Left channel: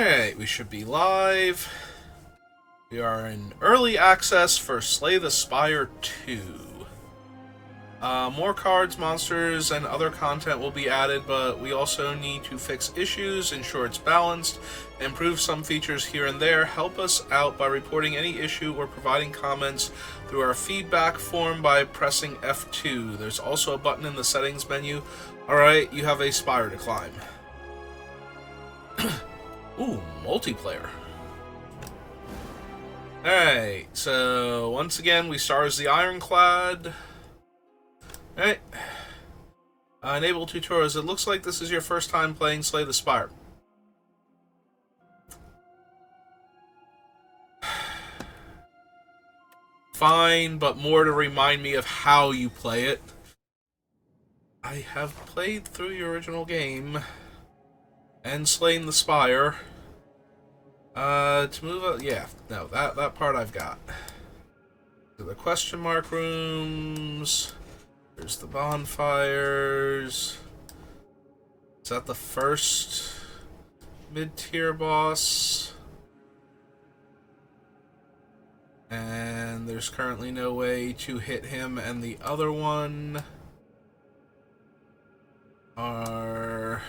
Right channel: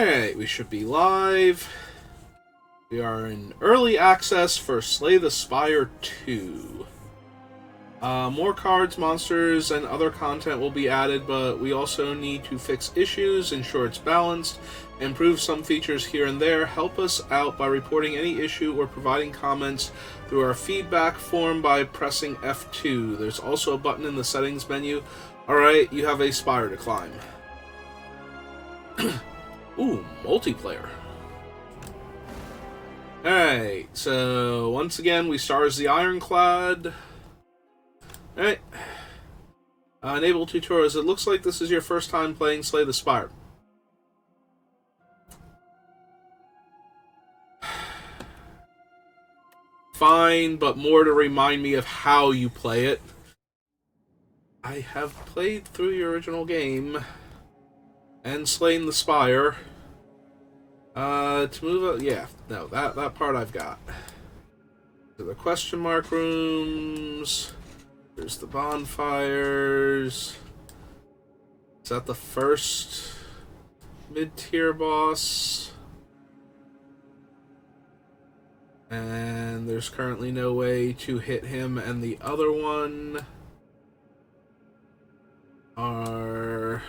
Alright, we should be live. We are in early access for Slay the Spire 2. More cards, monsters, and other content will be added, but we also need to fix issues, ensure it's balanced, improve some features here and there. Help us out by reporting any issue or providing comments through our feedback form by pressing F2. There's also a button in the settings menu. Alright, you have a spire to climb. Ooh, multiplayer. Alright, so once again we start as the Ironclad. Alright. Enable tutorials. It looks like this is your first time playing Slay the Spire. Fine, but more to remind me of how you play it. I have played through your original game and slain the Spire. To move up, yeah, no, that part I've got. So the question mark rooms. There's the bonfires. Is that the first mid-tier boss? And there's currently no way to hit him, and the other one are...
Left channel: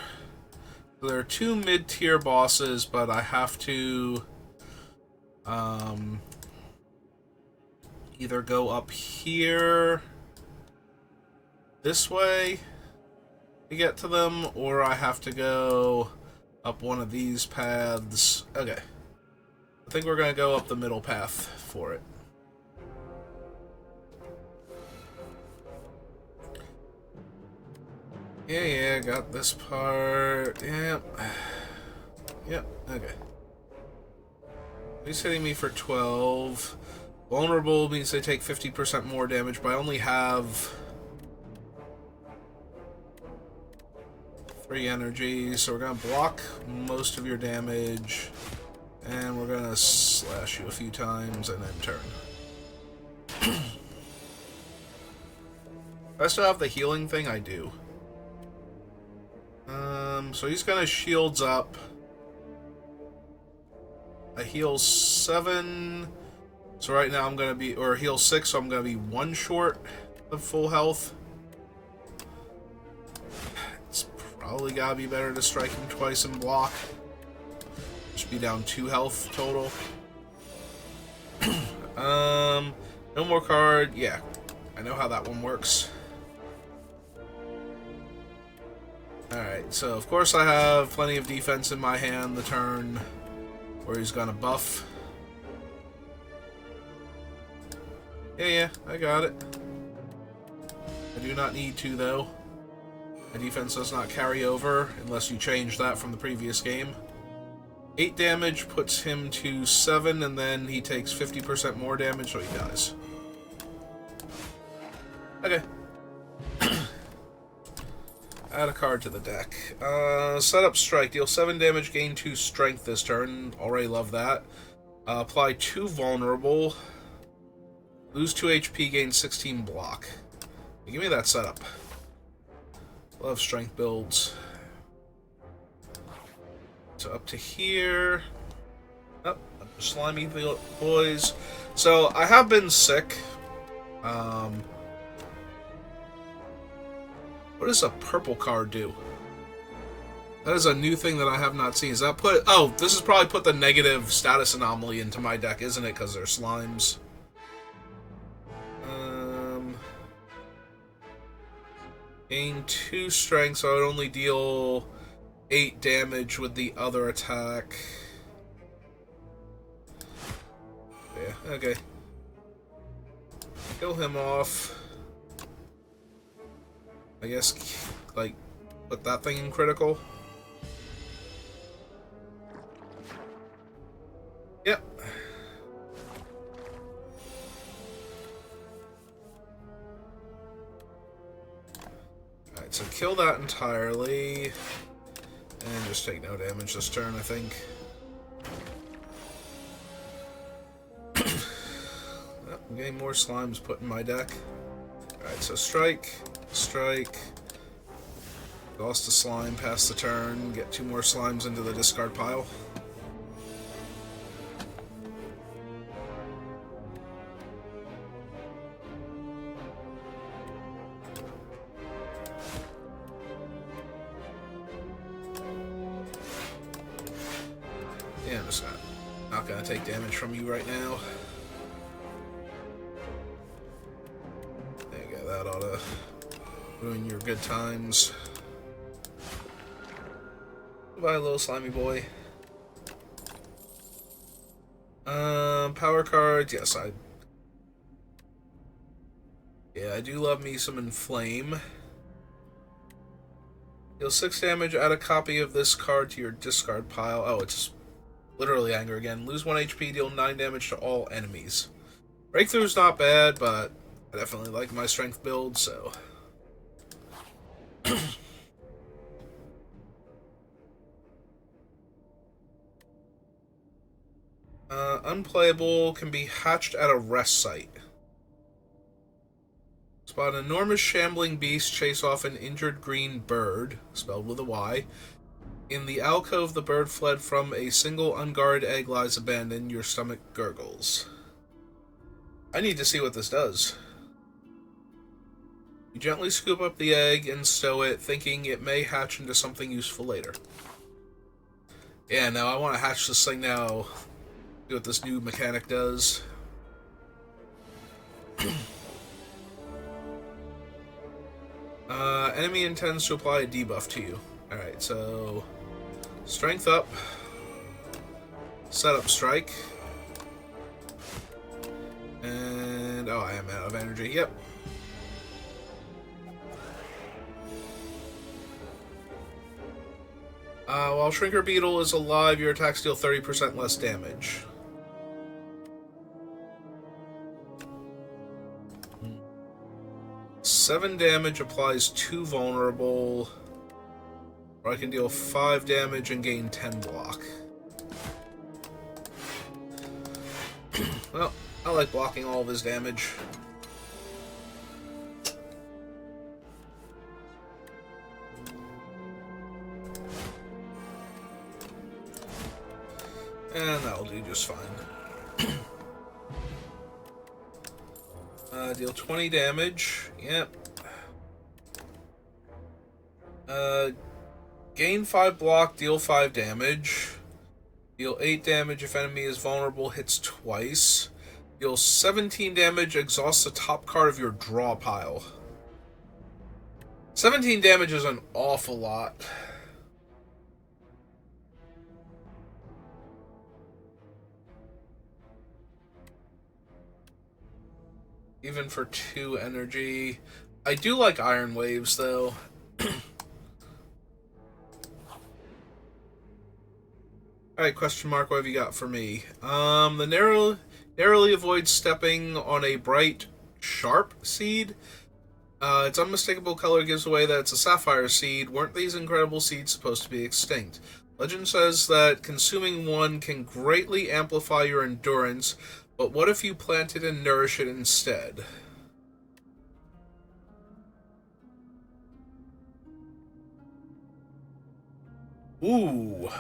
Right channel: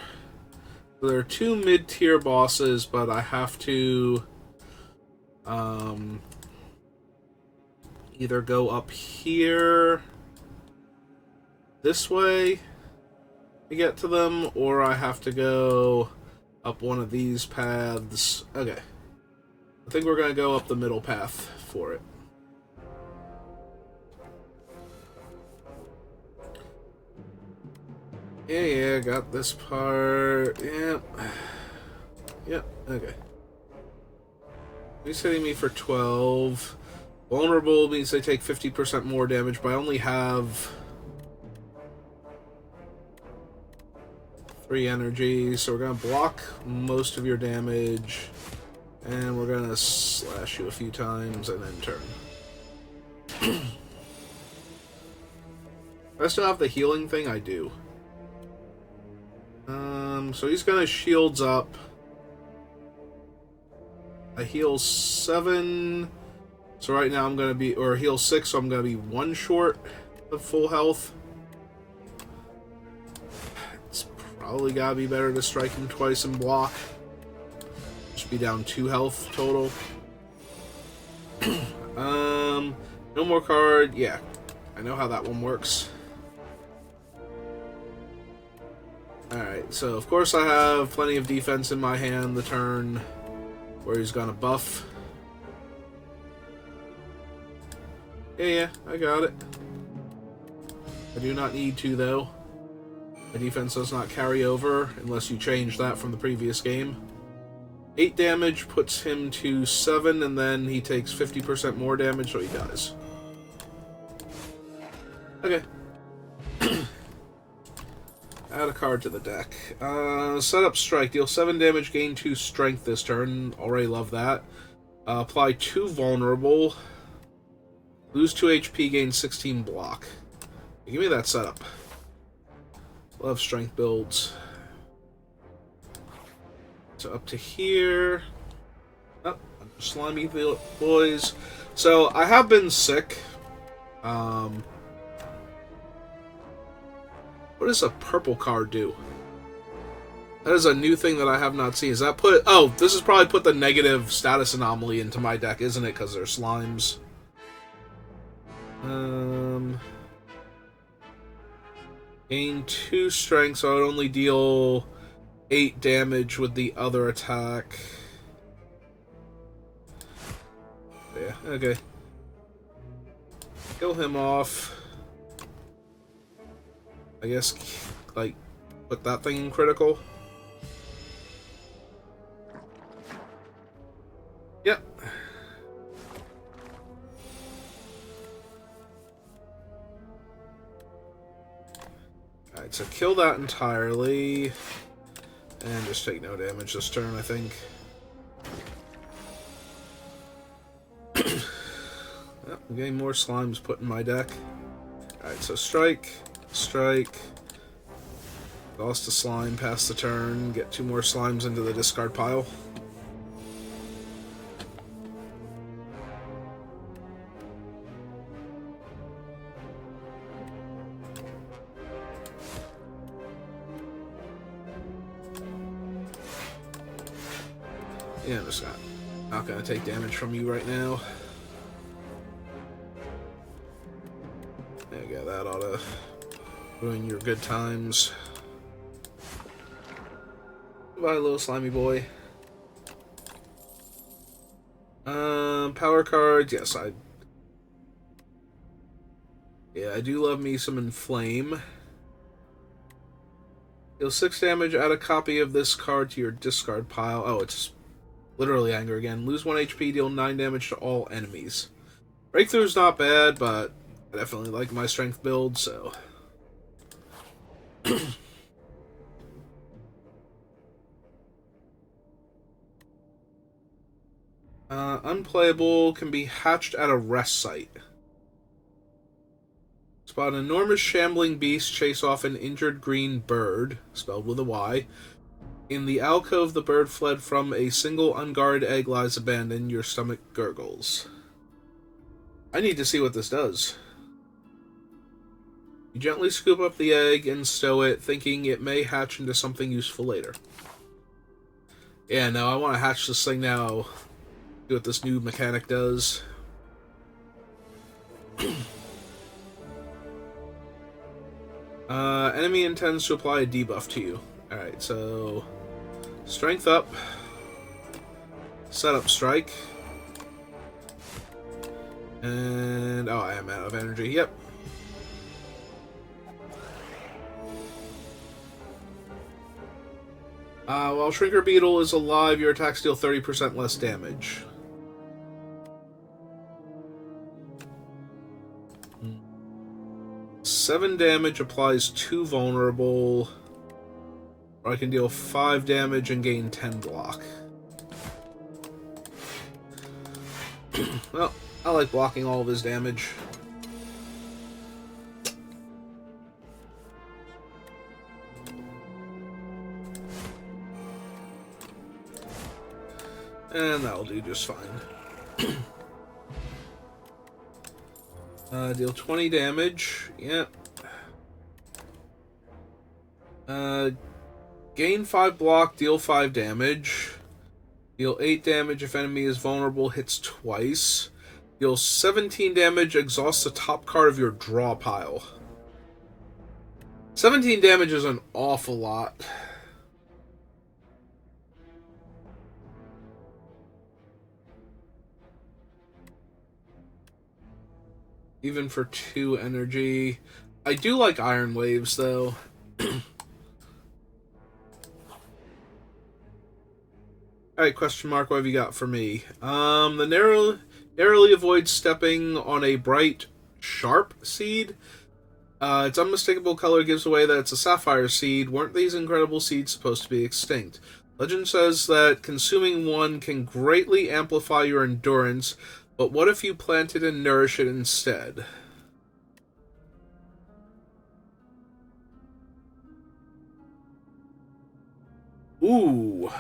There are two mid-tier bosses, but I have to either go up here this way to get to them, or I have to go up one of these paths. Okay. I think we're going to go up the middle path for it. Yeah, got this part. Yep. Yep, okay. He's hitting me for 12. Vulnerable means they take 50% more damage, but I only have 3 energy, so we're going to block most of your damage, and we're going to slash you a few times and then turn. I still have the healing thing? I do. So he's got his shields up. I heal 7. So right now I'm going to be, or heal 6, so I'm going to be 1 short of full health. It's probably got to be better to strike him twice and block. Just be down 2 health total. No more card. Yeah, I know how that one works. Alright, so of course I have plenty of defense in my hand the turn where he's gonna buff. Yeah, I got it. I do not need to, though. My defense does not carry over unless you change that from the previous game. 8 damage puts him to 7, and then he takes 50% more damage, so he dies. Okay. Add a card to the deck. Set up strike. Deal 7 damage, gain 2 strength this turn. Already love that. Apply 2 vulnerable. Lose 2 HP, gain 16 block. Give me that setup. Love strength builds. So up to here. Oh, slimy boys. So I have been sick. What does a purple card do? That is a new thing that I have not seen. Is that put... Oh, this has probably put the negative status anomaly into my deck, isn't it? Because they're slimes. Gain 2 strength, so I would only deal 8 damage with the other attack. Yeah, okay. Kill him off. I guess, like, put that thing in critical. Yep. Alright, so kill that entirely. And just take no damage this turn, I think. Oh, I'm getting more slimes put in my deck. Alright, so strike. Strike. Lost a slime, pass the turn, get 2 more slimes into the discard pile. Yeah, I'm just not gonna take damage from you right now. There you go, that ought to ruin your good times. Goodbye, little slimy boy. Power cards, yes, yeah, I do love me some Inflame. Deal 6 damage, add a copy of this card to your discard pile. Oh, it's literally anger again. Lose 1 HP, deal 9 damage to all enemies. Breakthrough's not bad, but I definitely like my strength build, so... unplayable, can be hatched at a rest site. Spot an enormous shambling beast chase off an injured green bird, spelled with a Y. In the alcove the bird fled from, a single unguarded egg lies abandoned, your stomach gurgles. I need to see what this does. You gently scoop up the egg and stow it, thinking it may hatch into something useful later. Yeah, no, I want to hatch this thing now. See what this new mechanic does. Enemy intends to apply a debuff to you. Alright, so... Strength up. Setup strike. And... oh, I am out of energy. Yep. While Shrinker Beetle is alive, your attacks deal 30% less damage. Seven damage applies 2 vulnerable. Or I can deal 5 damage and gain 10 block. Well, I like blocking all of his damage. And that'll do just fine. Deal 20 damage. Yep. Gain 5 block, deal 5 damage. Deal 8 damage if enemy is vulnerable, hits twice. Deal 17 damage, exhausts the top card of your draw pile. 17 damage is an awful lot. Even for 2 energy. I do like Iron Waves, though. Alright, question mark, what have you got for me? The narrowly avoids stepping on a bright, sharp seed. Its unmistakable color gives away that it's a sapphire seed. Weren't these incredible seeds supposed to be extinct? Legend says that consuming one can greatly amplify your endurance, but what if you plant it and nourish it instead? Ooh.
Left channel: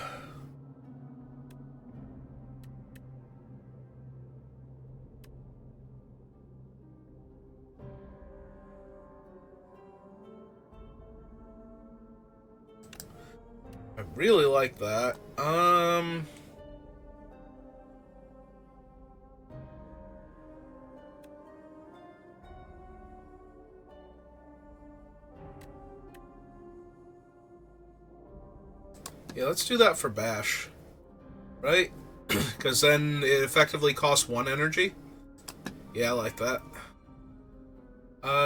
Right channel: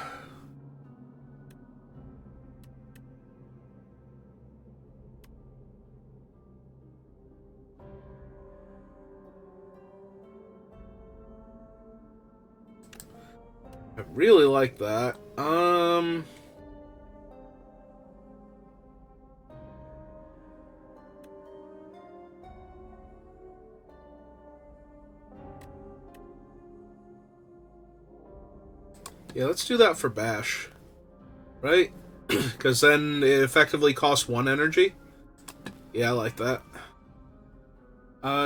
I really like that. Yeah, let's do that for Bash. Right? Because then it effectively costs 1 energy. Yeah, I like that.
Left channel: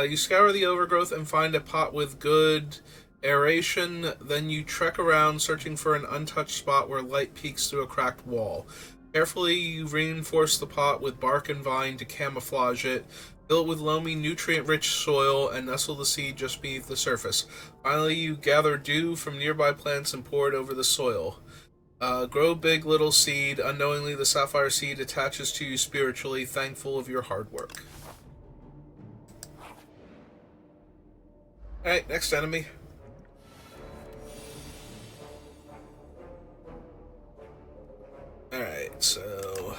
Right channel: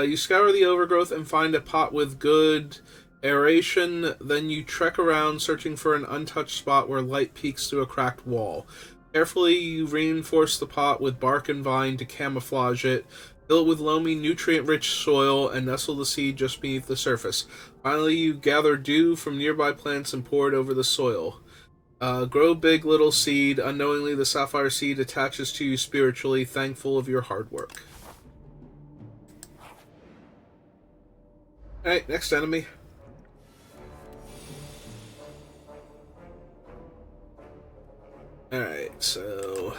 You scour the overgrowth and find a pot with good aeration. Then you trek around searching for an untouched spot where light peeks through a cracked wall. Carefully, you reinforce the pot with bark and vine to camouflage it. Fill it with loamy, nutrient-rich soil and nestle the seed just beneath the surface. Finally, you gather dew from nearby plants and pour it over the soil. Grow big, little seed. Unknowingly, the sapphire seed attaches to you spiritually, thankful of your hard work. Alright, next enemy. Alright, so...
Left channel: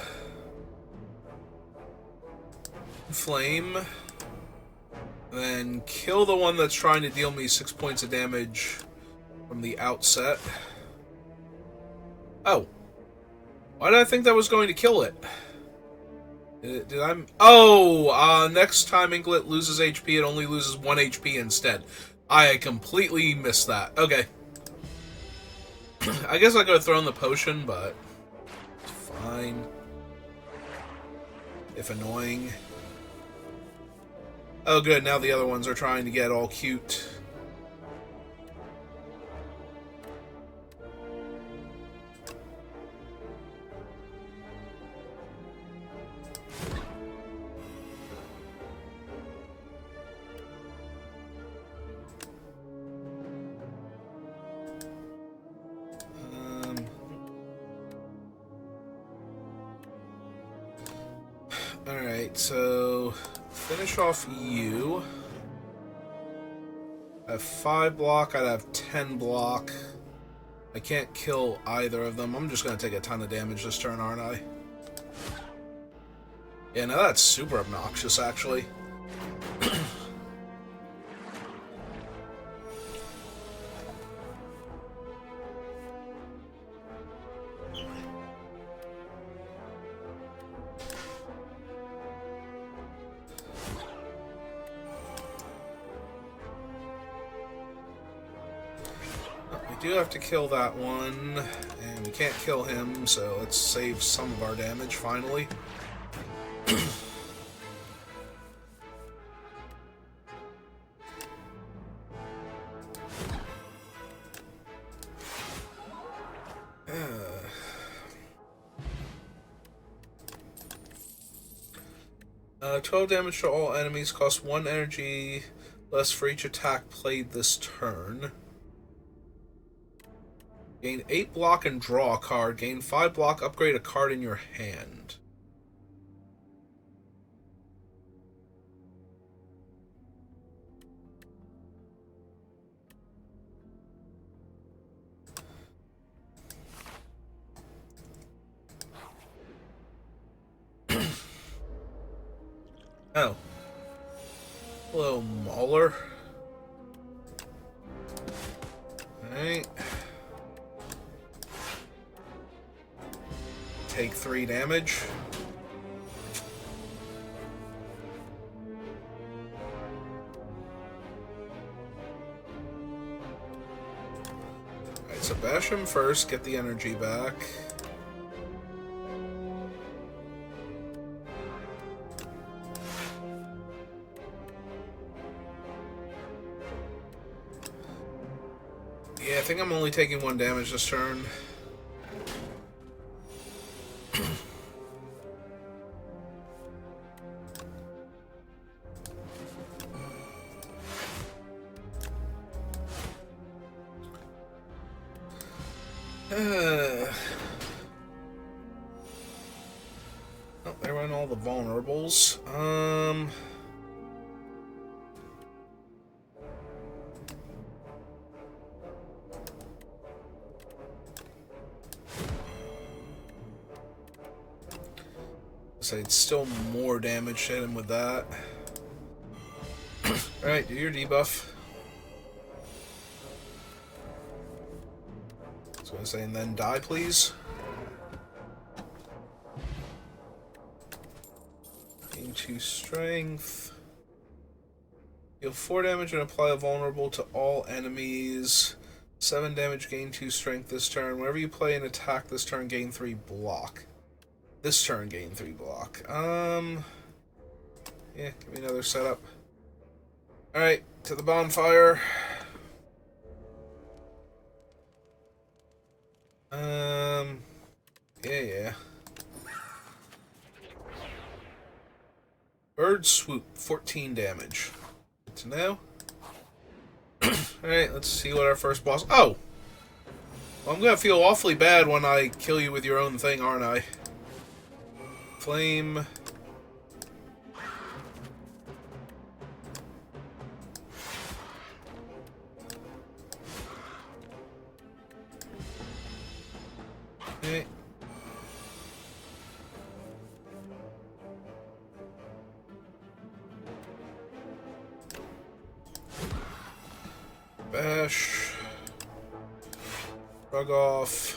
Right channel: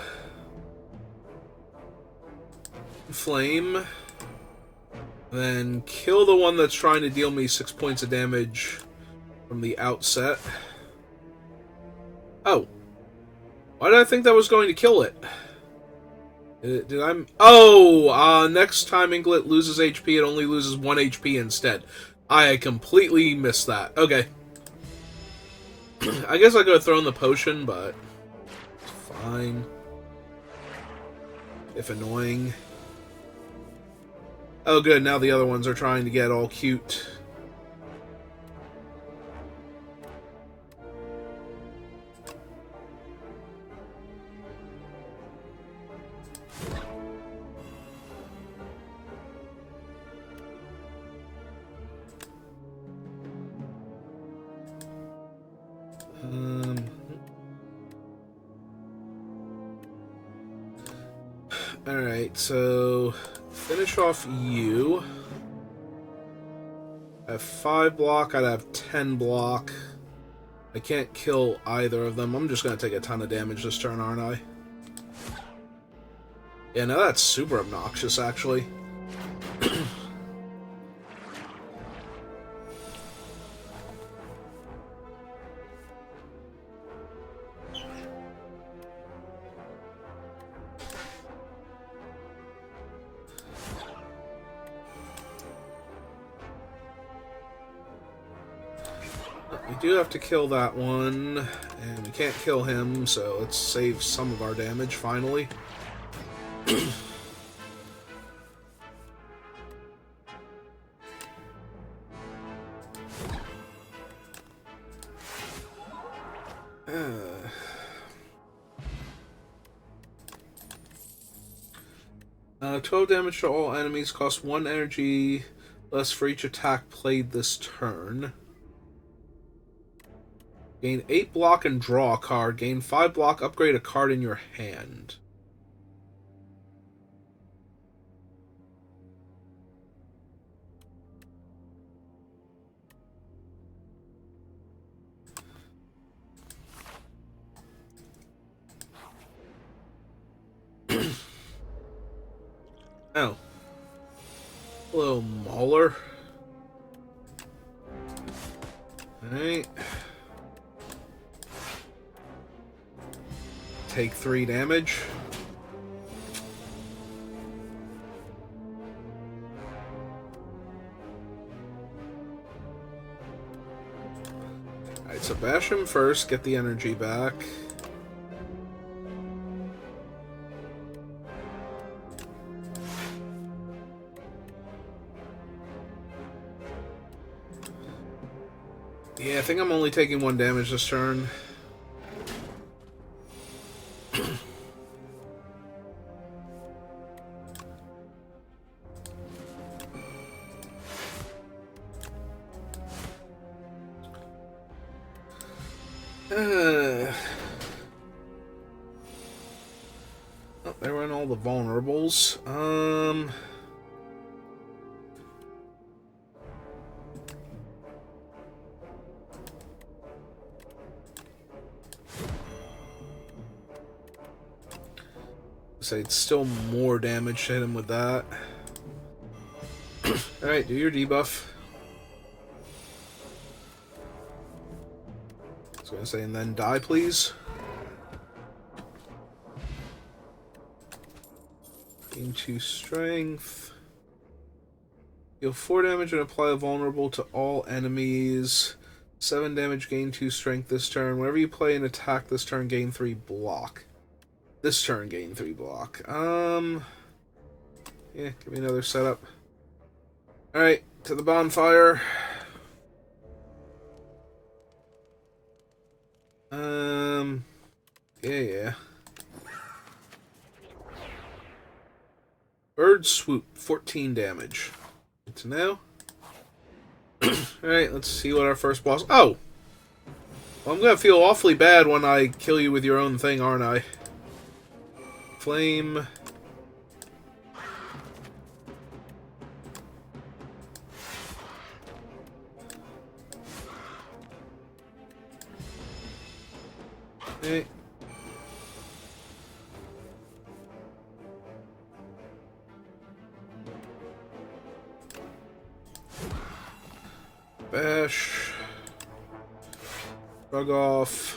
Flame. Then kill the one that's trying to deal me 6 points of damage from the outset. Oh. Why did I think that was going to kill it? Did I... Oh! Next time Inklet loses HP, it only loses 1 HP instead. I completely missed that. Okay. I guess I could have thrown the potion, but... it's fine. If annoying. Oh good, now the other ones are trying to get all cute. Alright, so finish off you. I have 5 block, I'd have 10 block. I can't kill either of them. I'm just going to take a ton of damage this turn, aren't I? Yeah, now that's super obnoxious, actually. We do have to kill that one, and we can't kill him, so let's save some of our damage, finally. Uh, 12 damage to all enemies, cost 1 energy less for each attack played this turn. Gain 8 block and draw a card. Gain 5 block, upgrade a card in your hand. Oh. Hello, Mauler. Alright. Take 3 damage. Alright, so bash him first, get the energy back. Yeah, I think I'm only taking 1 damage this turn. Oh, there went all the vulnerables. So it's still more damage to hit him with that. Alright, do your debuff. I was gonna say, and then die, please. Gain 2 strength. Deal 4 damage and apply a vulnerable to all enemies. 7 damage, gain 2 strength this turn. Whenever you play an attack this turn, gain 3 block. This turn, gain 3 block. Yeah, give me another setup. Alright, to the bonfire. Yeah. Bird Swoop, 14 damage. Good to know. Alright, let's see what our first boss... Oh! Well, I'm gonna feel awfully bad when I kill you with your own thing, aren't I? Flame. Okay. Bash. Shrug off.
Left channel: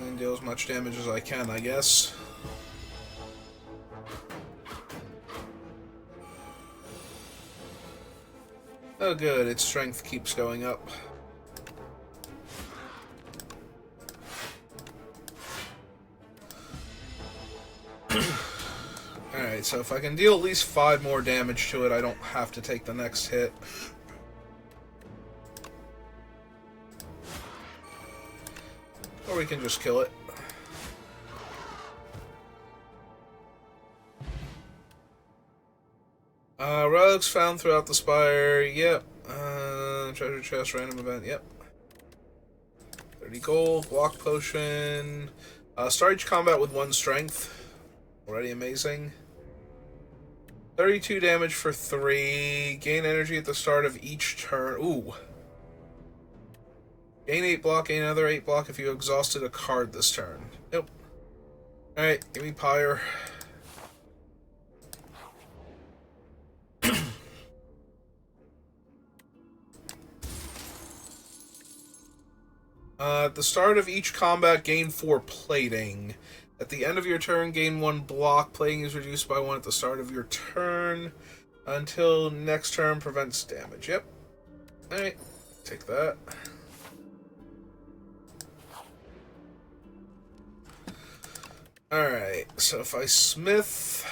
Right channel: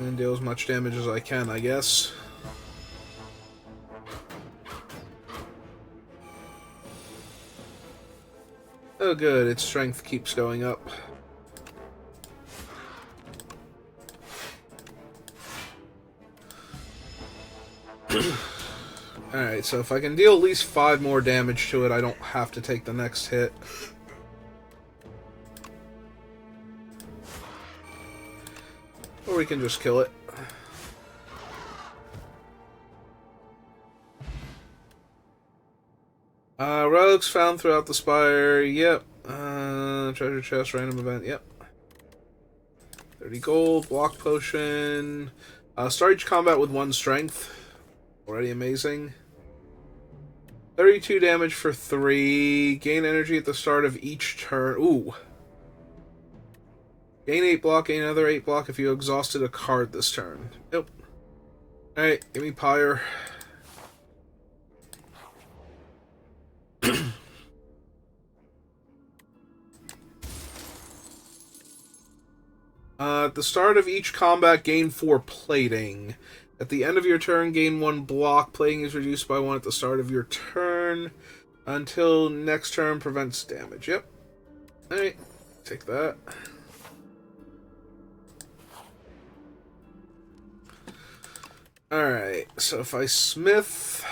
And deal as much damage as I can, I guess. Oh good, its strength keeps going up. Alright, so if I can deal at least 5 more damage to it, I don't have to take the next hit. Or we can just kill it. Relics found throughout the Spire, yep. Treasure chest, random event, yep. 30 gold, block potion. Start each combat with 1 strength. Already amazing. 32 damage for 3. Gain energy at the start of each turn. Ooh. Gain 8 block, gain another 8 block if you exhausted a card this turn. Nope. Alright, give me Pyre. At the start of each combat, gain 4 plating. At the end of your turn, gain 1 block. Plating is reduced by 1 at the start of your turn. Until next turn, prevents damage. Yep. Alright, take that. Alright, so if I smith...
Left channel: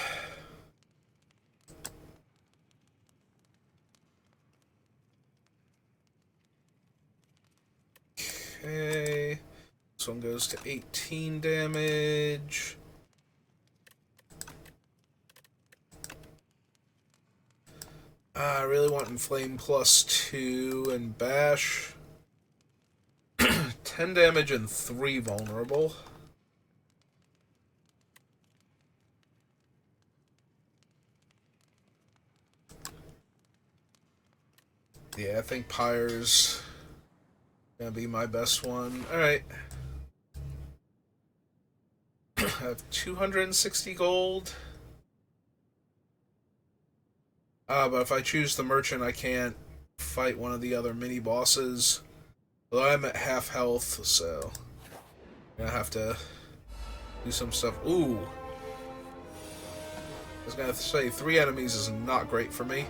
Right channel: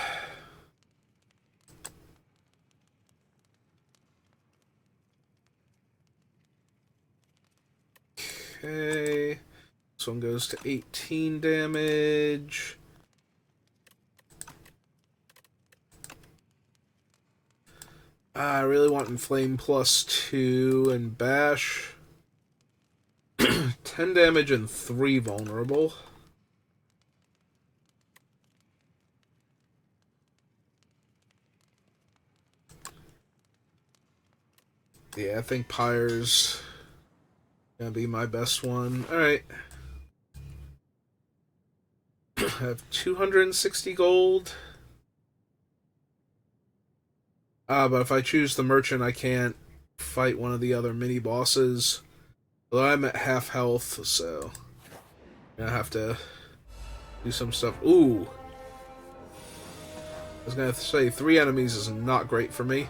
Okay, this one goes to 18 damage. I really want Inflame +2 and Bash. 10 damage and 3 vulnerable. Yeah, I think Pyre's gonna be my best one. Alright. I have 260 gold. But if I choose the merchant, I can't fight one of the other mini bosses. Although I'm at half health, so I'm gonna have to do some stuff. Ooh. I was gonna say 3 enemies is not great for me.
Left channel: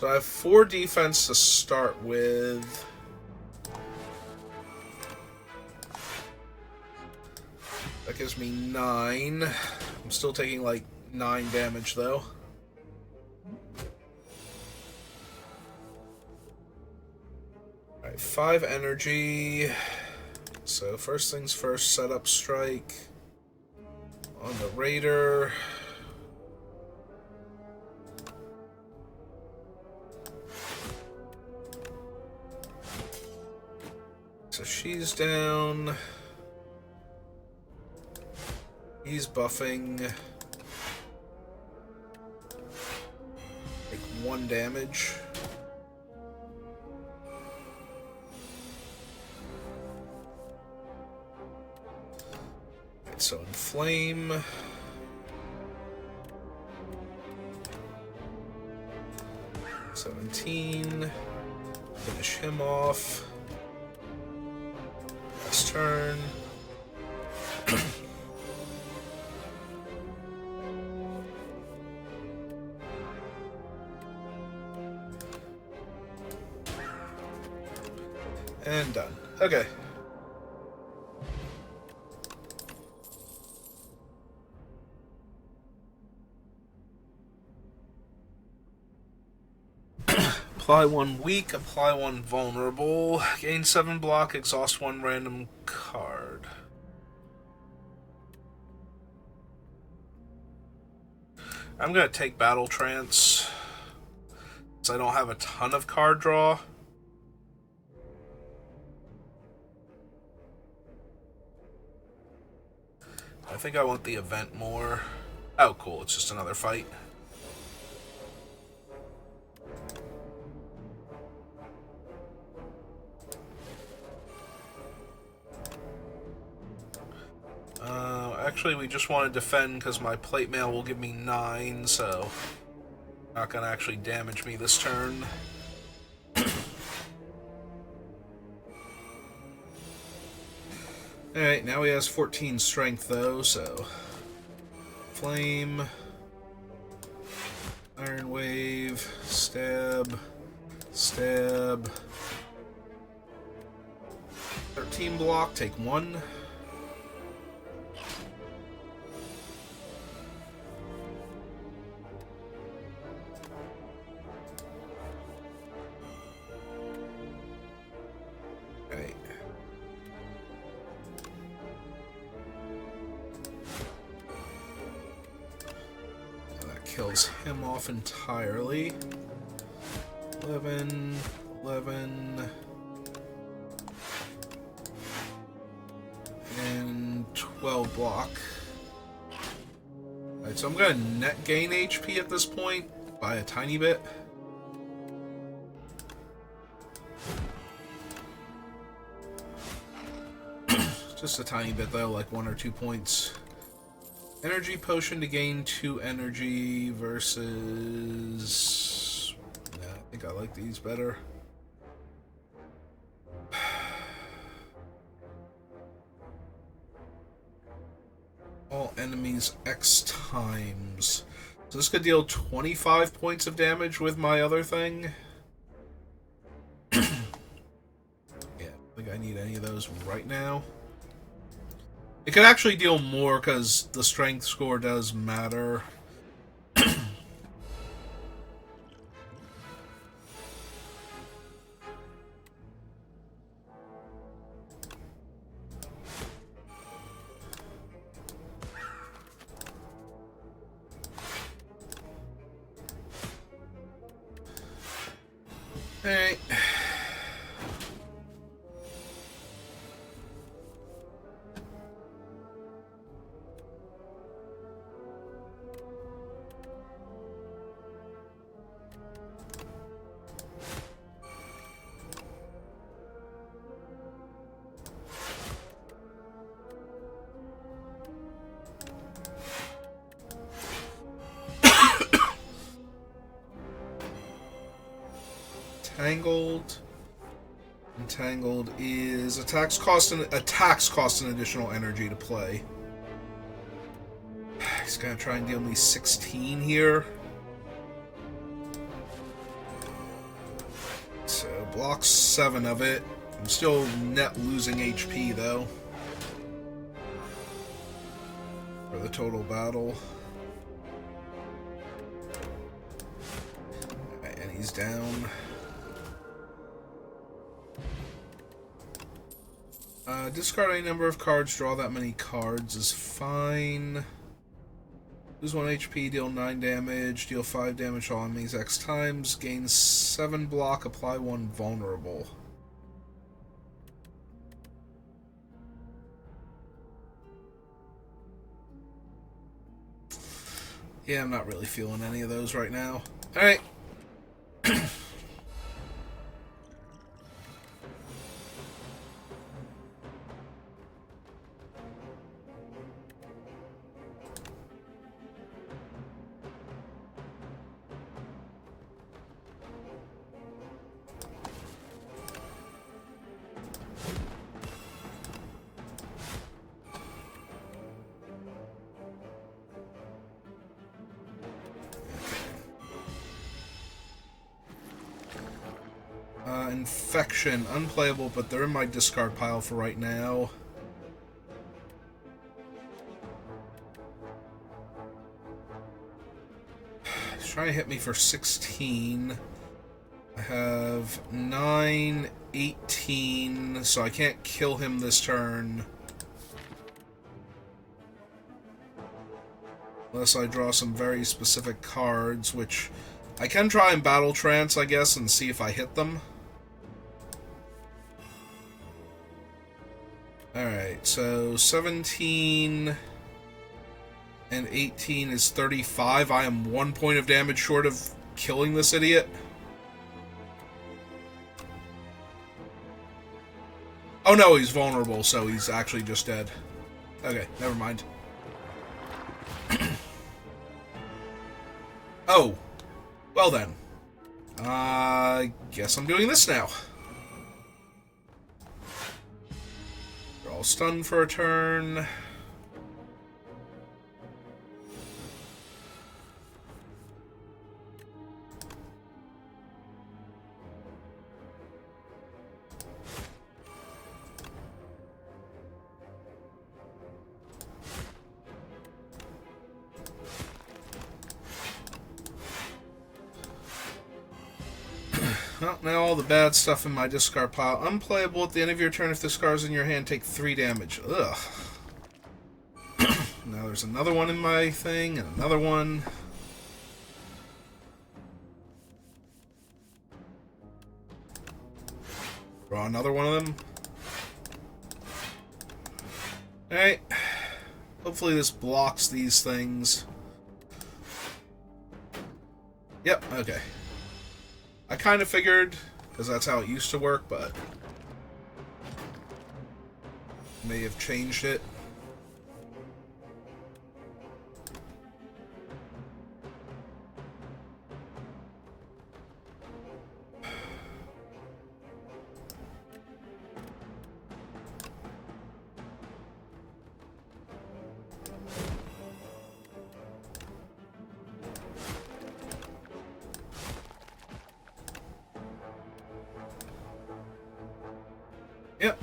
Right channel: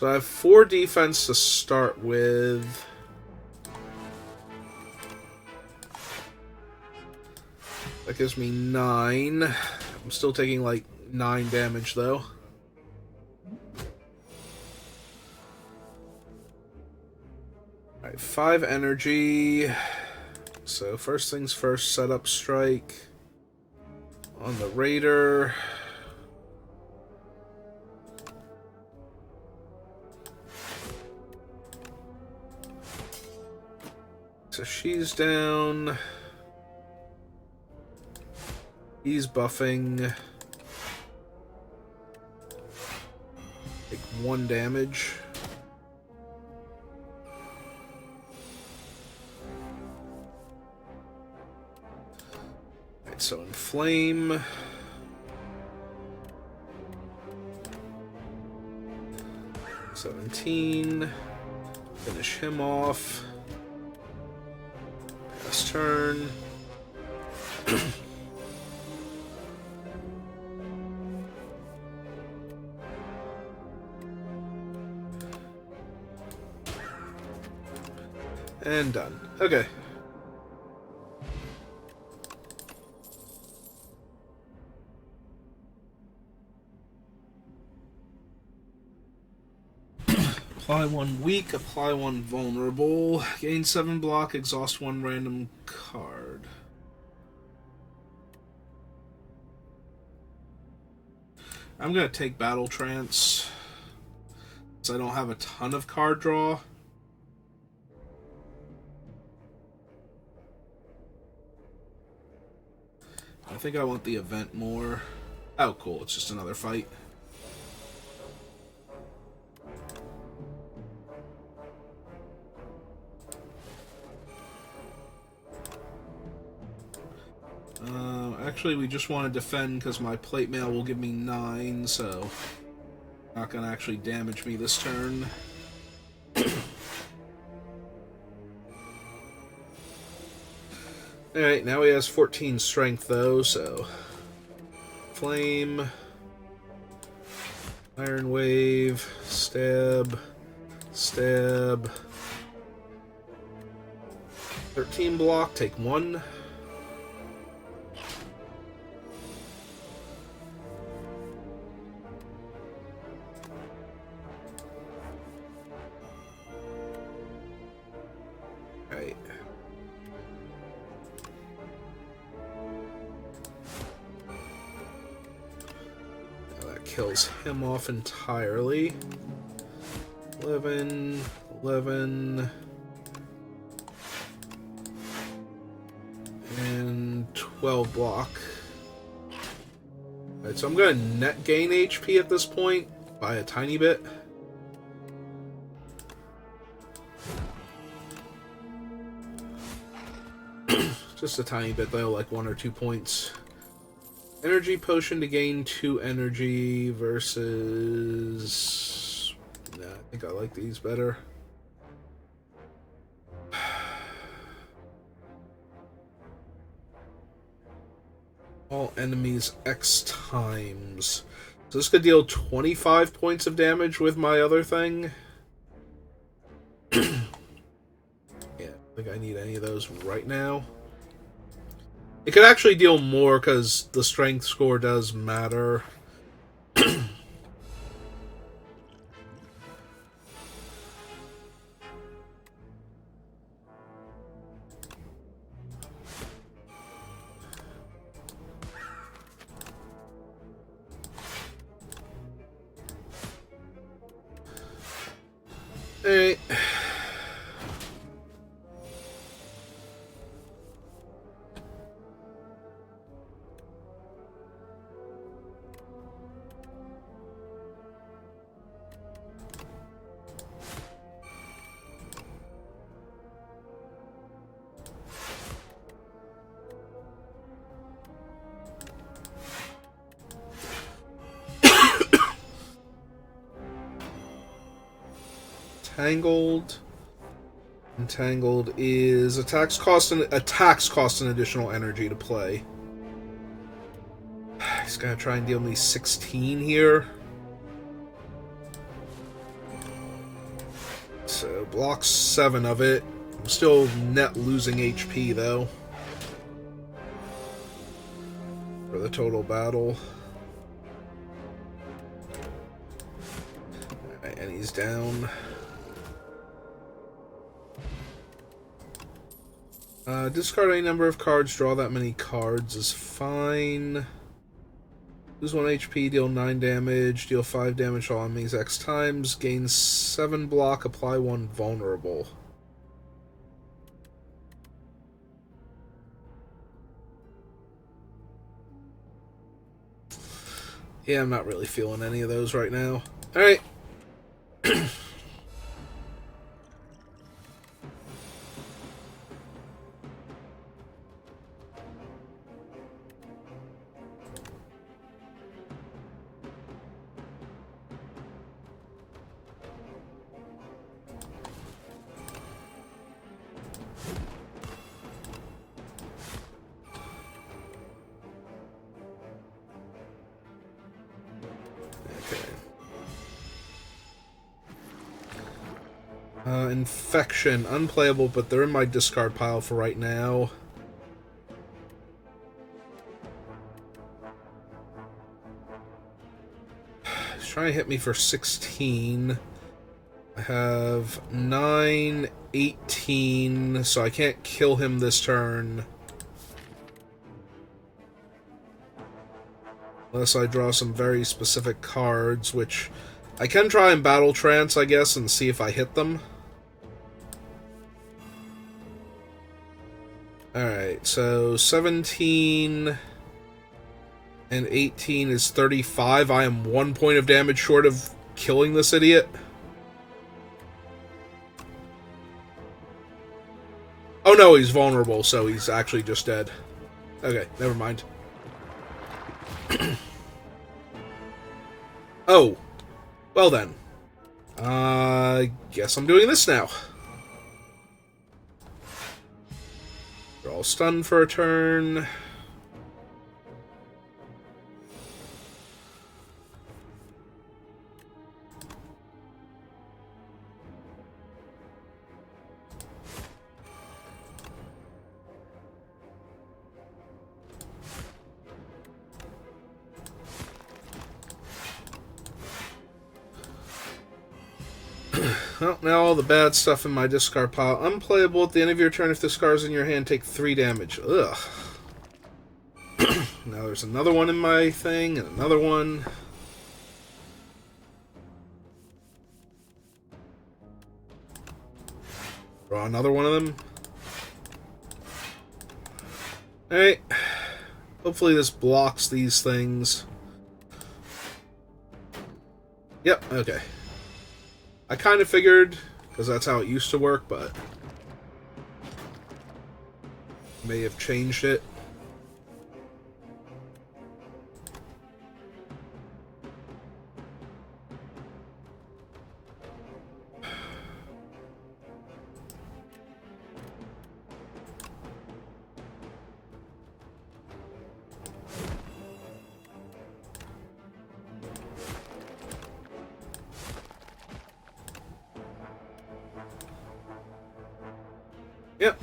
So I have 4 defense to start with. That gives me 9. I'm still taking like 9 damage though. Alright, 5 energy. So first things first, set up strike on the raider. So she's down. He's buffing. Take 1 damage. Alright, so Inflame. $17. Finish him off. Last turn. And done. Okay. Apply 1 weak, apply 1 vulnerable, gain 7 block, exhaust 1 random card. I'm gonna take Battle Trance, since I don't have a ton of card draw. I think I want the event more. Oh, cool, it's just another fight. Actually, we just want to defend because my plate mail will give me 9, so not going to actually damage me this turn. Alright, now he has 14 strength though, so... Flame... Iron Wave... Stab... Stab... 13 block, take 1. Okay. Now that kills him off entirely. 11, 11... and 12 block. Alright, so I'm gonna net gain HP at this point by a tiny bit. Just a tiny bit though, like 1 or 2 points. Energy potion to gain 2 energy versus... Nah, I think I like these better. All enemies X times. So this could deal 25 points of damage with my other thing. Yeah, I don't think I need any of those right now. It could actually deal more because the strength score does matter. Hey. Entangled is attacks cost an additional energy to play. He's gonna try and deal me 16 here. So blocks 7 of it. I'm still net losing HP though for the total battle. Alright, and he's down. Discard any number of cards, draw that many cards is fine. Lose 1 HP, deal 9 damage, deal 5 damage to all enemies X times, gain 7 block, apply 1 vulnerable. Yeah, I'm not really feeling any of those right now. Alright. Infection, unplayable, but they're in my discard pile for right now. He's trying to hit me for 16. I have 9, 18, so I can't kill him this turn. Unless I draw some very specific cards, which I can try and Battle Trance, I guess, and see if I hit them. Alright, so 17 and 18 is 35. I am 1 point of damage short of killing this idiot. Oh no, he's vulnerable, so he's actually just dead. Okay, never mind. Oh, well then. I guess I'm doing this now. Draw all stunned for a turn. Well, now all the bad stuff in my discard pile. Unplayable at the end of your turn if the scars in your hand take 3 damage. Ugh. Now there's another one in my thing, and another one. Draw another one of them. Alright. Hopefully this blocks these things. Yep, okay. I kind of figured, because that's how it used to work, but may have changed it. Yep.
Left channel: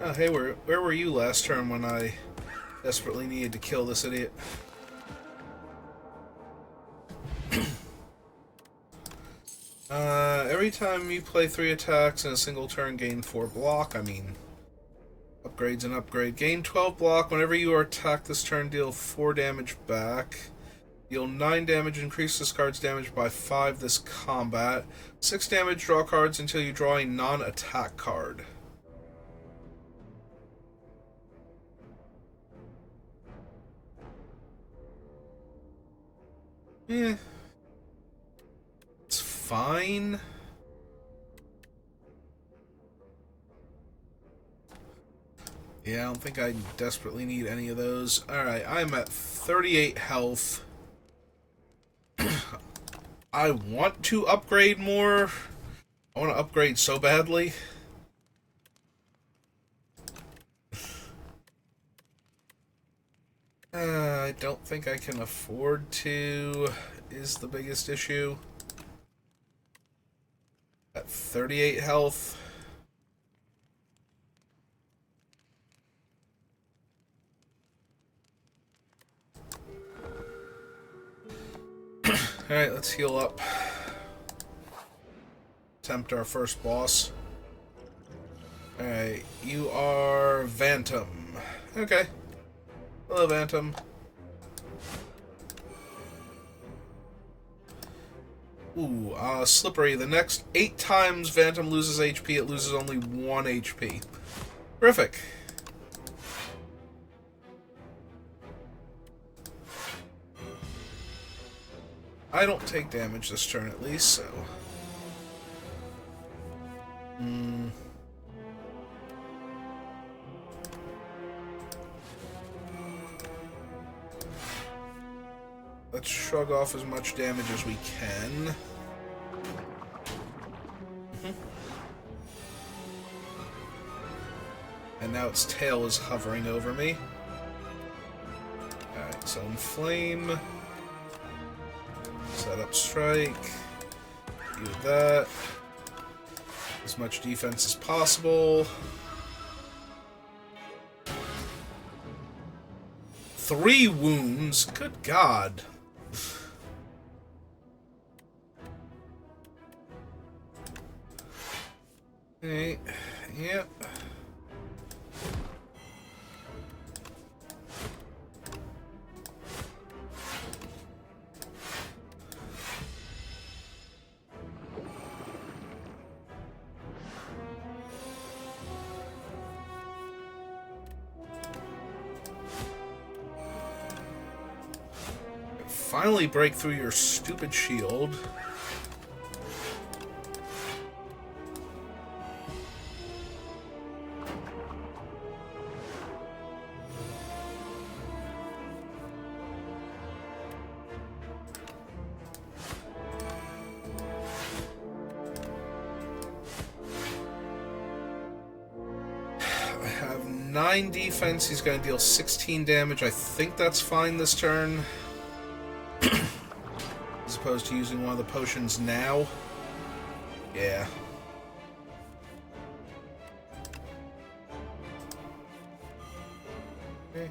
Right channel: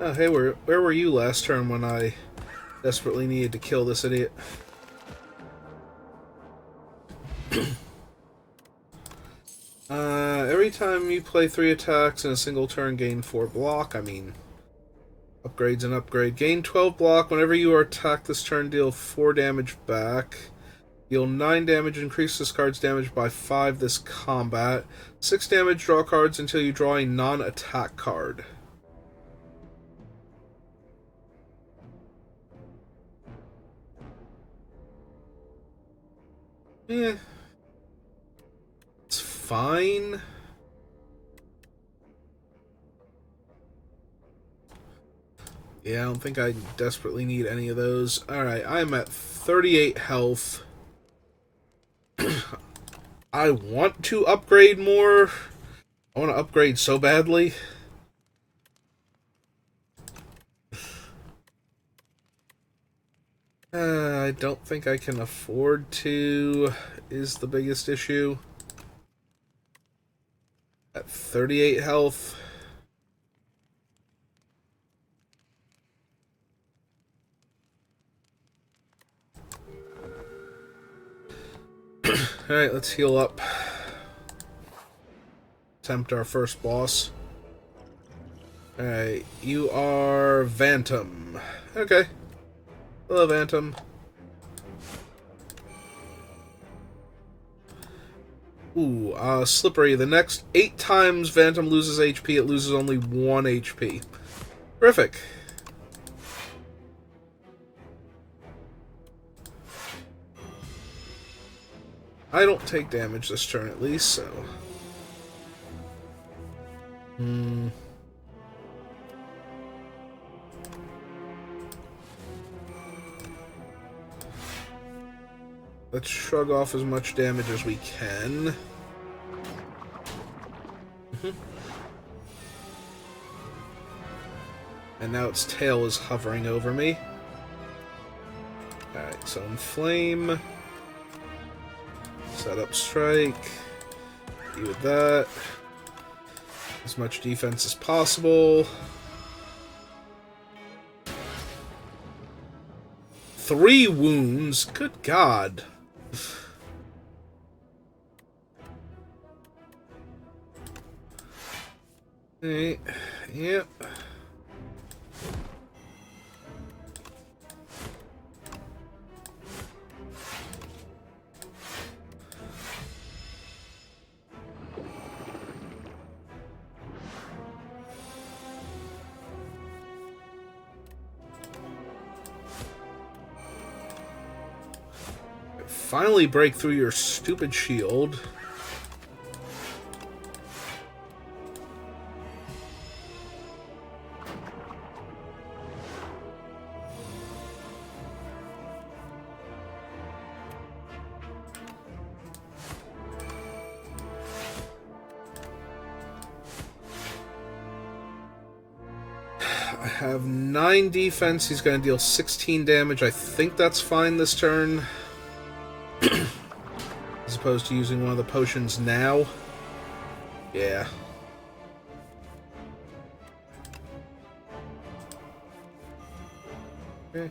Oh, hey, where were you last turn when I desperately needed to kill this idiot? Every time you play 3 attacks in a single turn, gain 4 block. I mean, upgrades and upgrade. Gain 12 block. Whenever you are attacked this turn, deal 4 damage back. Deal 9 damage, increase this card's damage by 5 this combat. 6 damage, draw cards until you draw a non-attack card. Eh. It's fine. Yeah, I don't think I desperately need any of those. Alright, I'm at 38 health. I want to upgrade more. I want to upgrade so badly. I don't think I can afford to, is the biggest issue. At 38 health. Alright, let's heal up. Attempt our first boss. Alright, you are Vantum. Okay. Hello, Vantum. Ooh, Slippery. The next 8 times Vantum loses HP, it loses only 1 HP. Terrific. I don't take damage this turn at least, so... Let's shrug off as much damage as we can. And now its tail is hovering over me. Alright, so Inflame. Set up Strike. Do that. As much defense as possible. 3 wounds? Good God. Alright, yep. Finally break through your stupid shield. have 9 defense. He's going to deal 16 damage. I think that's fine this turn. As opposed to using one of the potions now. Yeah. Okay.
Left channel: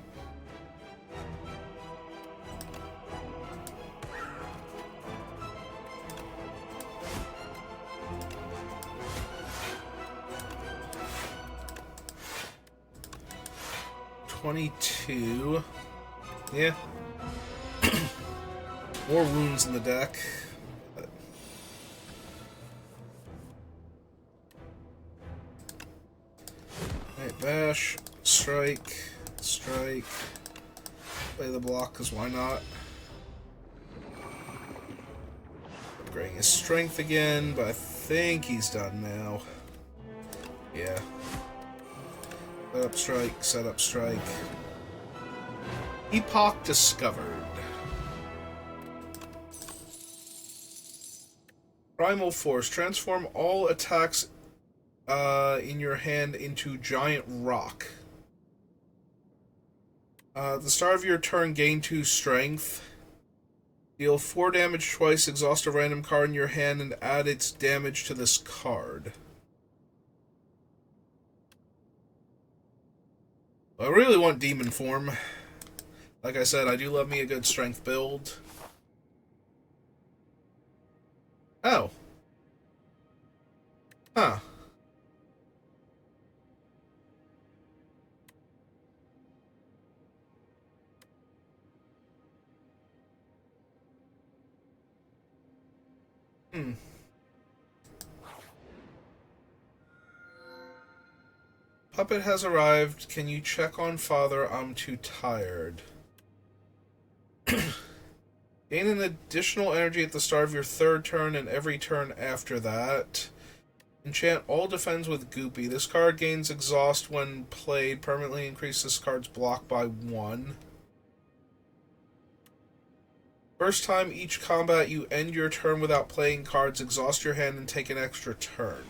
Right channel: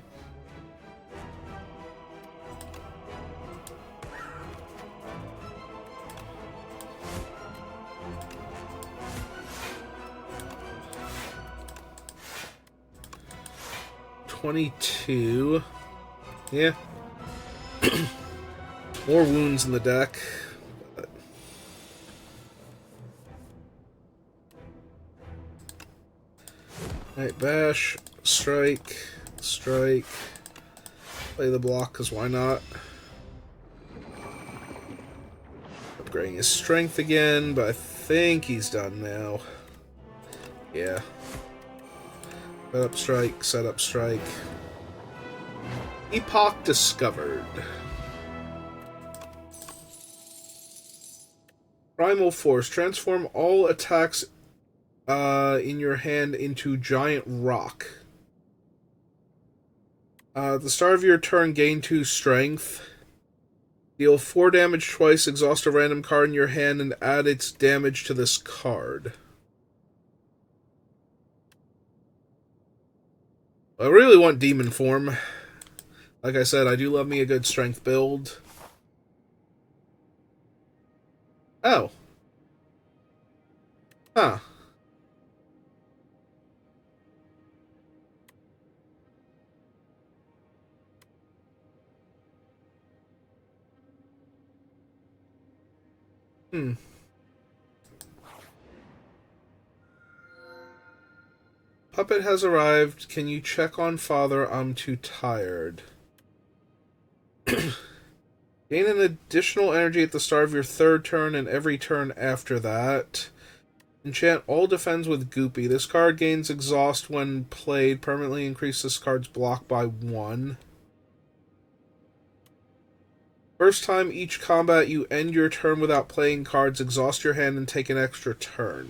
$22. Yeah. More wounds in the deck. Alright, bash, strike, strike. Play the block, because why not? Upgrading his strength again, but I think he's done now. Yeah. Set up strike, set up strike. Epoch discovered. Primal Force. Transform all attacks in your hand into giant rock. At the start of your turn, gain 2 strength. Deal 4 damage twice, exhaust a random card in your hand, and add its damage to this card. I really want Demon Form. Like I said, I do love me a good strength build. Oh. Huh. Puppet has arrived. Can you check on Father? I'm too tired. Gain an additional energy at the start of your 3rd turn and every turn after that. Enchant all defends with Goopy. This card gains exhaust when played. Permanently increase this card's block by 1. First time each combat you end your turn without playing cards, exhaust your hand and take an extra turn.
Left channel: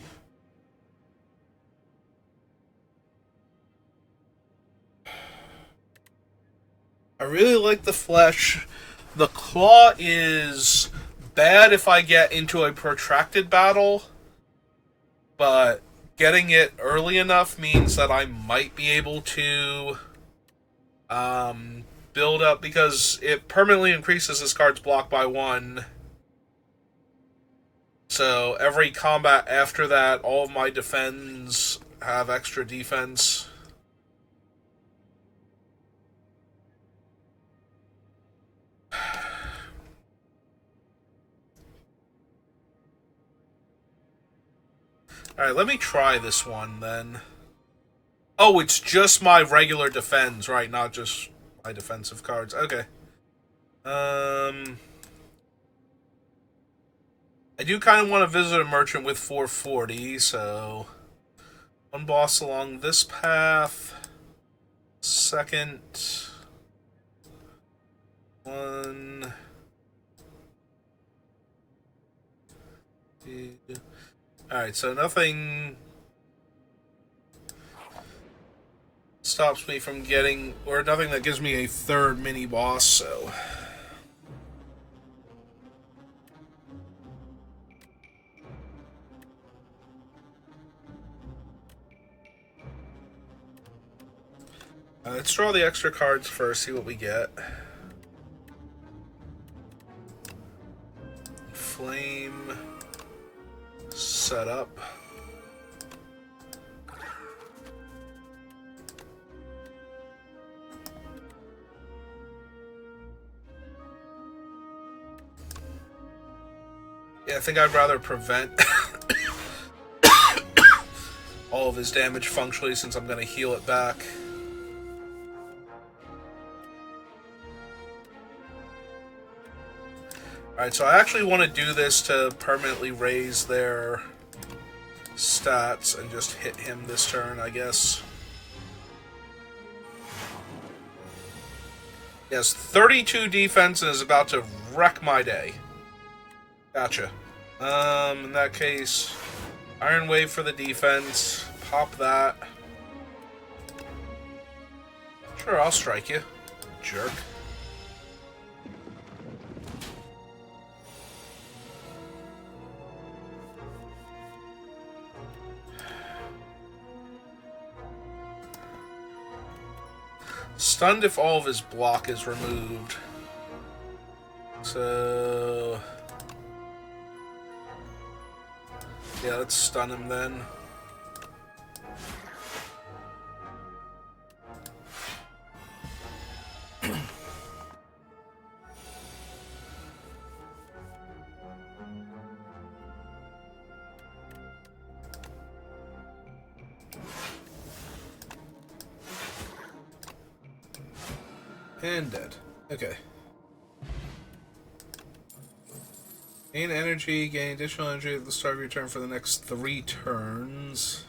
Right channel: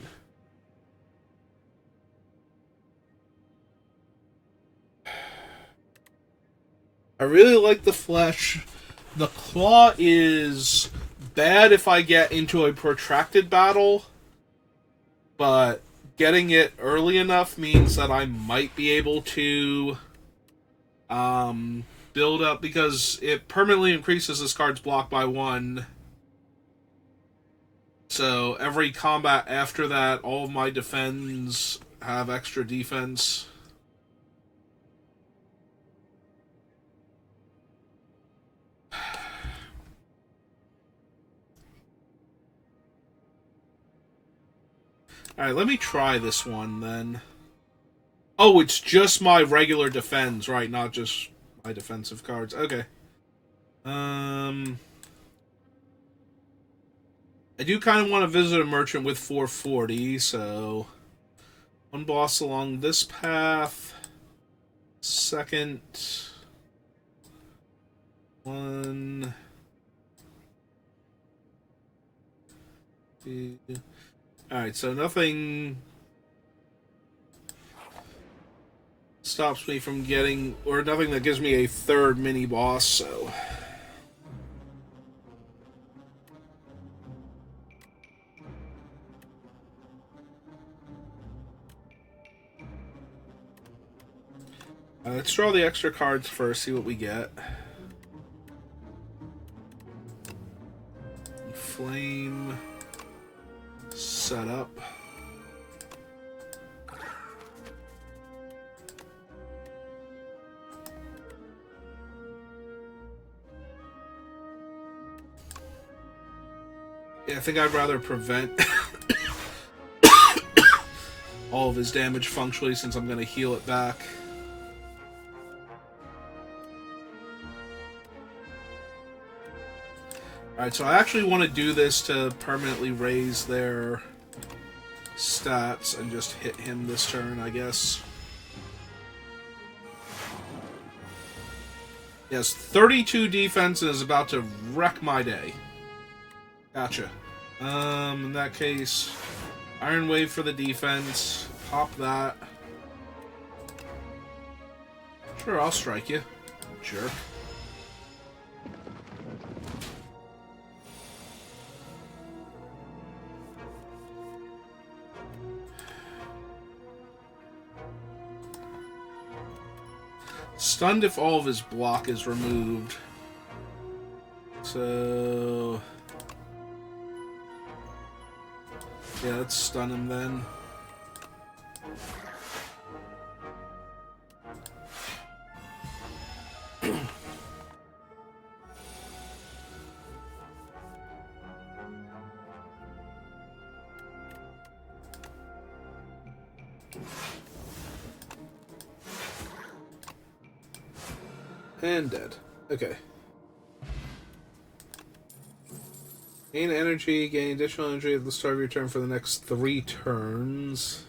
I really like the flesh. The claw is bad if I get into a protracted battle, but getting it early enough means that I might be able to build up, because it permanently increases this card's block by 1. So every combat after that, all of my defends have extra defense. Alright, let me try this one, then. Oh, it's just my regular defense, right? Not just my defensive cards. Okay. I do kind of want to visit a merchant with 440, so... One boss along this path. Second... One... Two... Alright, so nothing stops me from getting, or nothing that gives me a 3rd mini-boss, so... Let's draw the extra cards first, see what we get. Flame... Set up. Yeah, I think I'd rather prevent all of his damage functionally, since I'm going to heal it back. Alright, so I actually want to do this to permanently raise their stats and just hit him this turn, I guess. Yes, 32 defense and is about to wreck my day. Gotcha. In that case, Iron Wave for the defense. Pop that. Sure, I'll strike you. Jerk. Stunned if all of his block is removed. So... yeah, let's stun him then. And dead. Okay. Gain energy, gain additional energy at the start of your turn for the next 3 turns.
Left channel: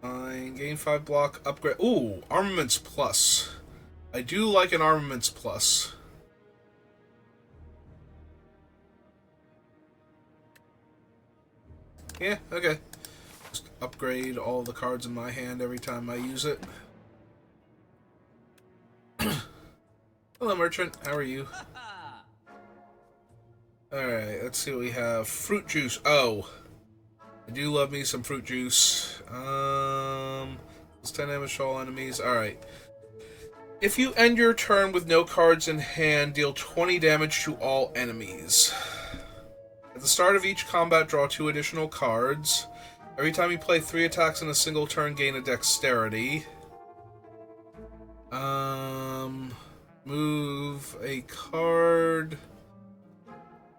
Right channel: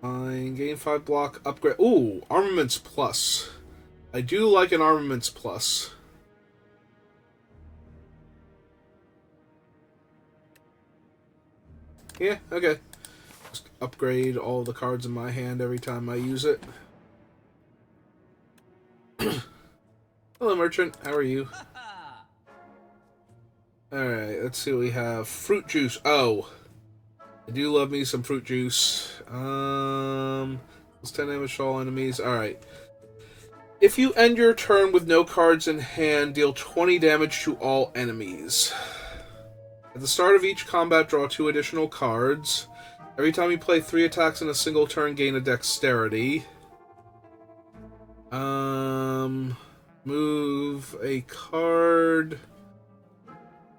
Fine. Gain 5 block, upgrade. Ooh, Armaments Plus. I do like an Armaments Plus. Yeah, okay. Just upgrade all the cards in my hand every time I use it. Hello, Merchant. How are you? Alright, let's see what we have. Fruit juice. Oh. I do love me some fruit juice. It's 10 damage to all enemies. Alright. If you end your turn with no cards in hand, deal 20 damage to all enemies. At the start of each combat, draw 2 additional cards. Every time you play 3 attacks in a single turn, gain a dexterity. Move a card.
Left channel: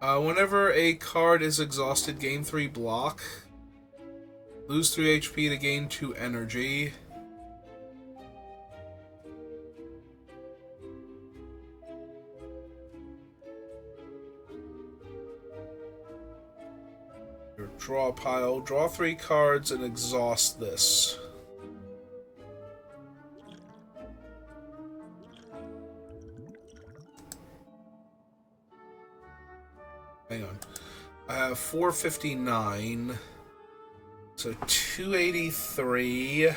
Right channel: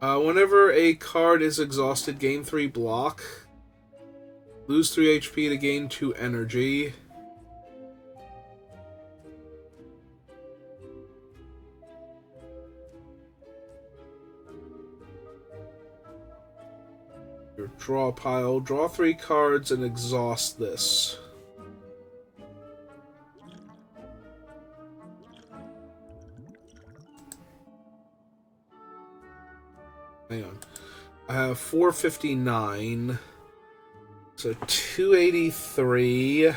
Whenever a card is exhausted, gain 3 block. Lose 3 HP to gain 2 energy. Your draw pile. Draw 3 cards and exhaust this. Hang on. I have 459. So 283.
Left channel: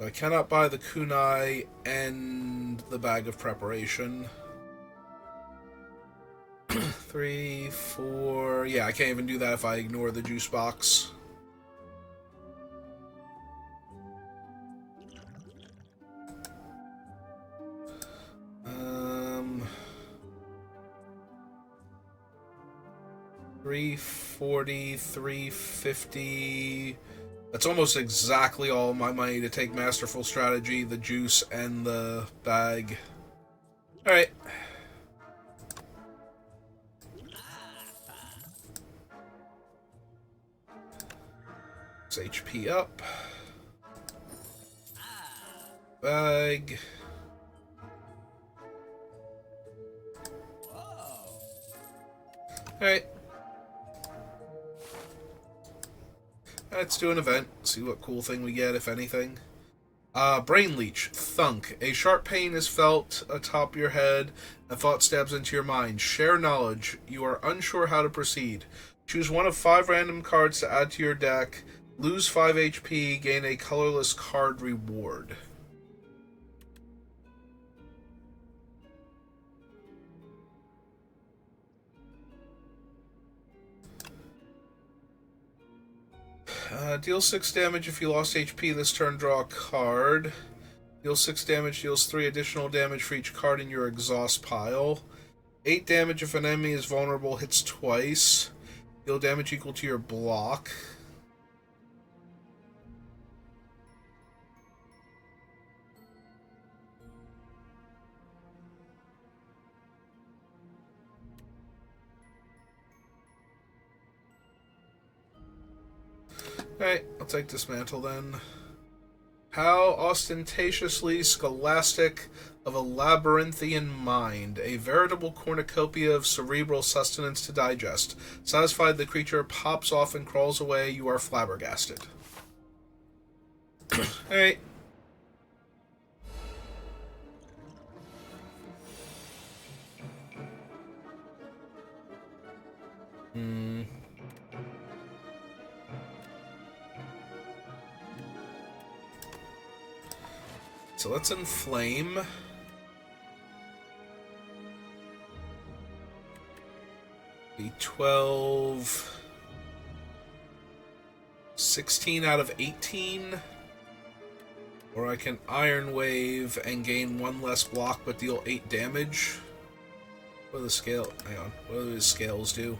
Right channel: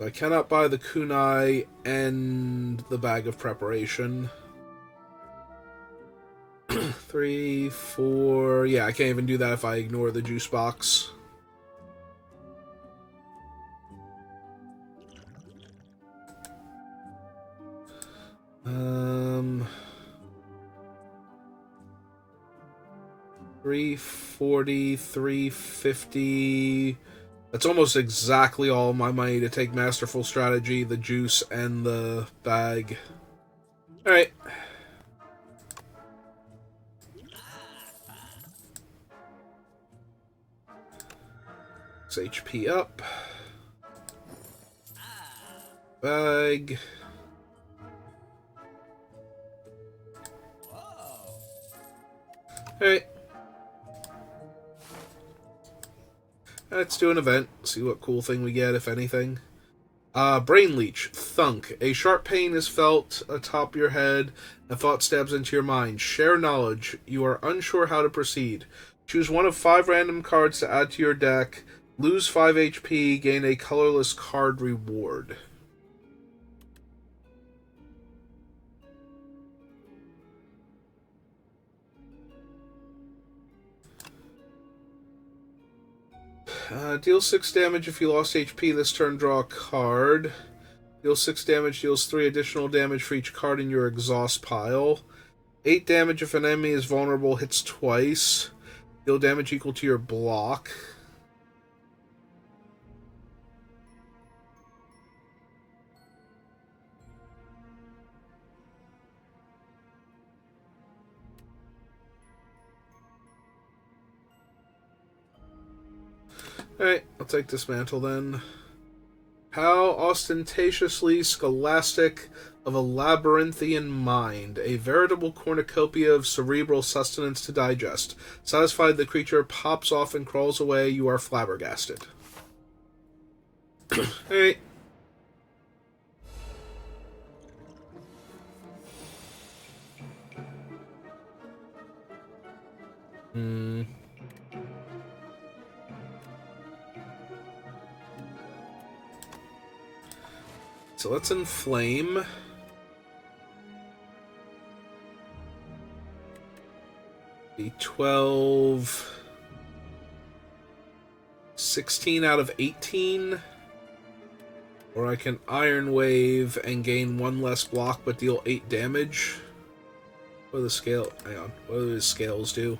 I cannot buy the kunai and the bag of preparation. 3, 4... yeah, I can't even do that if I ignore the juice box. Um... 340, 350... that's almost exactly all my money to take Masterful Strategy, the juice, and the bag. Alright. HP up. Bag. Alright. Let's do an event. See what cool thing we get, if anything. Brain Leech. Thunk. A sharp pain is felt atop your head. A thought stabs into your mind. Share knowledge. You are unsure how to proceed. Choose one of 5 random cards to add to your deck. Lose 5 HP. Gain a colorless card reward. Deal 6 damage if you lost HP this turn, draw a card. Deal 6 damage, deals 3 additional damage for each card in your exhaust pile. 8 damage if an enemy is vulnerable, hits twice. Deal damage equal to your block. Alright, I'll take Dismantle then. How ostentatiously scholastic of a labyrinthian mind, a veritable cornucopia of cerebral sustenance to digest. Satisfied, the creature pops off and crawls away. You are flabbergasted. Alright. so let's inflame. Be 12, 16 out of 18. Or I can Iron Wave and gain 1 less block but deal 8 damage. What do the scale? Hang on. What do his scales do?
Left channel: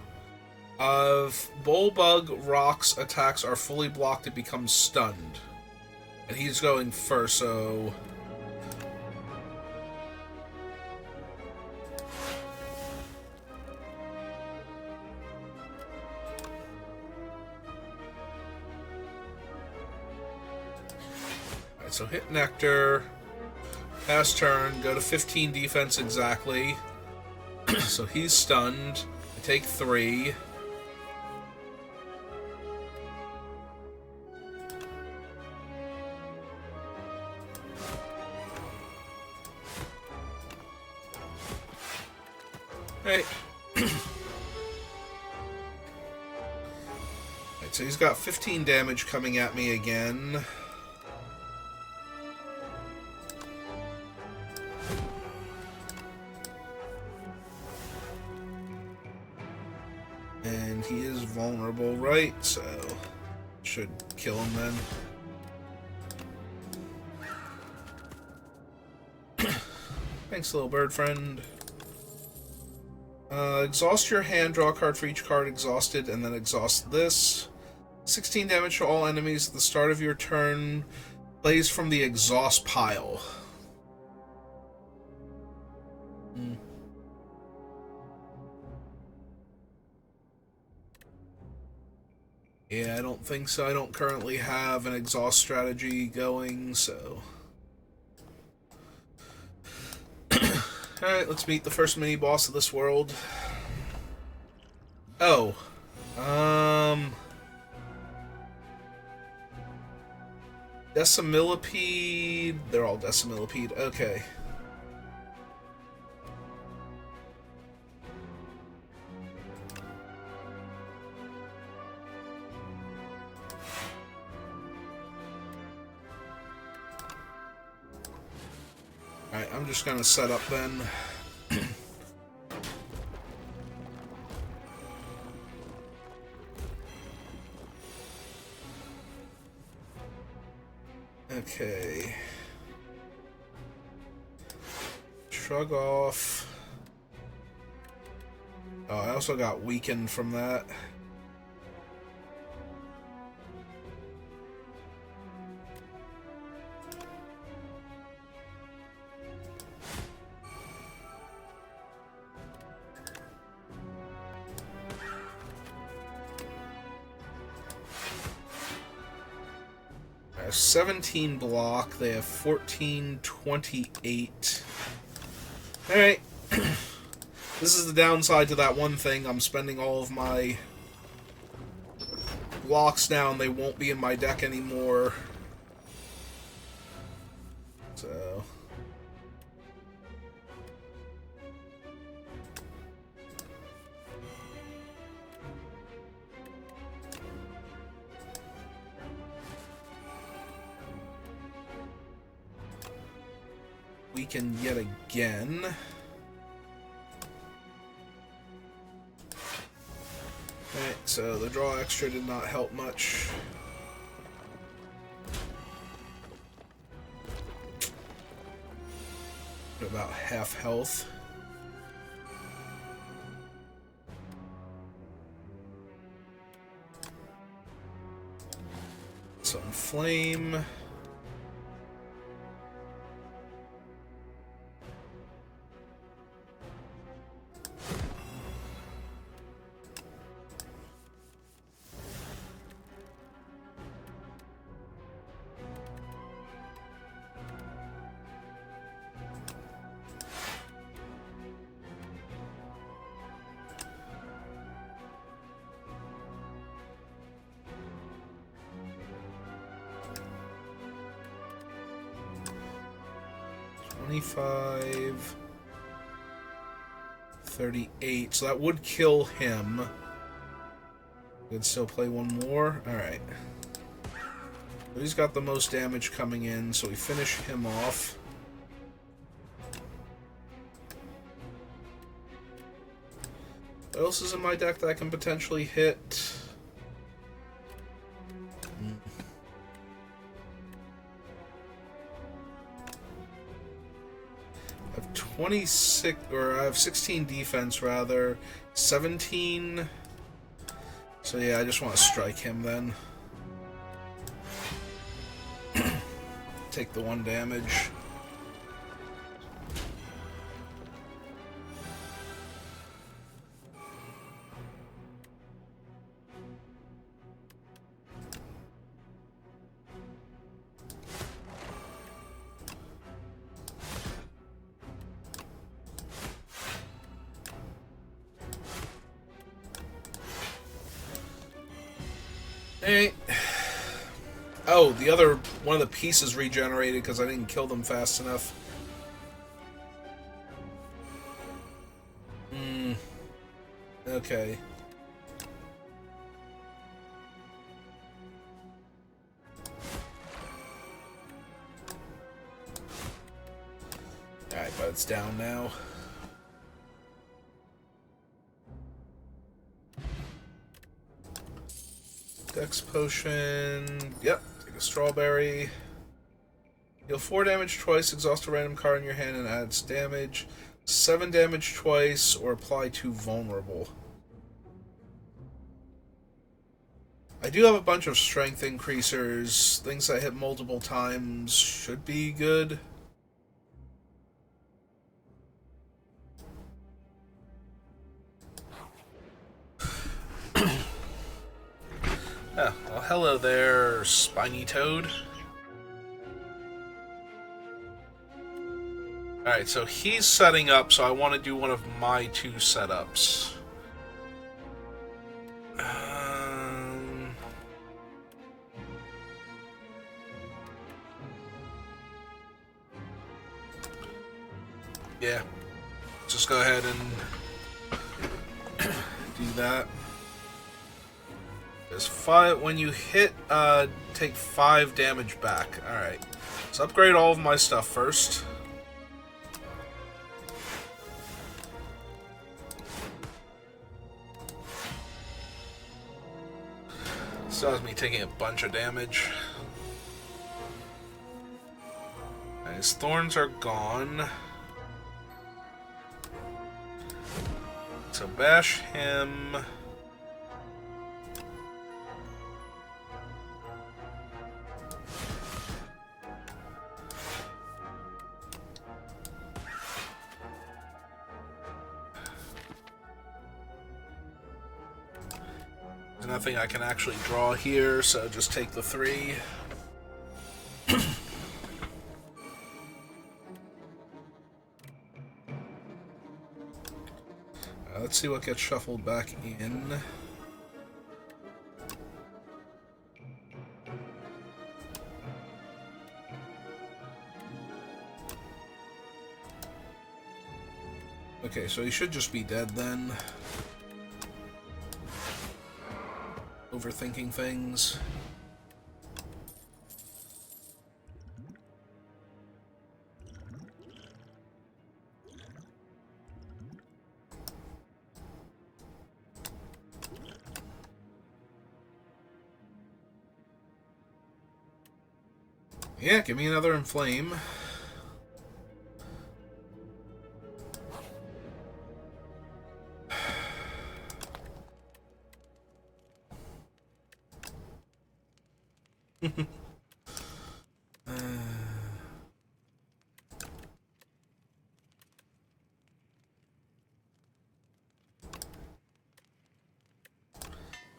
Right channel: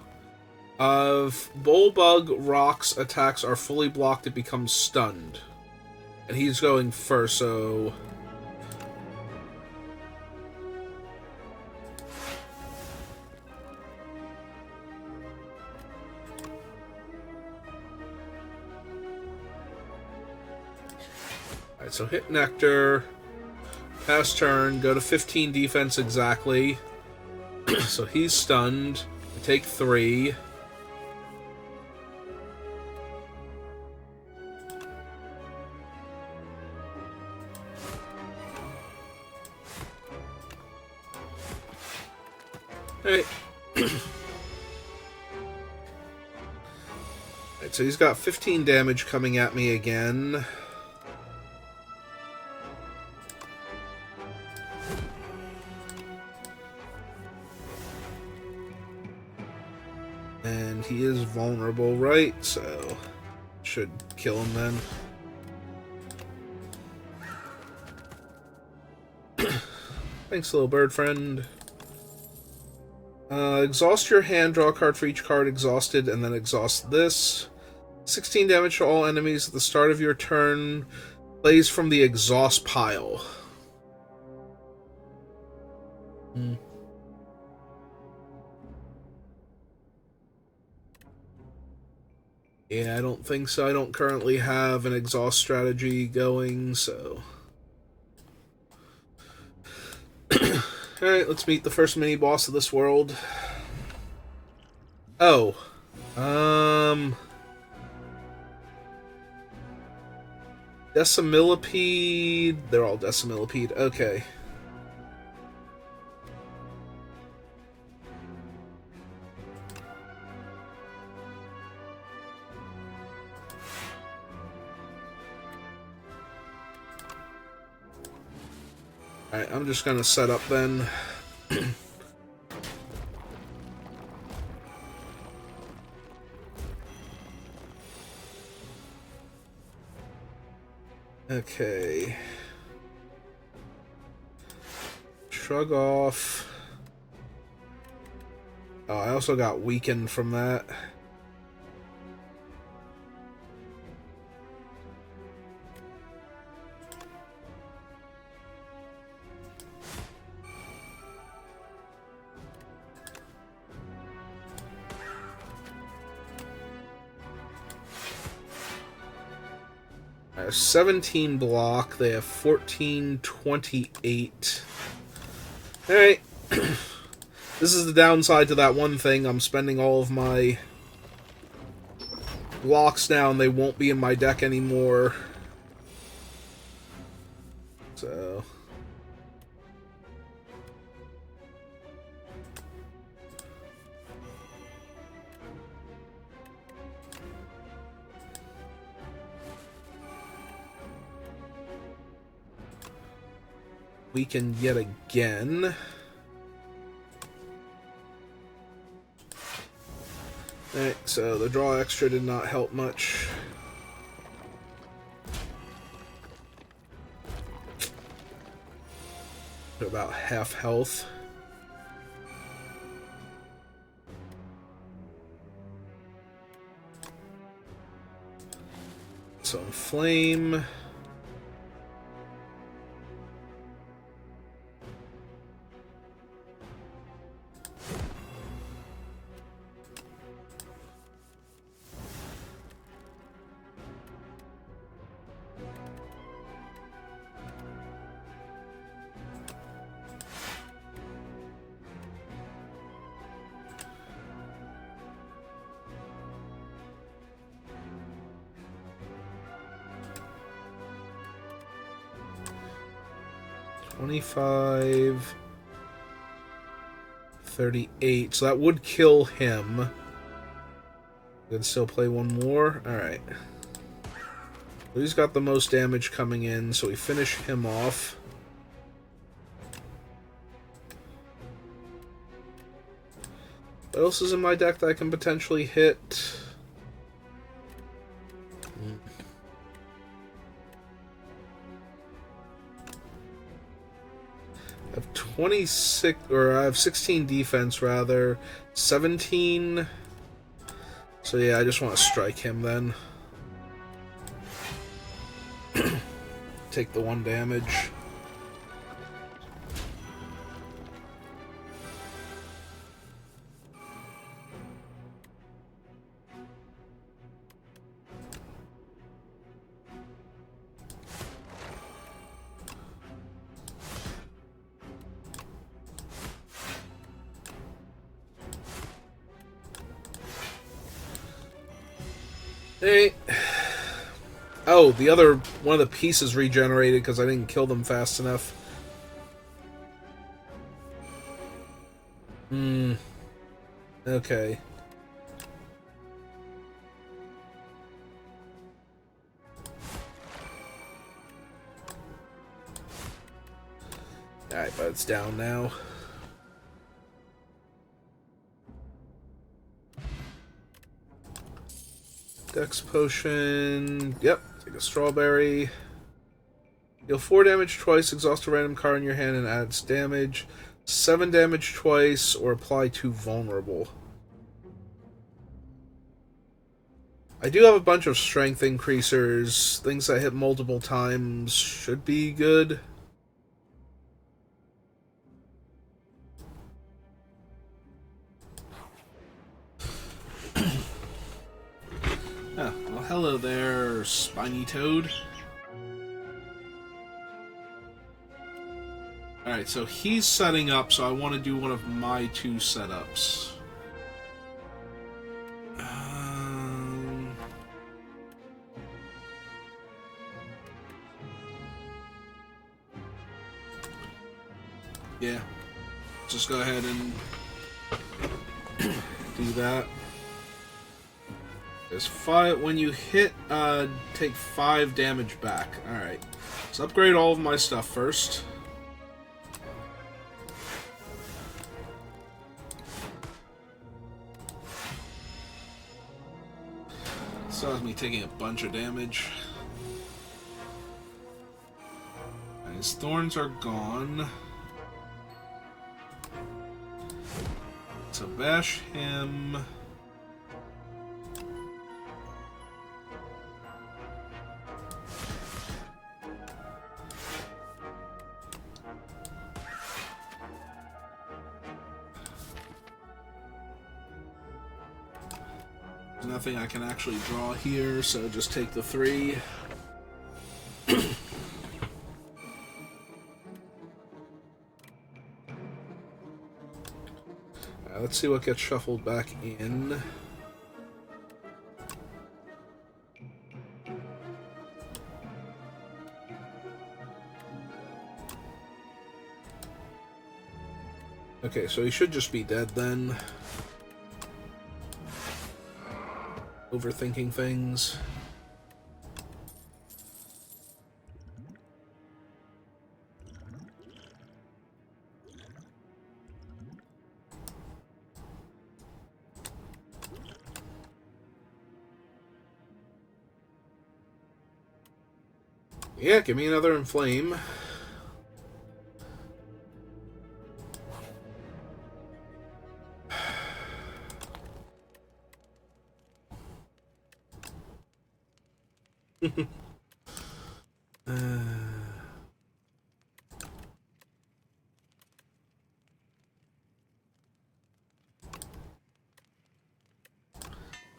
If Bullbug Rock's attacks are fully blocked, it becomes stunned. And he's going first, so... Alright, so hit Nectar, pass turn, go to 15 defense exactly. So he's stunned. Take 3. Hey. Alright, so he's got 15 damage coming at me again. And he is vulnerable, right? So, should kill him then. Thanks, little bird friend. Exhaust your hand, draw a card for each card exhausted, and then exhaust this. 16 damage to all enemies at the start of your turn. Plays from the exhaust pile. Yeah, I don't think so. I don't currently have an exhaust strategy going, so... Alright, let's meet the first mini-boss of this world. Oh. Decimillipede... They're all Decimillipede. Okay. Alright, I'm just gonna set up then. Okay. Shrug off. Oh, I also got weakened from that. I have 17 block. They have 14, 28. Alright. This is the downside to that one thing. I'm spending all of my blocks now, and they won't be in my deck anymore. So... weaken yet again. Alright, so the draw extra did not help much. About half health. So inflame. $25, 38. So that would kill him. Could still play one more. All right. He's got the most damage coming in, so we finish him off. What else is in my deck that I can potentially hit? I have 26, or I have 16 defense rather, 17. So yeah, I just want to strike him then. Take the 1 damage. Hey. Oh, the other one of the pieces regenerated because I didn't kill them fast enough. Okay. Alright, but it's down now. Dex potion. Yep, take a strawberry. Deal 4 damage twice, exhaust a random card in your hand and adds damage. 7 damage twice, or apply to vulnerable. I do have a bunch of strength increasers. Things that hit multiple times should be good. Oh, well, hello there, spiny toad. Alright, so he's setting up, so I want to do one of my 2 setups. Yeah, just go ahead and do that. There's 5 when you hit. Take 5 damage back. All right, let's upgrade all of my stuff first. So that's me taking a bunch of damage. His thorns are gone. So bash him. There's nothing I can actually draw here, so just take the 3. Let's see what gets shuffled back in. Okay, so he should just be dead then. Overthinking things. Yeah, give me another inflame.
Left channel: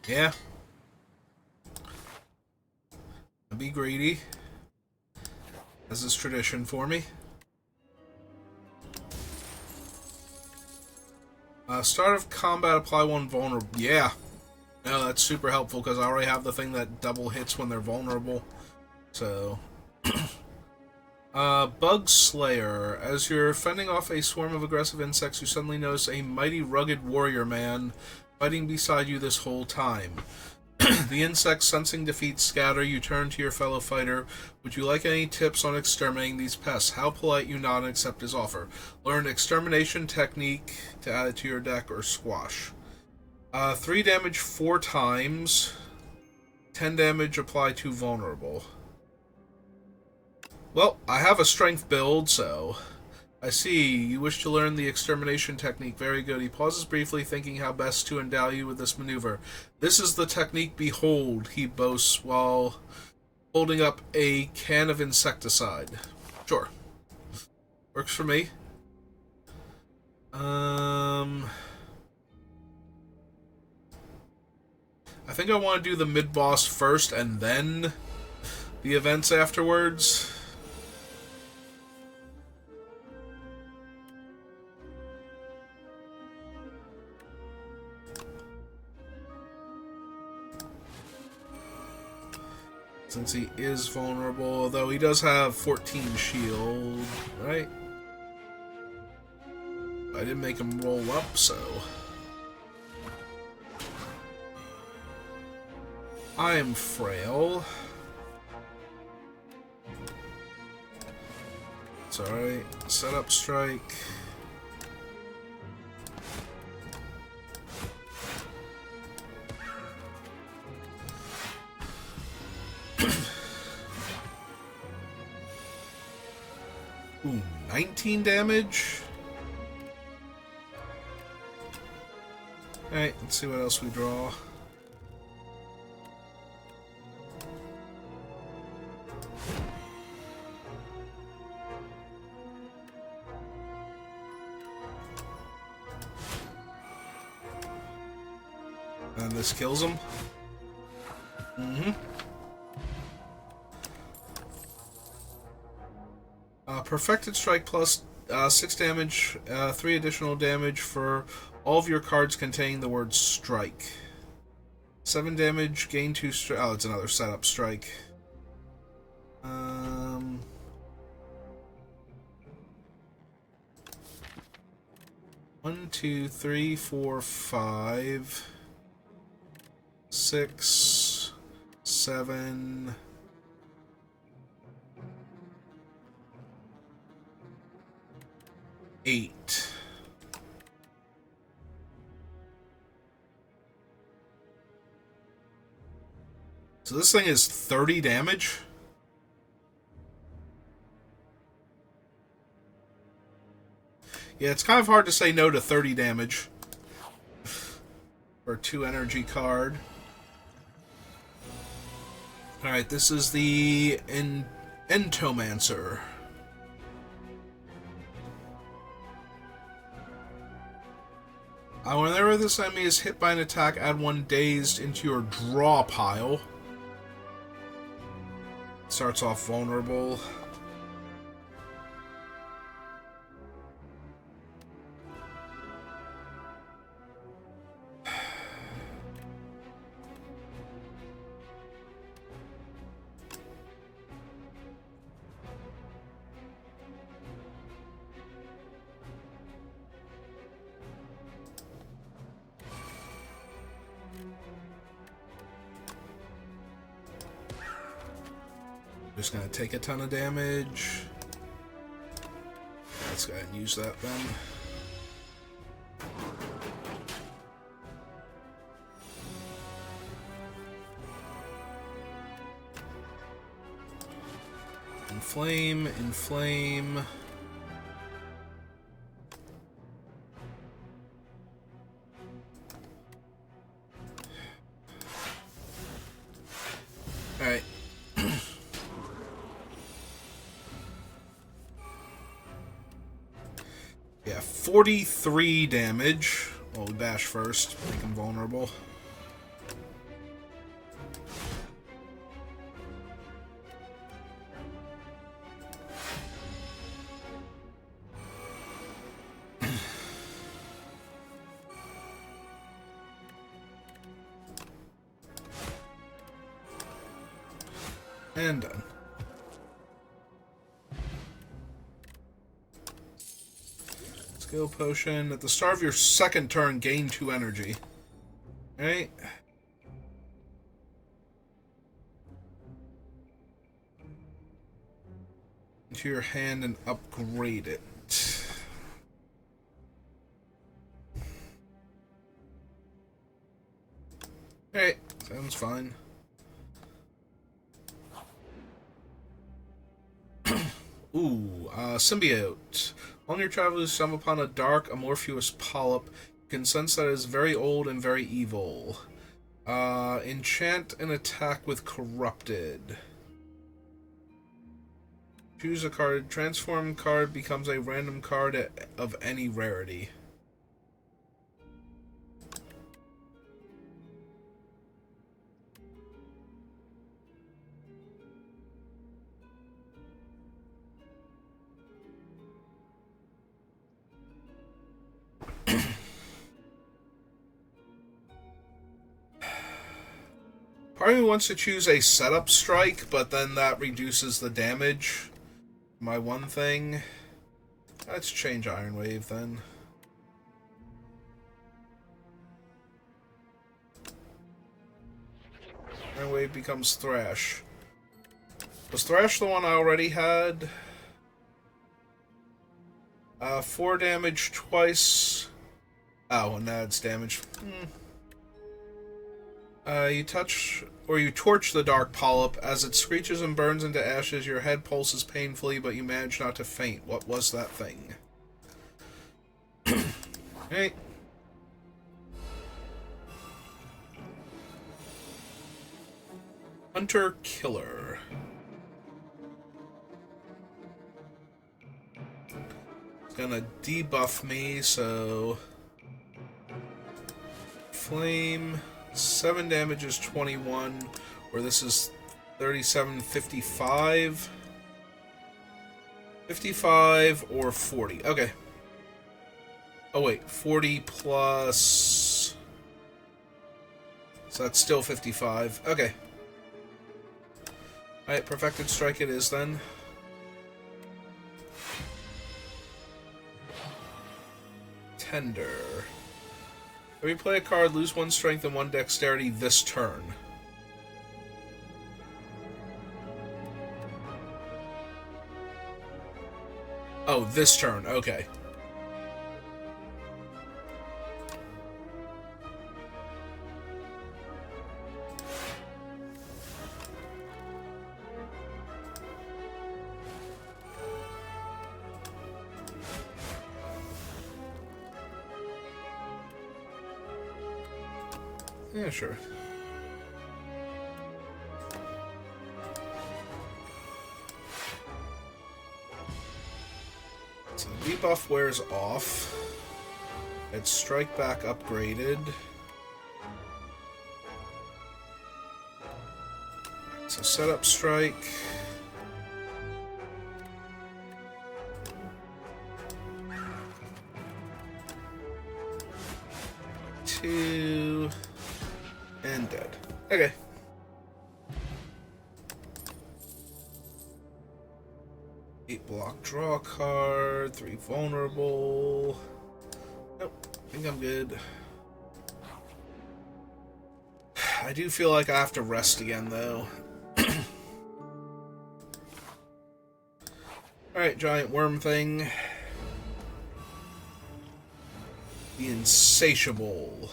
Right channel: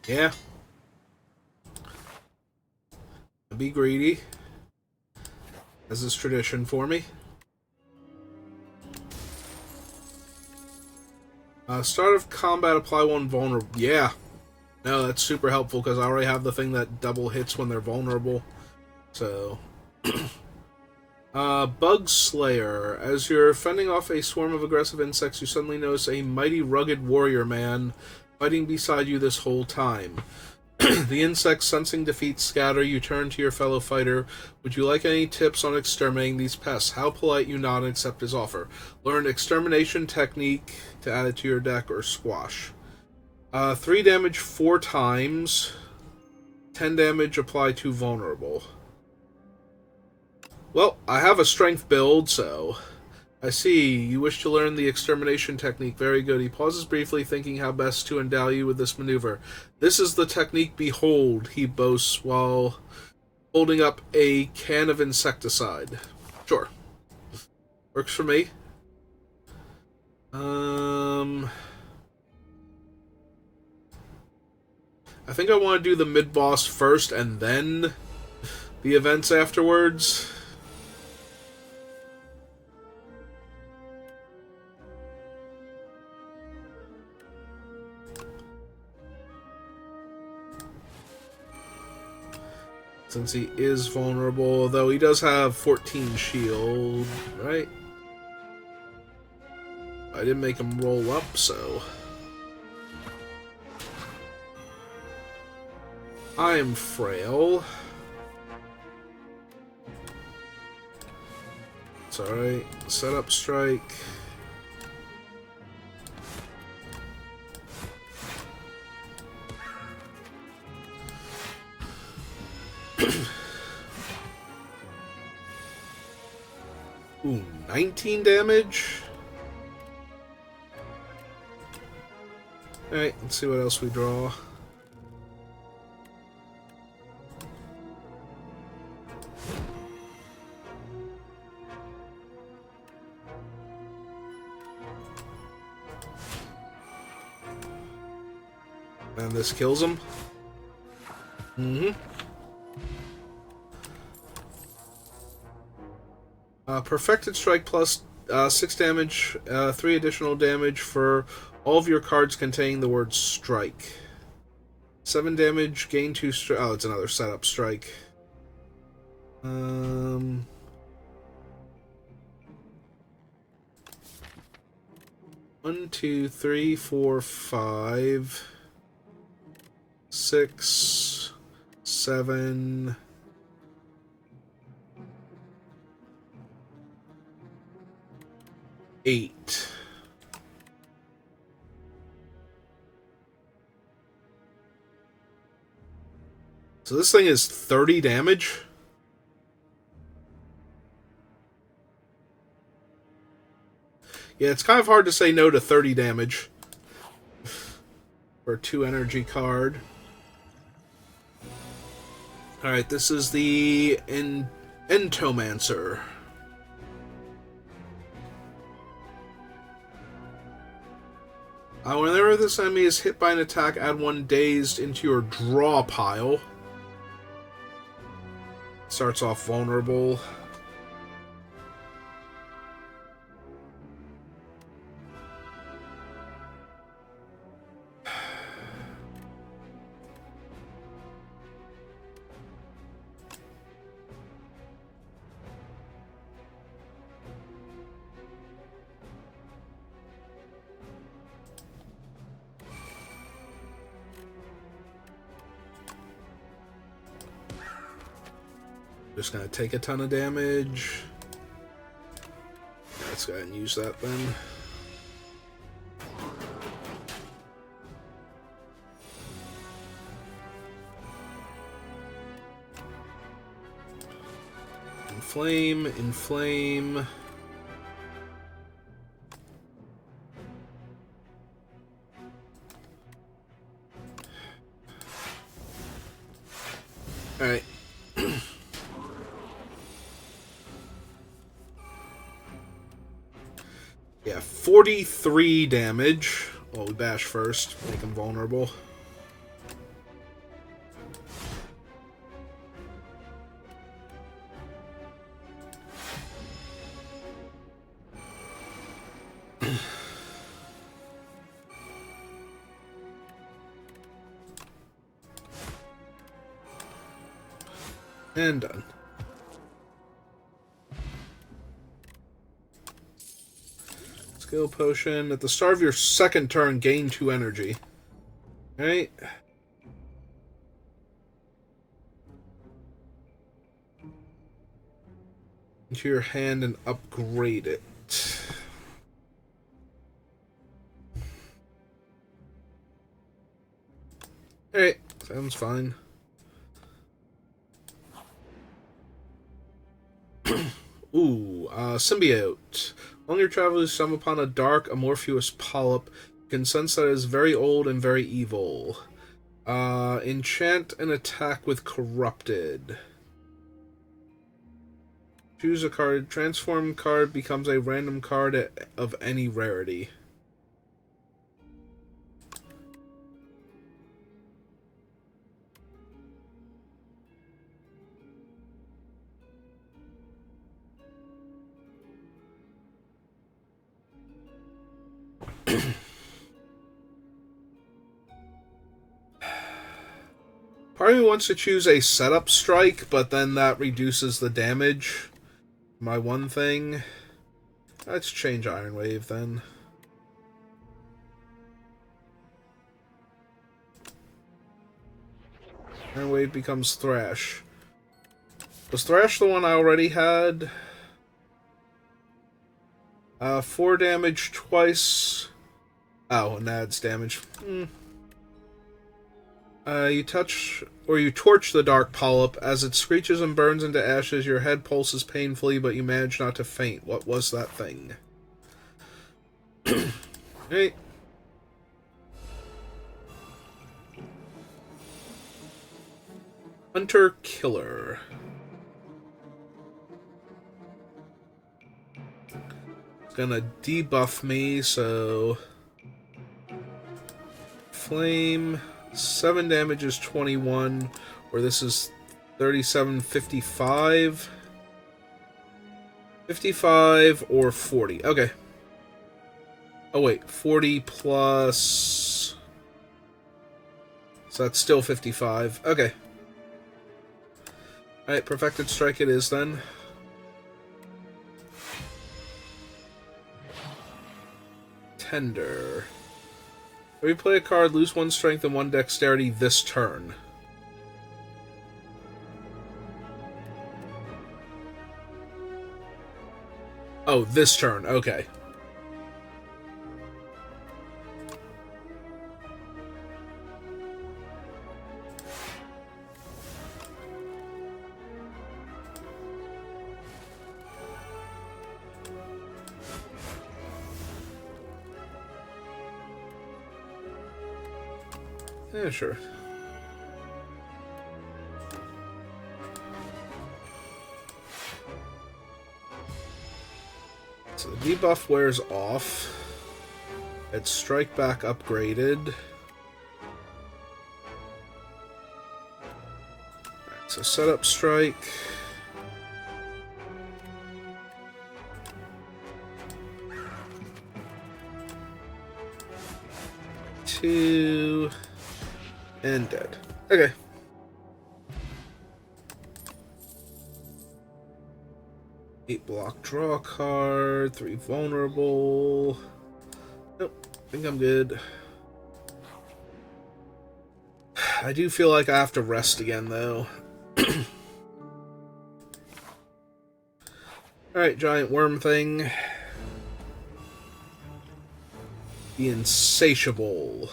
Yeah. Be greedy, as is tradition for me. Start of combat, apply 1 vulnerable. Yeah. No, that's super helpful because I already have the thing that double hits when they're vulnerable. So. Bug Slayer. As you're fending off a swarm of aggressive insects, you suddenly notice a mighty rugged warrior man fighting beside you this whole time. The insects, sensing defeat, scatter. You turn to your fellow fighter. Would you like any tips on exterminating these pests? How polite you nod and accept his offer. Learn extermination technique to add it to your deck or squash. 3 damage 4 times. 10 damage apply to vulnerable. Well, I have a strength build, so... I see. You wish to learn the extermination technique. Very good. He pauses briefly, thinking how best to endow you with this maneuver. This is the technique, behold, he boasts while holding up a can of insecticide. Sure. Works for me. I think I want to do the mid-boss first and then the events afterwards. Since he is vulnerable, though he does have 14 shield, right? I didn't make him roll up, so... I am frail. It's alright. Set up strike. Ooh, 19 damage. Alright, let's see what else we draw. And this kills him. Perfected Strike plus 6 damage, 3 additional damage for all of your cards containing the word strike. 7 damage, gain 2 strike. Oh, it's another setup strike. 1, 2, 3, 4, 5, 6, 7. 8. So this thing is 30 damage? Yeah, it's kind of hard to say no to 30 damage for a 2 energy card. Alright, this is the Entomancer. Whenever this enemy is hit by an attack, add 1 dazed into your draw pile. Starts off vulnerable. Just gonna take a ton of damage. Let's go ahead and use that then. Inflame, inflame. Alright. Yeah, 43 damage. Well, we bash first, make him vulnerable. And done. Skill potion. At the start of your second turn, gain 2 energy. Alright. into your hand and upgrade it. Alright, sounds fine. Ooh, symbiote. On your travels, you stumble upon a dark, amorphous polyp. You can sense that it is very old and very evil. Enchant an attack with corrupted. Choose a card. Transform card becomes a random card of any rarity. Part of me wants to choose a setup strike, but then that reduces the damage. My one thing. Let's change Iron Wave then. Iron Wave becomes Thrash. Was Thrash the one I already had? 4 damage twice. Oh, and adds damage. You touch or you torch the dark polyp. As it screeches and burns into ashes, your head pulses painfully, but you manage not to faint. What was that thing? Hey. Hunter Killer. It's gonna debuff me, so... Flame... 7 damage is 21, or this is 37, 55. 55 or 40. Okay. Oh, wait. 40 plus... So that's still 55. Okay. Alright, Perfected Strike it is then. Tender. If you play a card, lose 1 strength and 1 dexterity this turn. Oh, this turn. Okay. Yeah, sure. So the debuff wears off. It's Strike Back upgraded. Right, so set up Strike. Two. And dead. Okay. Eight block, draw a card, 3 vulnerable. Nope, I think I'm good. I do feel like I have to rest again, though. Alright, giant worm thing. The Insatiable.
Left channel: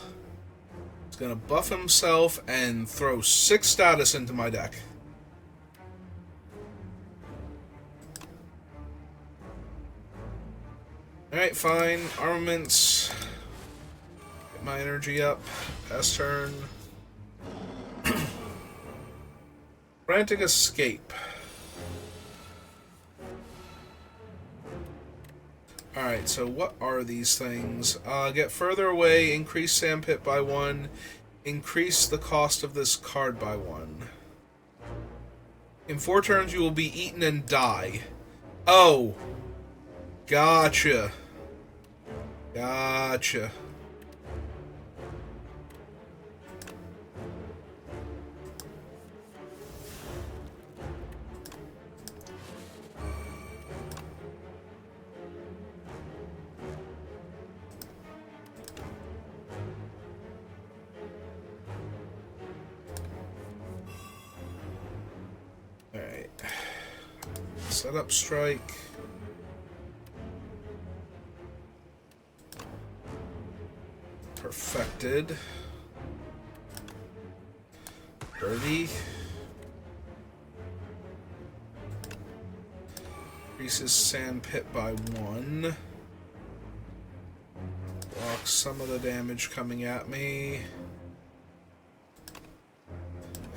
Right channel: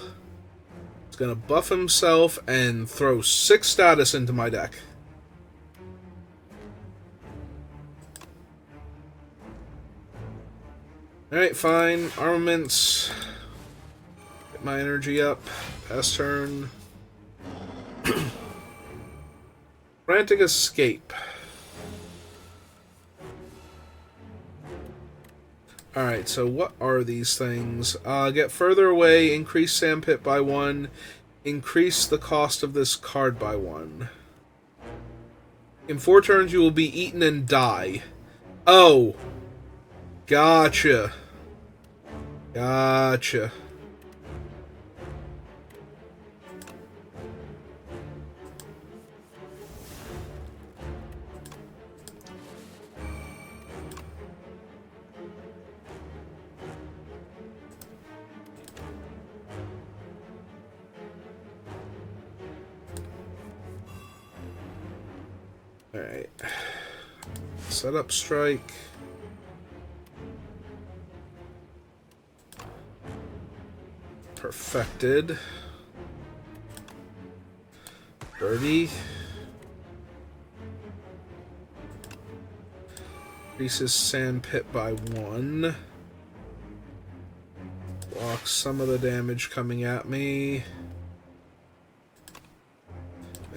He's gonna buff himself and throw 6 status into my deck. Alright, fine. Armaments. Get my energy up. Pass turn. Frantic Escape. Alright, so what are these things? Get further away, increase Sandpit by 1, increase the cost of this card by 1. In 4 turns, you will be eaten and die. Oh! Gotcha. Gotcha. Setup strike. Perfected. Birdie. Increases sand pit by 1. Blocks some of the damage coming at me.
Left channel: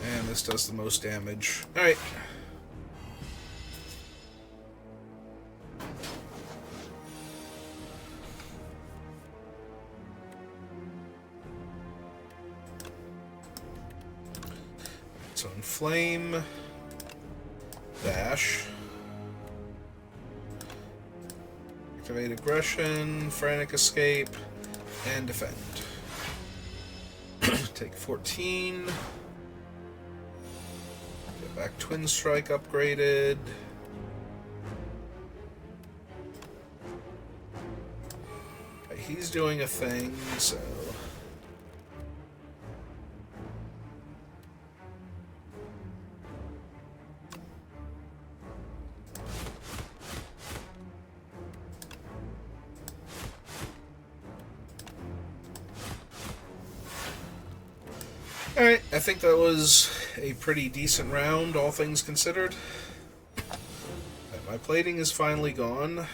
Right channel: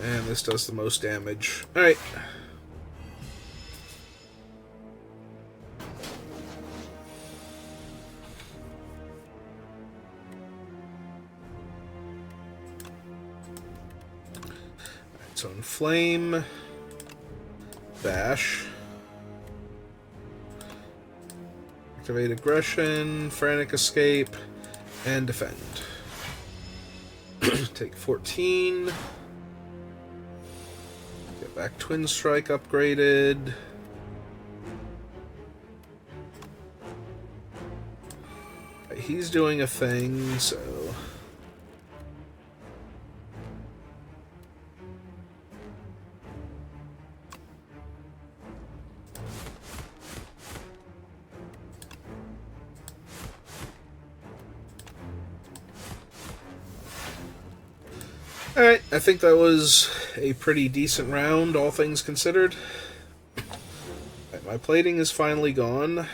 And this does the most damage. Alright. So Inflame. Bash. Activate Aggression, Frantic Escape, and Defend. Take 14. Get back Twin Strike upgraded. Okay, he's doing a thing, so... Alright, I think that was a pretty decent round, all things considered. Right, my plating is finally gone.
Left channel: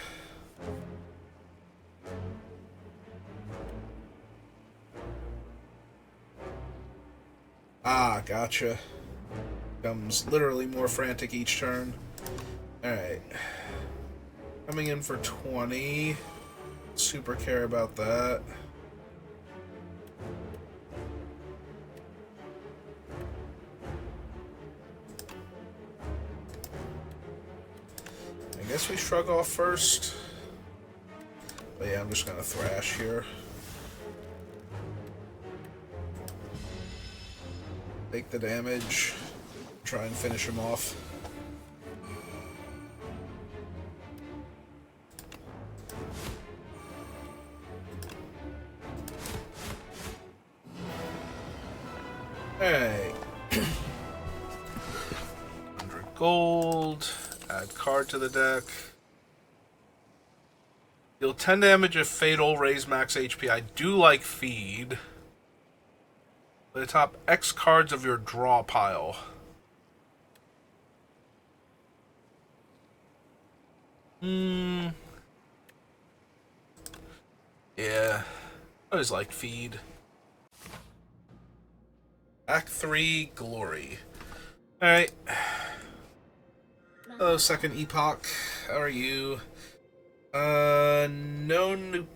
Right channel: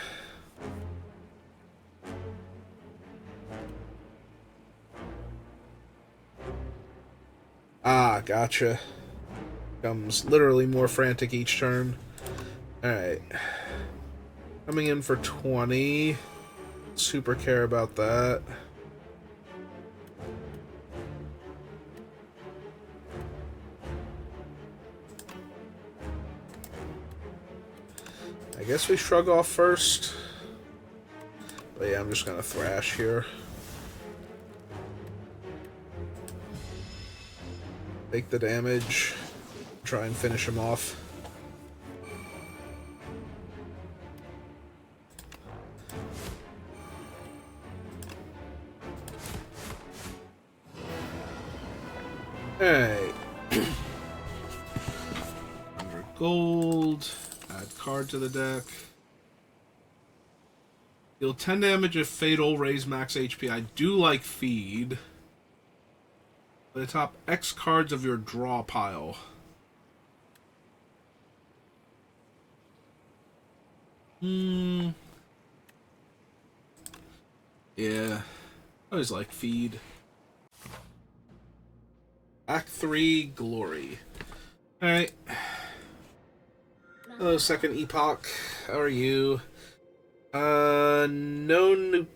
Ah, gotcha. Becomes literally more frantic each turn. Alright. Coming in for 20. Super care about that. I guess we shrug off first. But yeah, I'm just gonna thrash here. Take the damage. Try and finish him off. Alright. 100 gold. Add card to the deck. Deal 10 damage if fatal, raise max HP. I do like feed. Play the top X cards of your draw pile. Yeah. I always like feed. Act 3, Glory. Alright. Hello, Second Epoch. How are you? No new...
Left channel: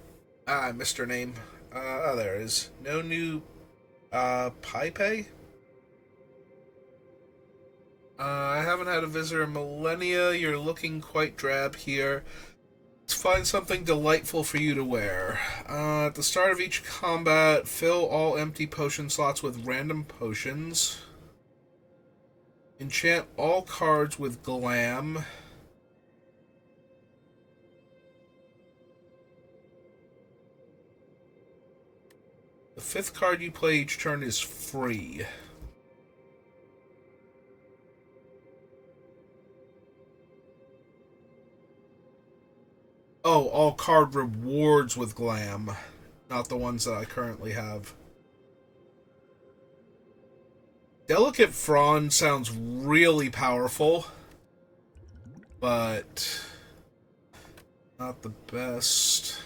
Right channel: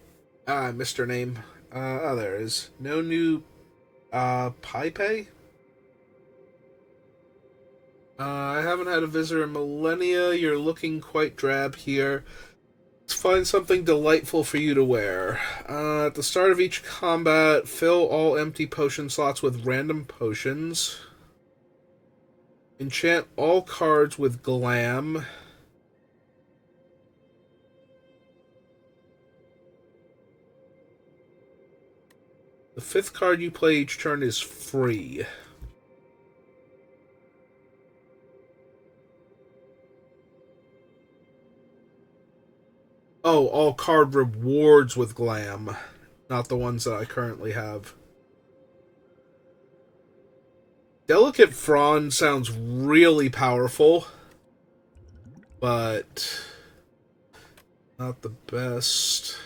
I missed her name. Oh, there it is. No new... Pipe? I haven't had a visitor in millennia. You're looking quite drab here. Let's find something delightful for you to wear. At the start of each combat, fill all empty potion slots with random potions. Enchant all cards with Glam. The 5th card you play each turn is free. Oh, all card rewards with Glam. Not the ones that I currently have. Delicate Frond sounds really powerful, but not the best.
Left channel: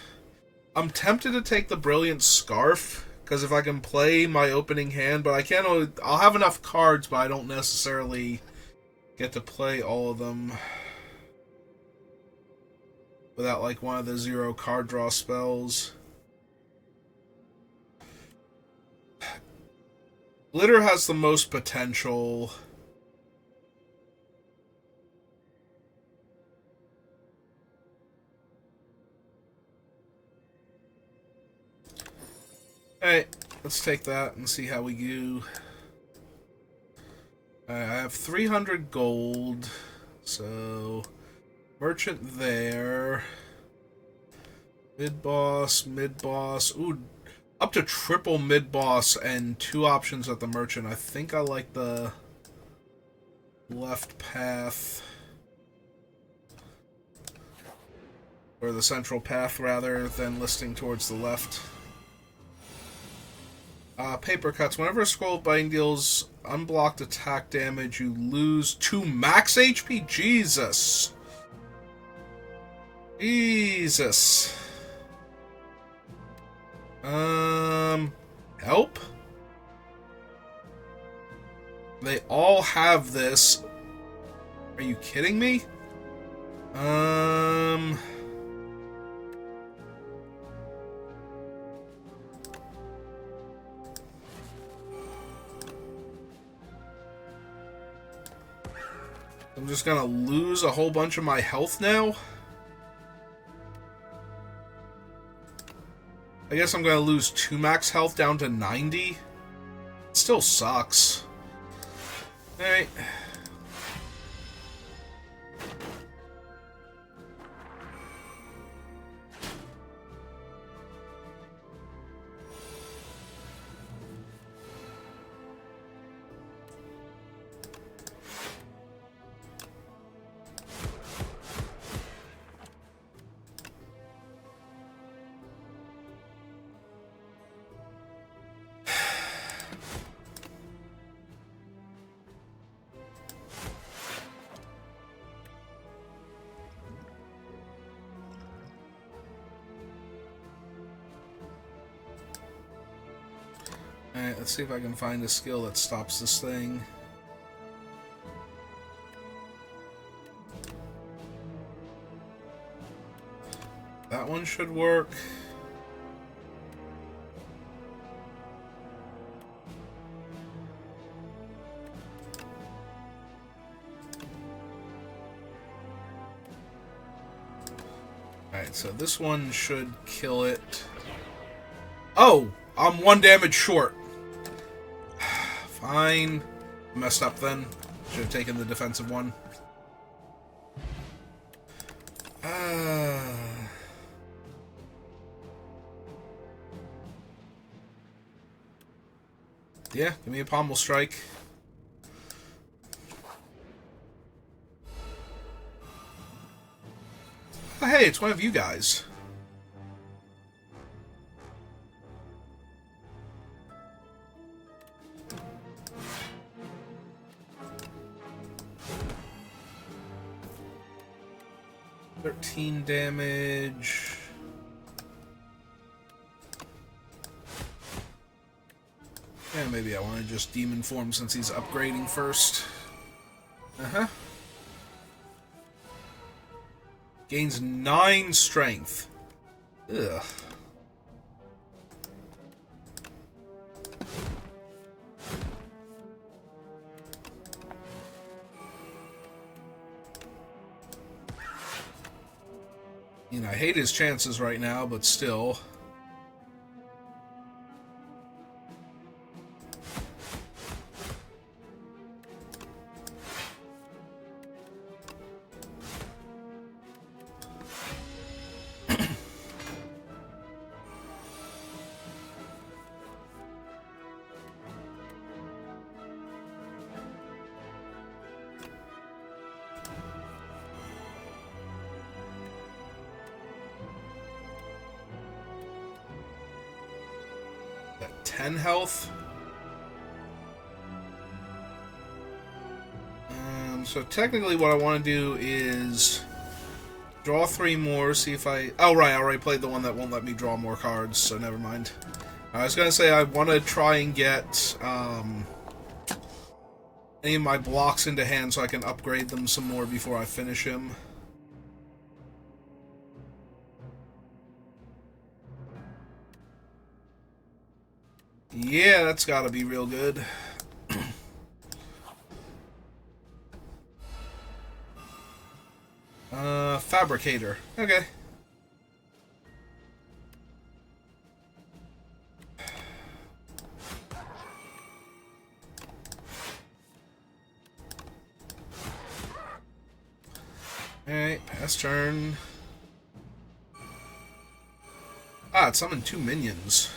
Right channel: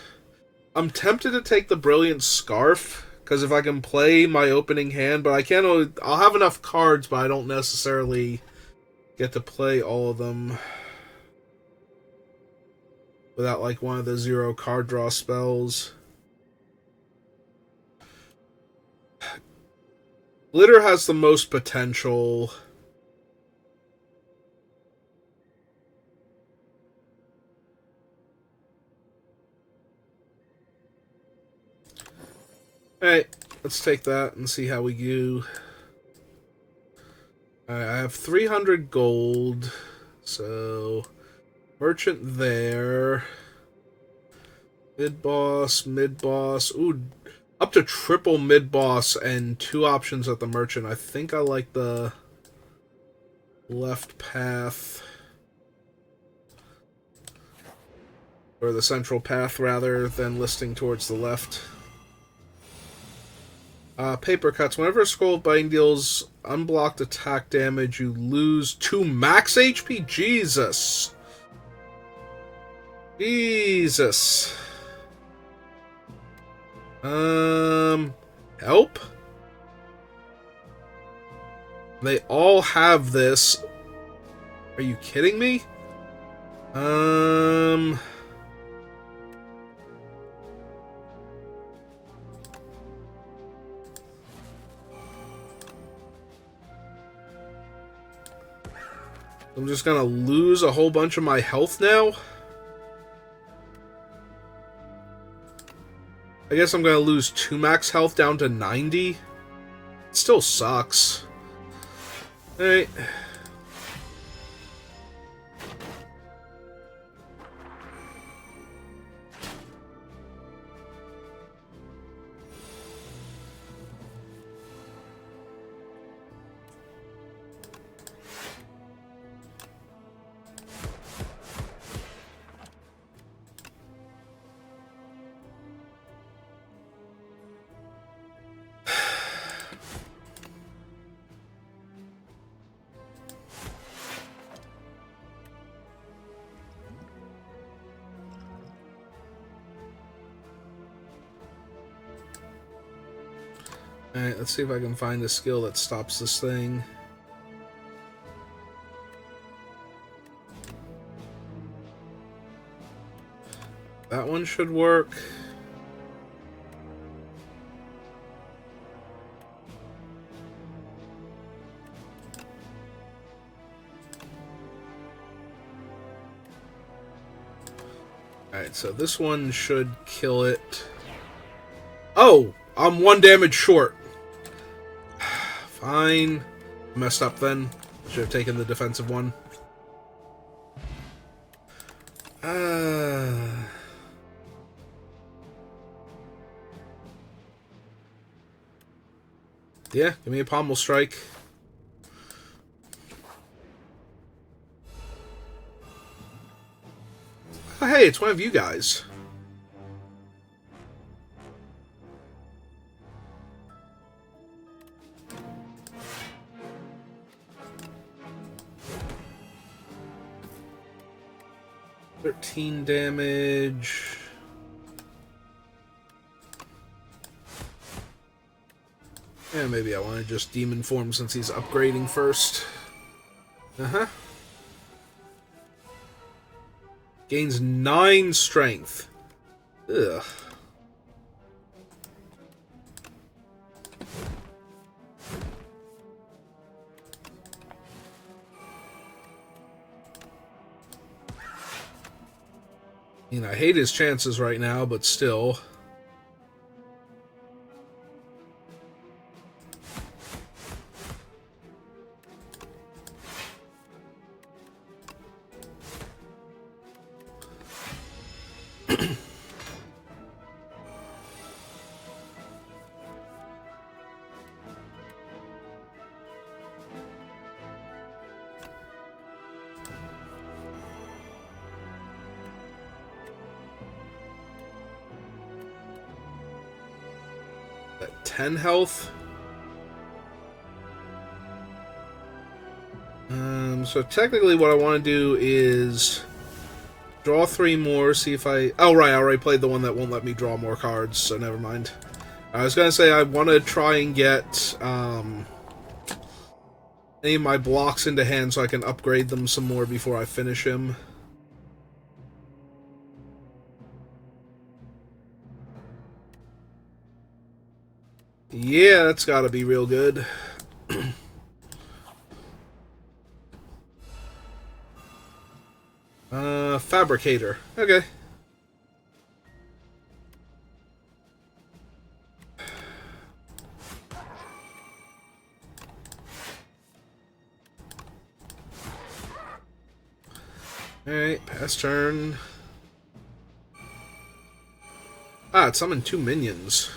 I'm tempted to take the Brilliant Scarf, because if I can play my opening hand, but I can't. I'll have enough cards, but I don't necessarily get to play all of them without like one of the 0 card draw spells. Glitter has the most potential. Alright, let's take that and see how we do. I have 300 gold, so merchant there. Mid-boss, mid-boss. Ooh, up to triple mid-boss and 2 options at the merchant. I think I like the left path. Or the central path, rather, than listing towards the left. Paper cuts. Whenever a scroll of biting deals unblocked attack damage, you lose 2 max HP? Jesus. Jesus. Help? They all have this. Are you kidding me? I'm just gonna lose a whole bunch of my health now? I guess I'm gonna lose 2 max health down to 90. It still sucks. Alright. Alright, let's see if I can find a skill that stops this thing. That one should work. Alright, so this one should kill it. Oh! I'm 1 damage short. Fine. Messed up then. Should have taken the defensive one. Yeah, give me a pommel strike. Oh, hey, it's one of you guys. $13 damage. And maybe I want to just demon form since he's upgrading first. Gains 9 strength. Ugh. You know, I hate his chances right now, but still. At 10 health. So technically what I want to do is draw 3 more, see if I... Oh, right, I already played the one that won't let me draw more cards, so never mind. I was going to say I want to try and get any of my blocks into hand so I can upgrade them some more before I finish him. Yeah, that's gotta be real good. Fabricator. Okay. Alright, pass turn. Ah, it summoned 2 minions.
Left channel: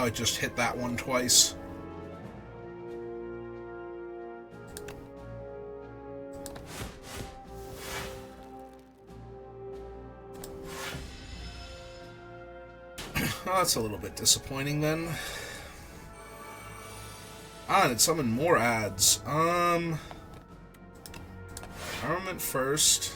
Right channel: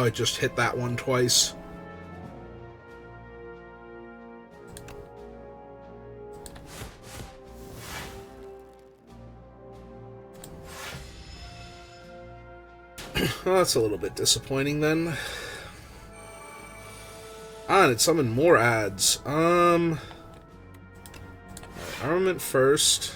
Oh, it just hit that one twice. Well, that's a little bit disappointing then. Ah, and it summoned more ads. Armament first.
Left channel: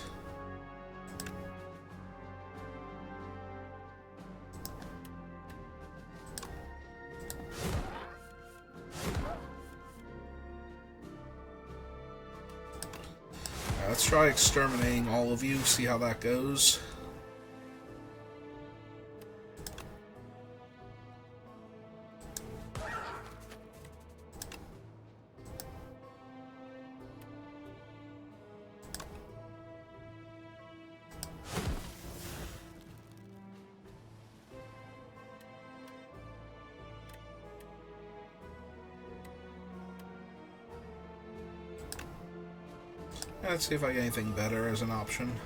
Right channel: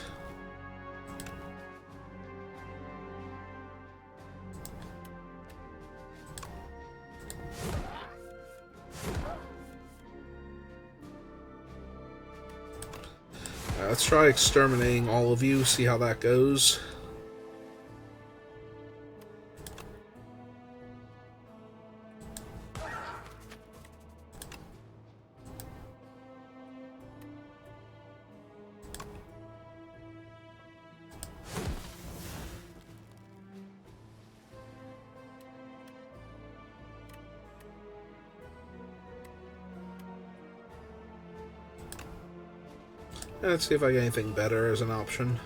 Let's try exterminating all of you, see how that goes. Let's see if I get anything better as an option.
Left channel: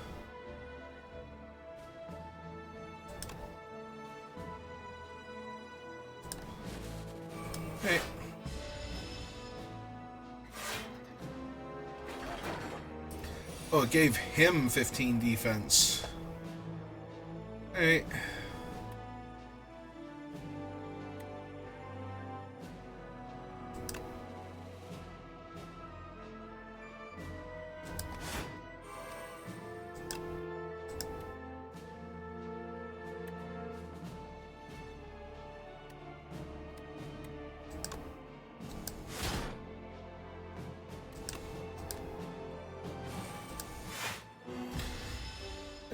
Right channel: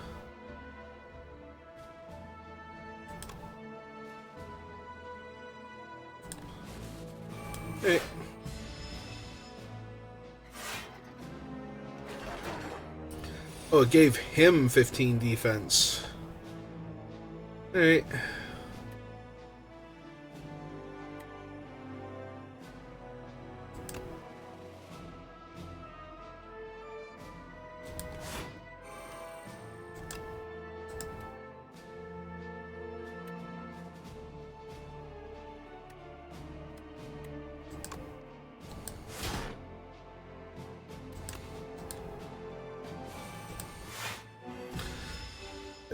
Hey. Oh, it gave him 15 defense. Hey.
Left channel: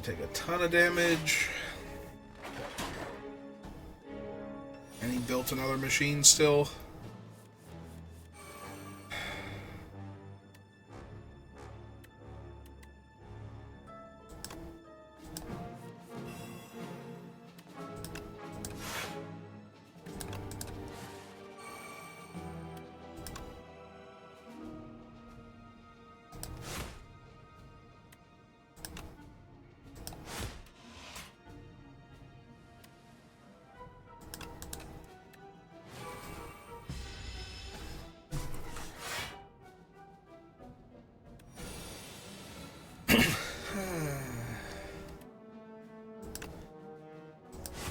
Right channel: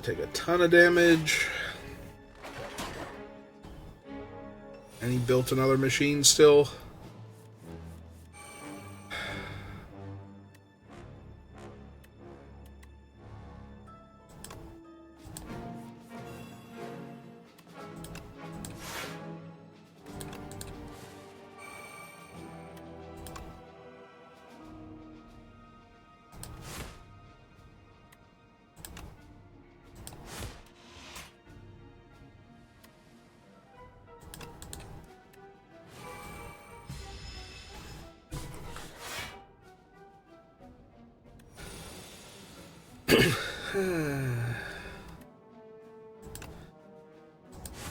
Take a ton of damage. And he built another machine still.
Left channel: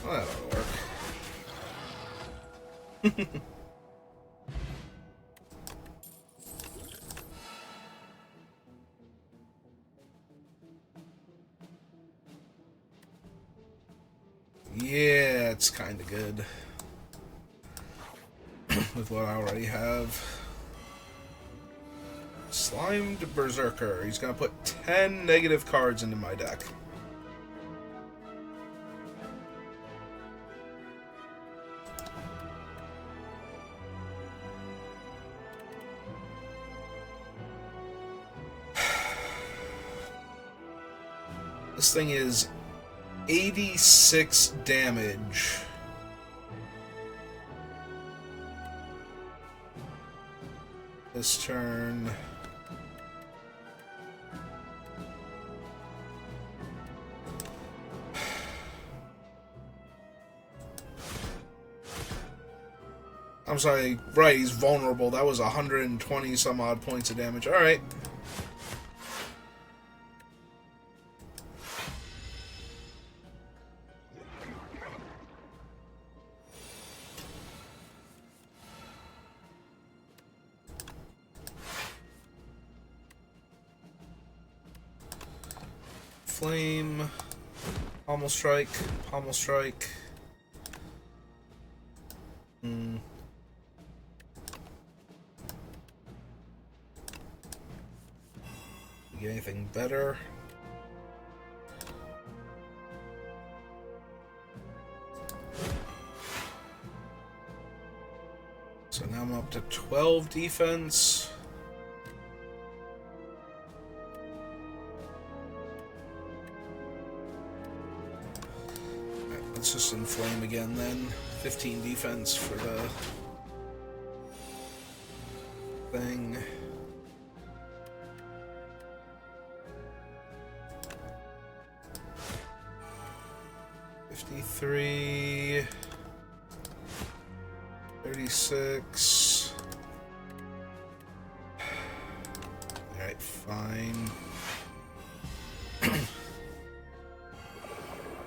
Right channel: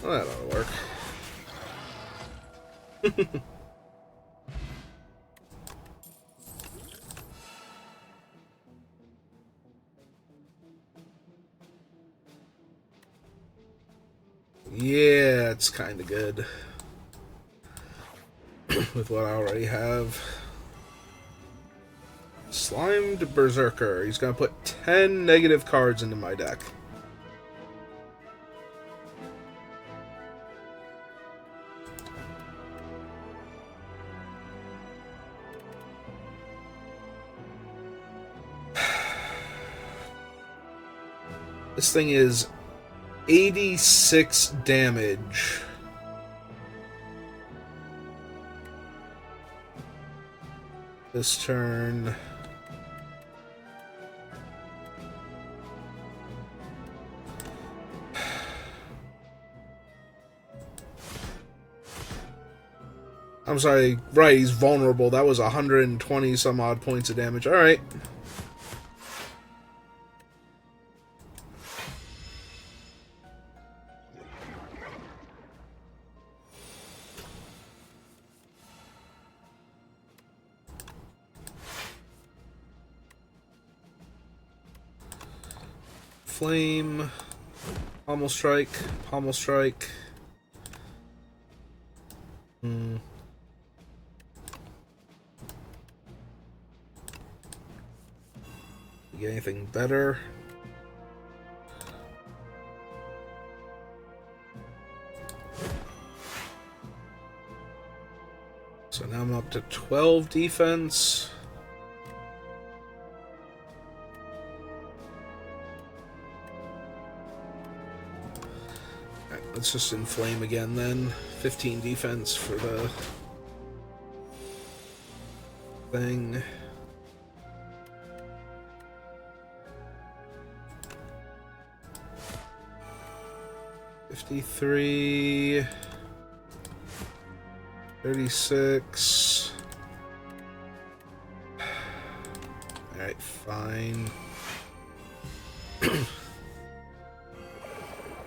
Well, that ought to work. Yeah, it's kind of good with what I already have. Slimed Berserker. He's going to put 10 negative cards into my deck. This thing is 86 damage. This turn. I'm sorry, right, he's vulnerable. That was 120 some odd points of damage. Alright. Flame, Pommel Strike, Pommel Strike. Get anything better? So now I'm up to 12 defense. Alright, let's just inflame again then. 15 defense for the thing. 36. Alright, fine.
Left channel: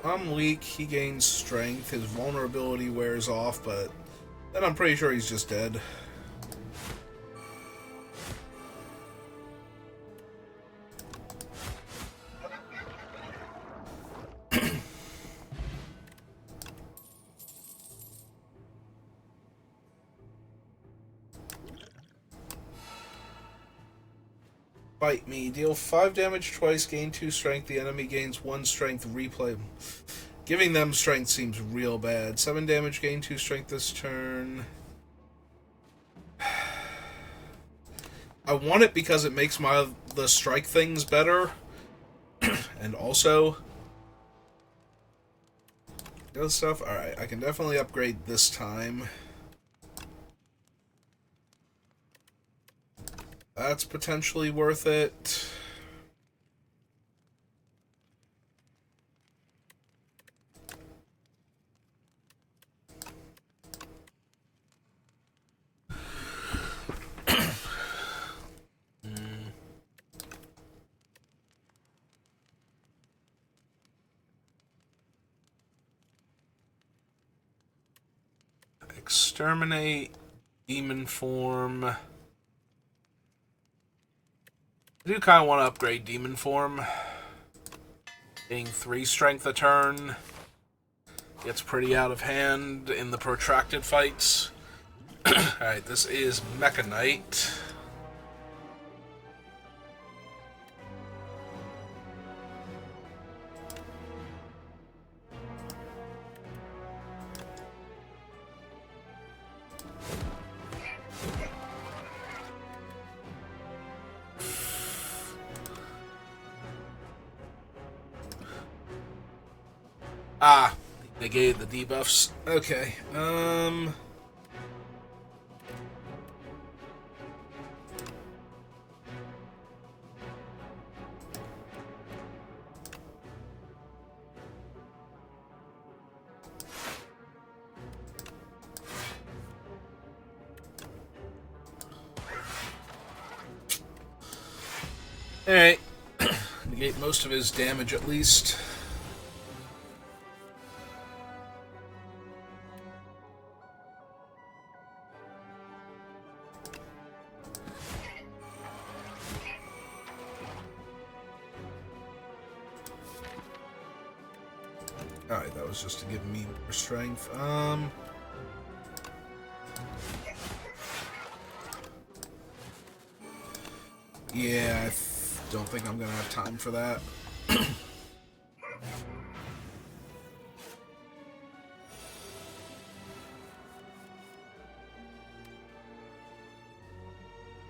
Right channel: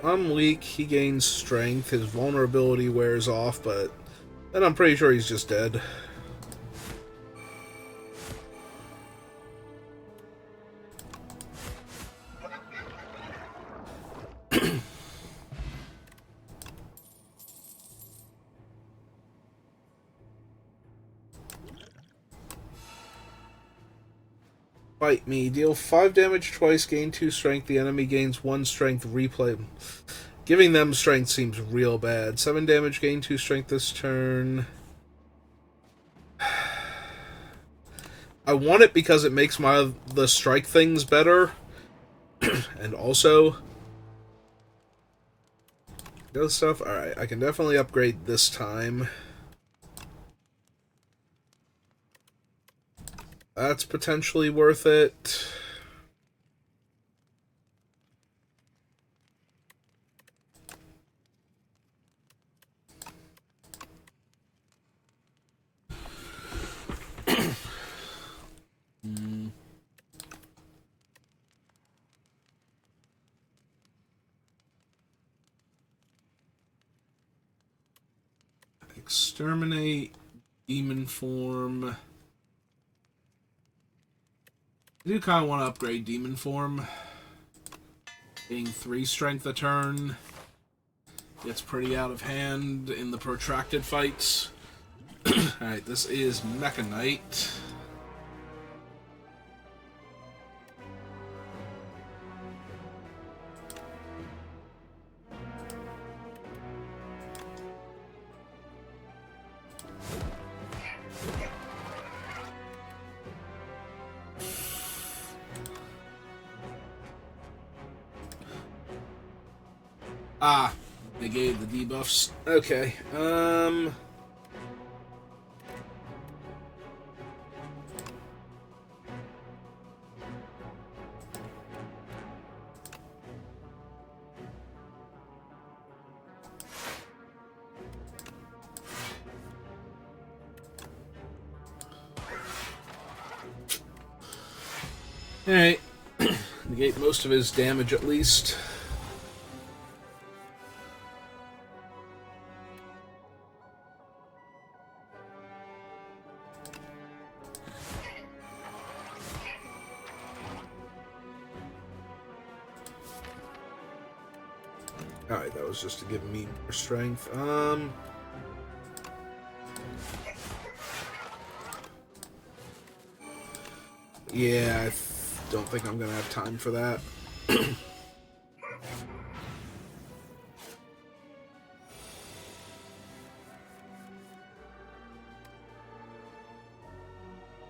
I'm weak, he gains strength, his vulnerability wears off, but then I'm pretty sure he's just dead. Fight me. Deal 5 damage twice, gain 2 strength. The enemy gains 1 strength. Replay. Giving them strength seems real bad. 7 damage, gain 2 strength this turn. I want it because it makes the strike things better. And also the other stuff. Alright, I can definitely upgrade this time. That's potentially worth it. Exterminate, demon form. I do kind of want to upgrade demon form. Getting 3 strength a turn gets pretty out of hand in the protracted fights. Alright, this is Mecha Knight. Ah, they gave the debuffs. Okay, alright. Negate most of his damage at least. Alright, that was just to give me more strength. Yeah, I don't think I'm gonna have time for that.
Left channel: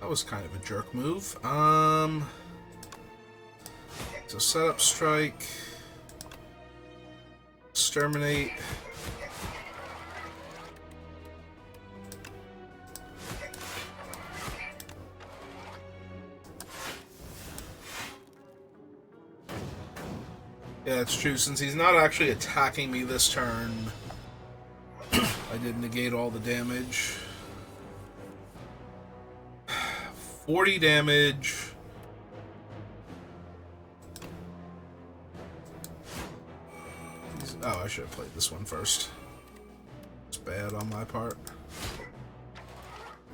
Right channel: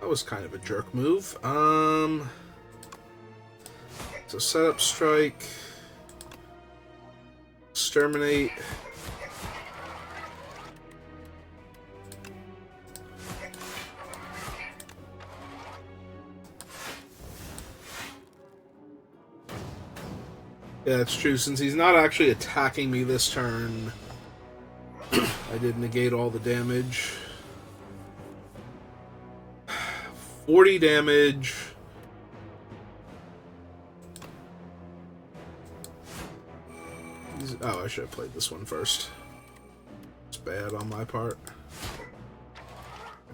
That was kind of a jerk move. So set up strike. Exterminate. Yeah, it's true. Since he's not actually attacking me this turn, I did negate all the damage. 40 damage. Oh, I should have played this one first. It's bad on my part.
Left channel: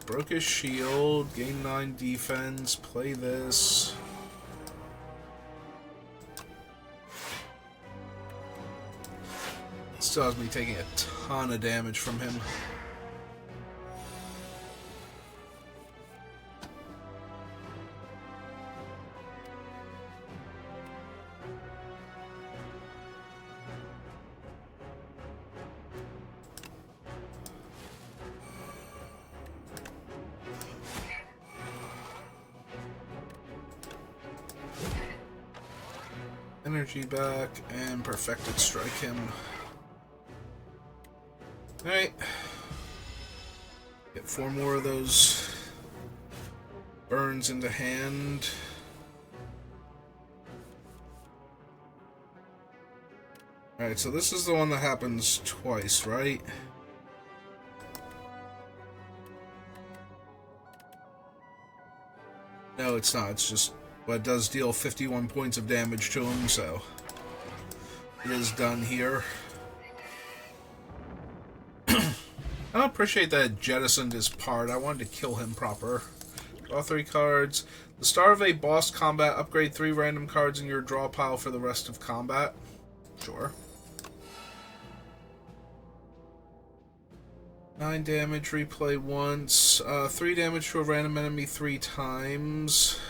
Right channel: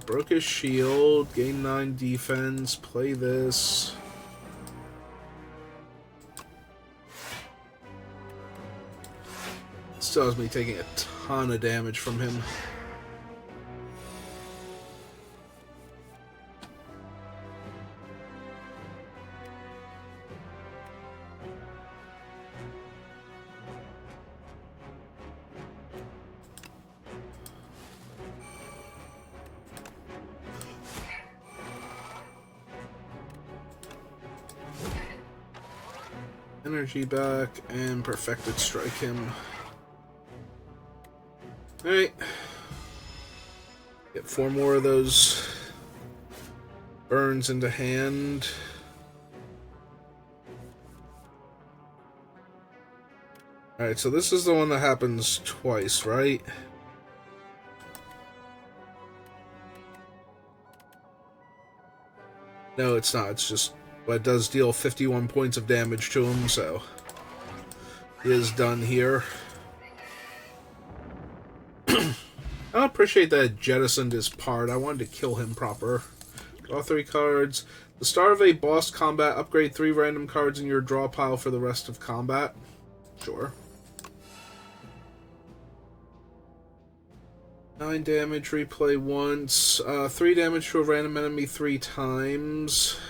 Broke his shield, gain 9 defense, play this. Still has me taking a ton of damage from him. Energy back and perfected strike him. Alright. Get 4 more of those burns into hand. Alright, so this is the one that happens twice, right? No, it's not. It's just... But it does deal 51 points of damage to him, so... It is done here. I appreciate that it jettisoned his part. I wanted to kill him proper. Draw 3 cards. The start of a boss combat, upgrade 3 random cards in your draw pile for the rest of combat. Sure. 9 damage, replay once. 3 damage to a random enemy 3 times.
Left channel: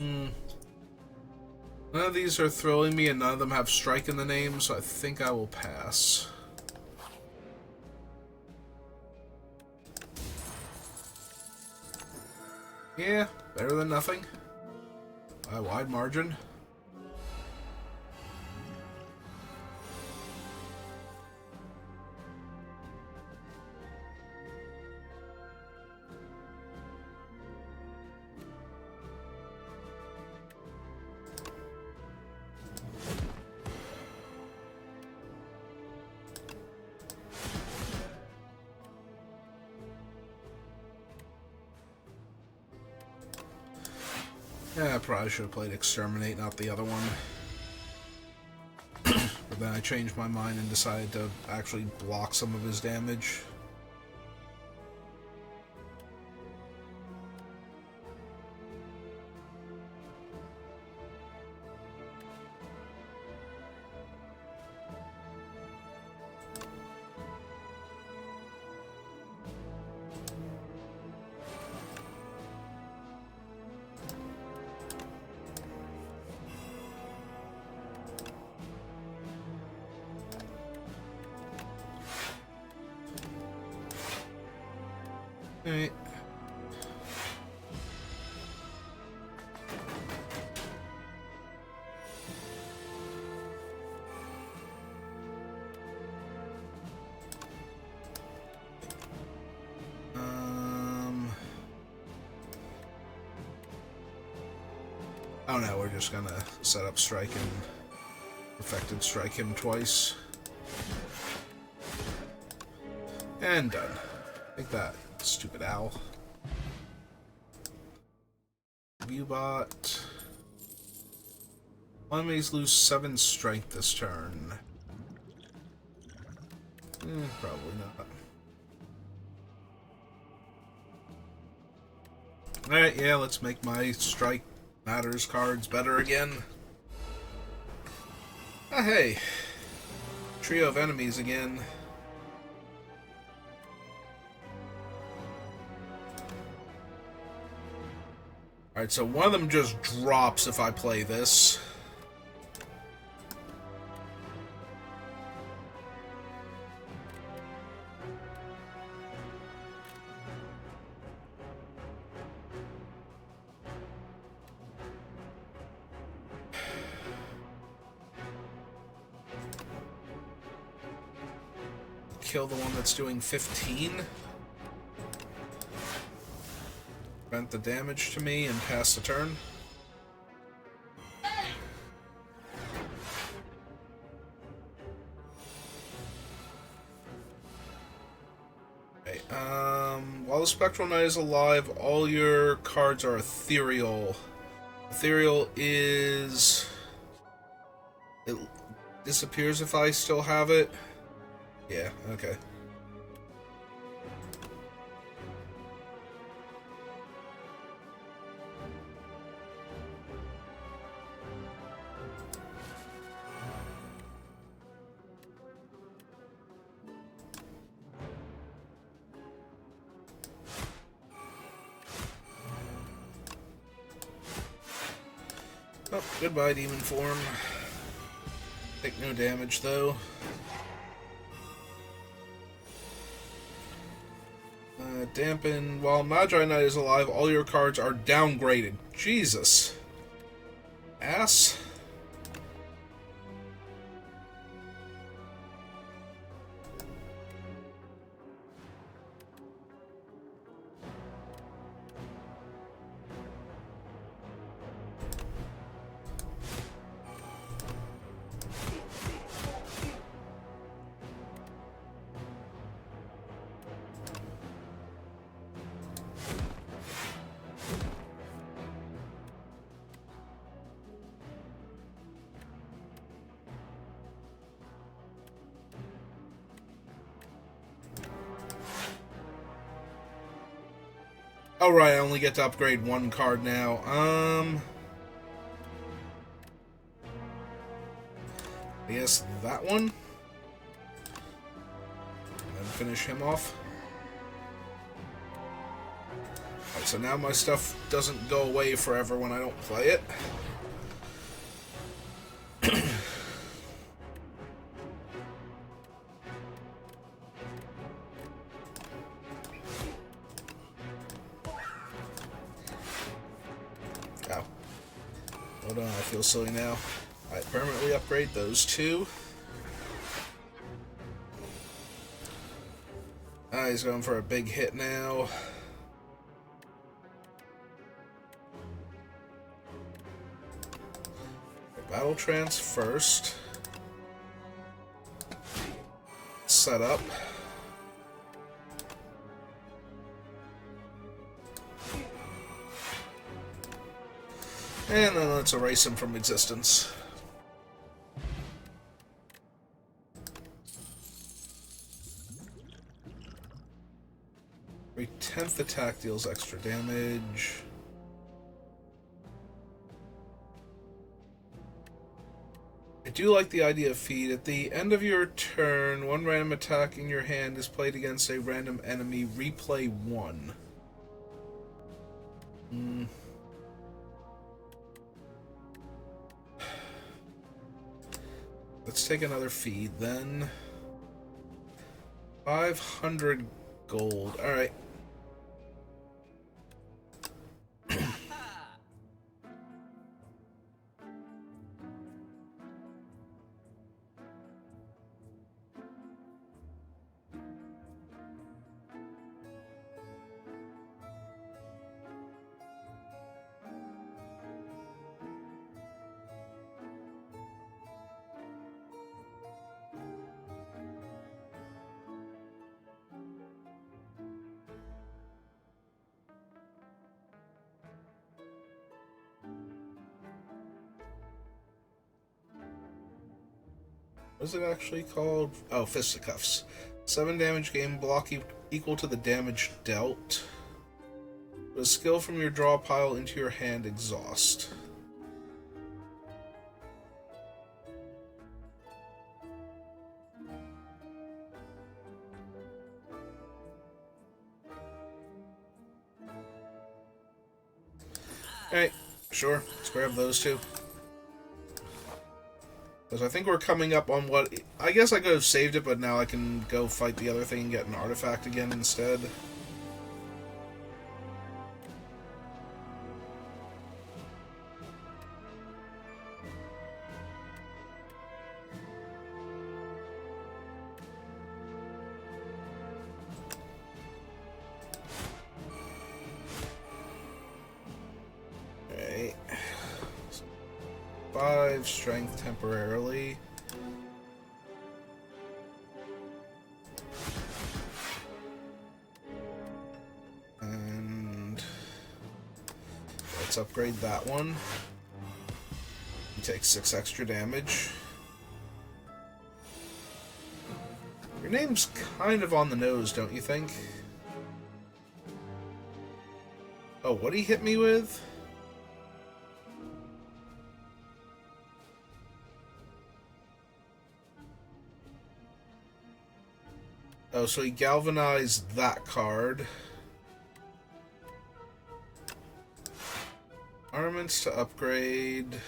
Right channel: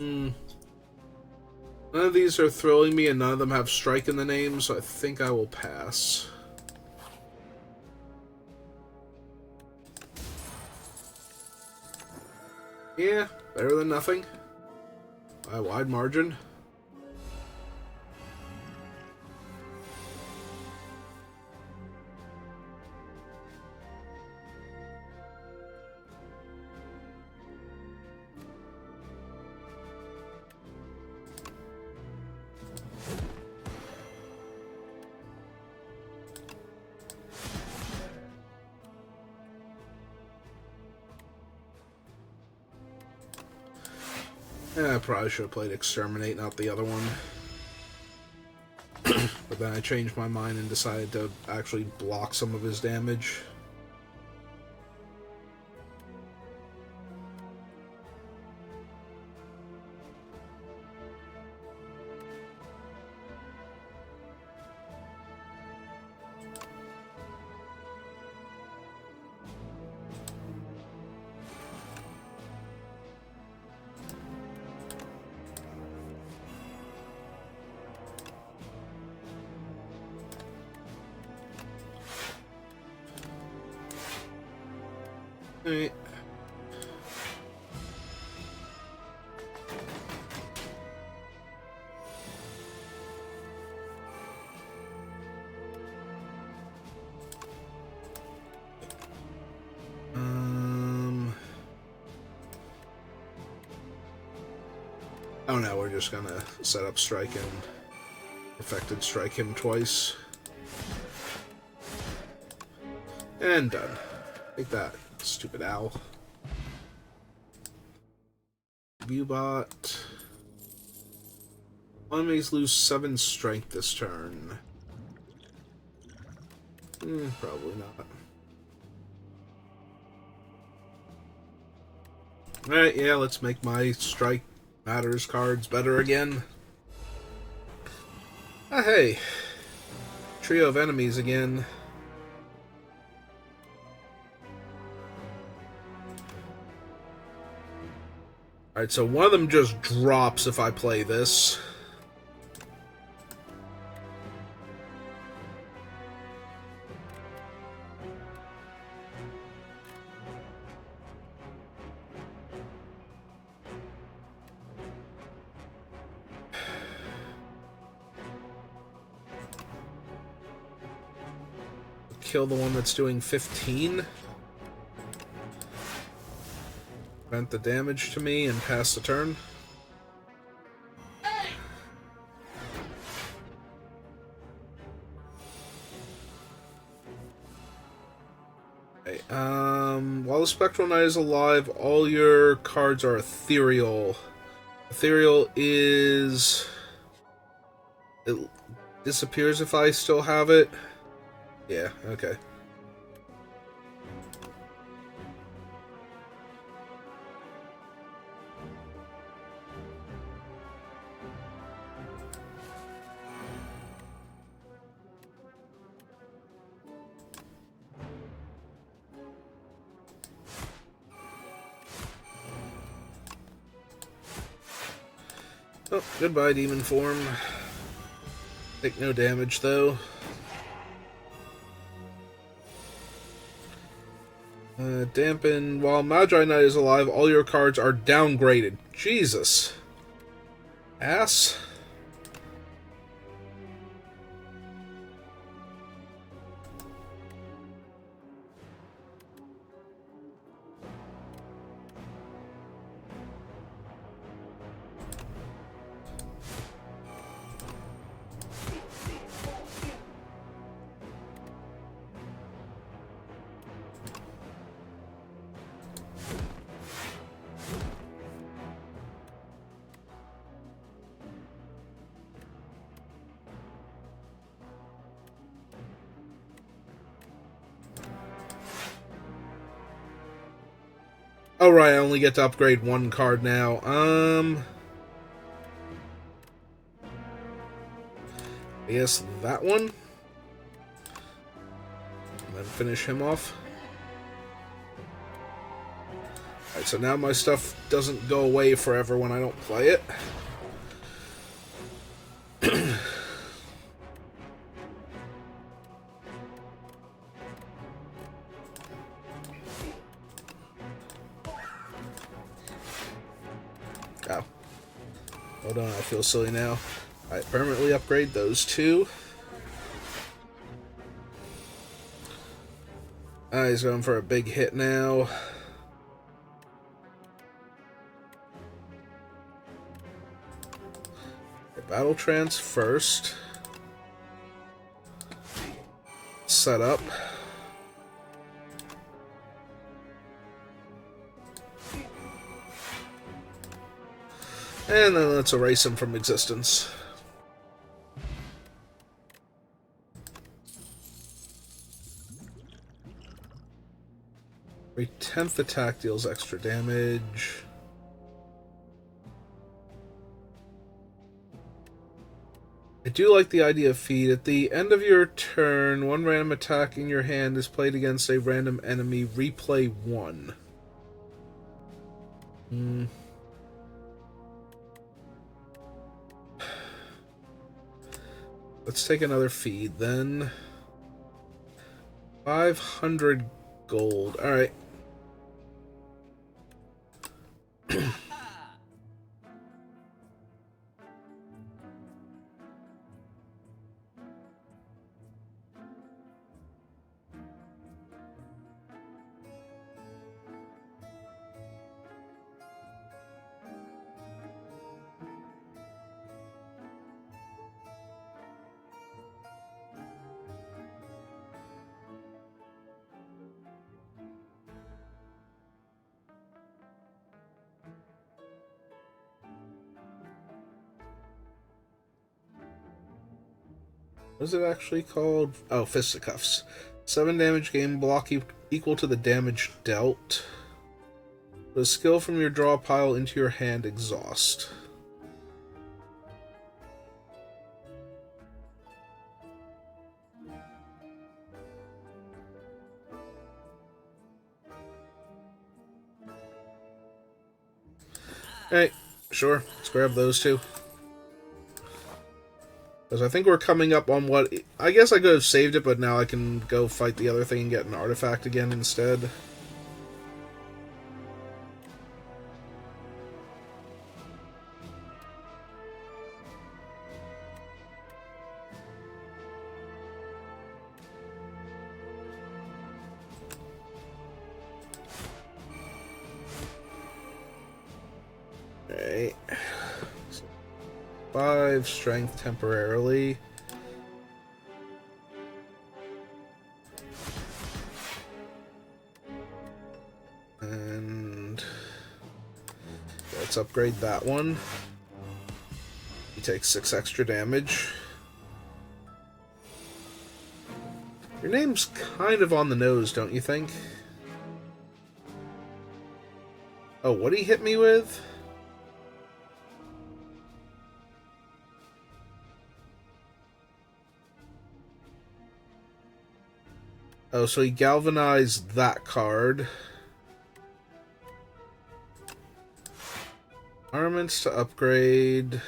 None of these are thrilling me, and none of them have strike in the name, so I think I will pass. Yeah, better than nothing. By a wide margin. Yeah, I probably should have played Exterminate, not the other one. But then I changed my mind and decided to actually block some of his damage. Alright. Oh no, we're just gonna set up strike and perfected strike him twice. And done. Take that, stupid owl. Viewbot. Enemies lose 7 strength this turn. Probably not. Alright, yeah, let's make my strike matters cards better again. Ah, hey. Trio of enemies again. Alright, so one of them just drops if I play this. Kill the one that's doing 15. Prevent the damage to me and pass the turn. Okay, while the Spectral Knight is alive, all your cards are ethereal. Ethereal is... It disappears if I still have it. Yeah, okay. Oh, goodbye, demon form. Take no damage, though. Dampen. While Magi Knight is alive, all your cards are downgraded. Jesus. Ass. Oh, right, I only get to upgrade one card now. I guess that one? And then finish him off. Alright, so now my stuff doesn't go away forever when I don't play it. Oh. Hold on, I feel silly now. Alright, permanently upgrade those two. He's going for a big hit now. Battle trance first. Set up. And then let's erase him from existence. Every 10th attack deals extra damage. I do like the idea of feed. At the end of your turn, one random attack in your hand is played against a random enemy. Replay one. Let's take another feed then. 500 gold. Alright. What is it actually called? Oh, Fisticuffs. 7 damage gain, block equal to the damage dealt. Put a skill from your draw pile into your hand, exhaust. Alright, sure. Let's grab those two. Because I think we're coming up on what... I guess I could have saved it, but now I can go fight the other thing and get an artifact again instead. Alright. 5 strength temporarily. And let's upgrade that one. He takes 6 extra damage. Your name's kind of on the nose, don't you think? Oh, what did he hit me with? Oh, so he galvanized that card. Armaments to upgrade.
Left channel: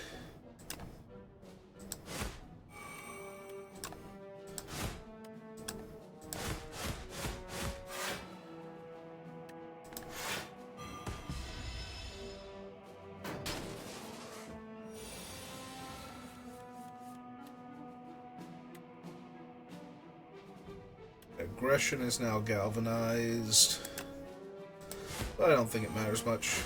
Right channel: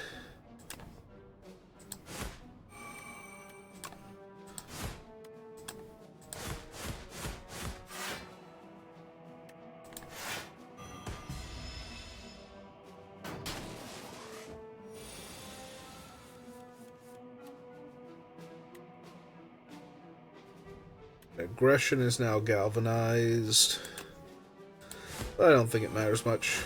Aggression is now galvanized. But I don't think it matters much.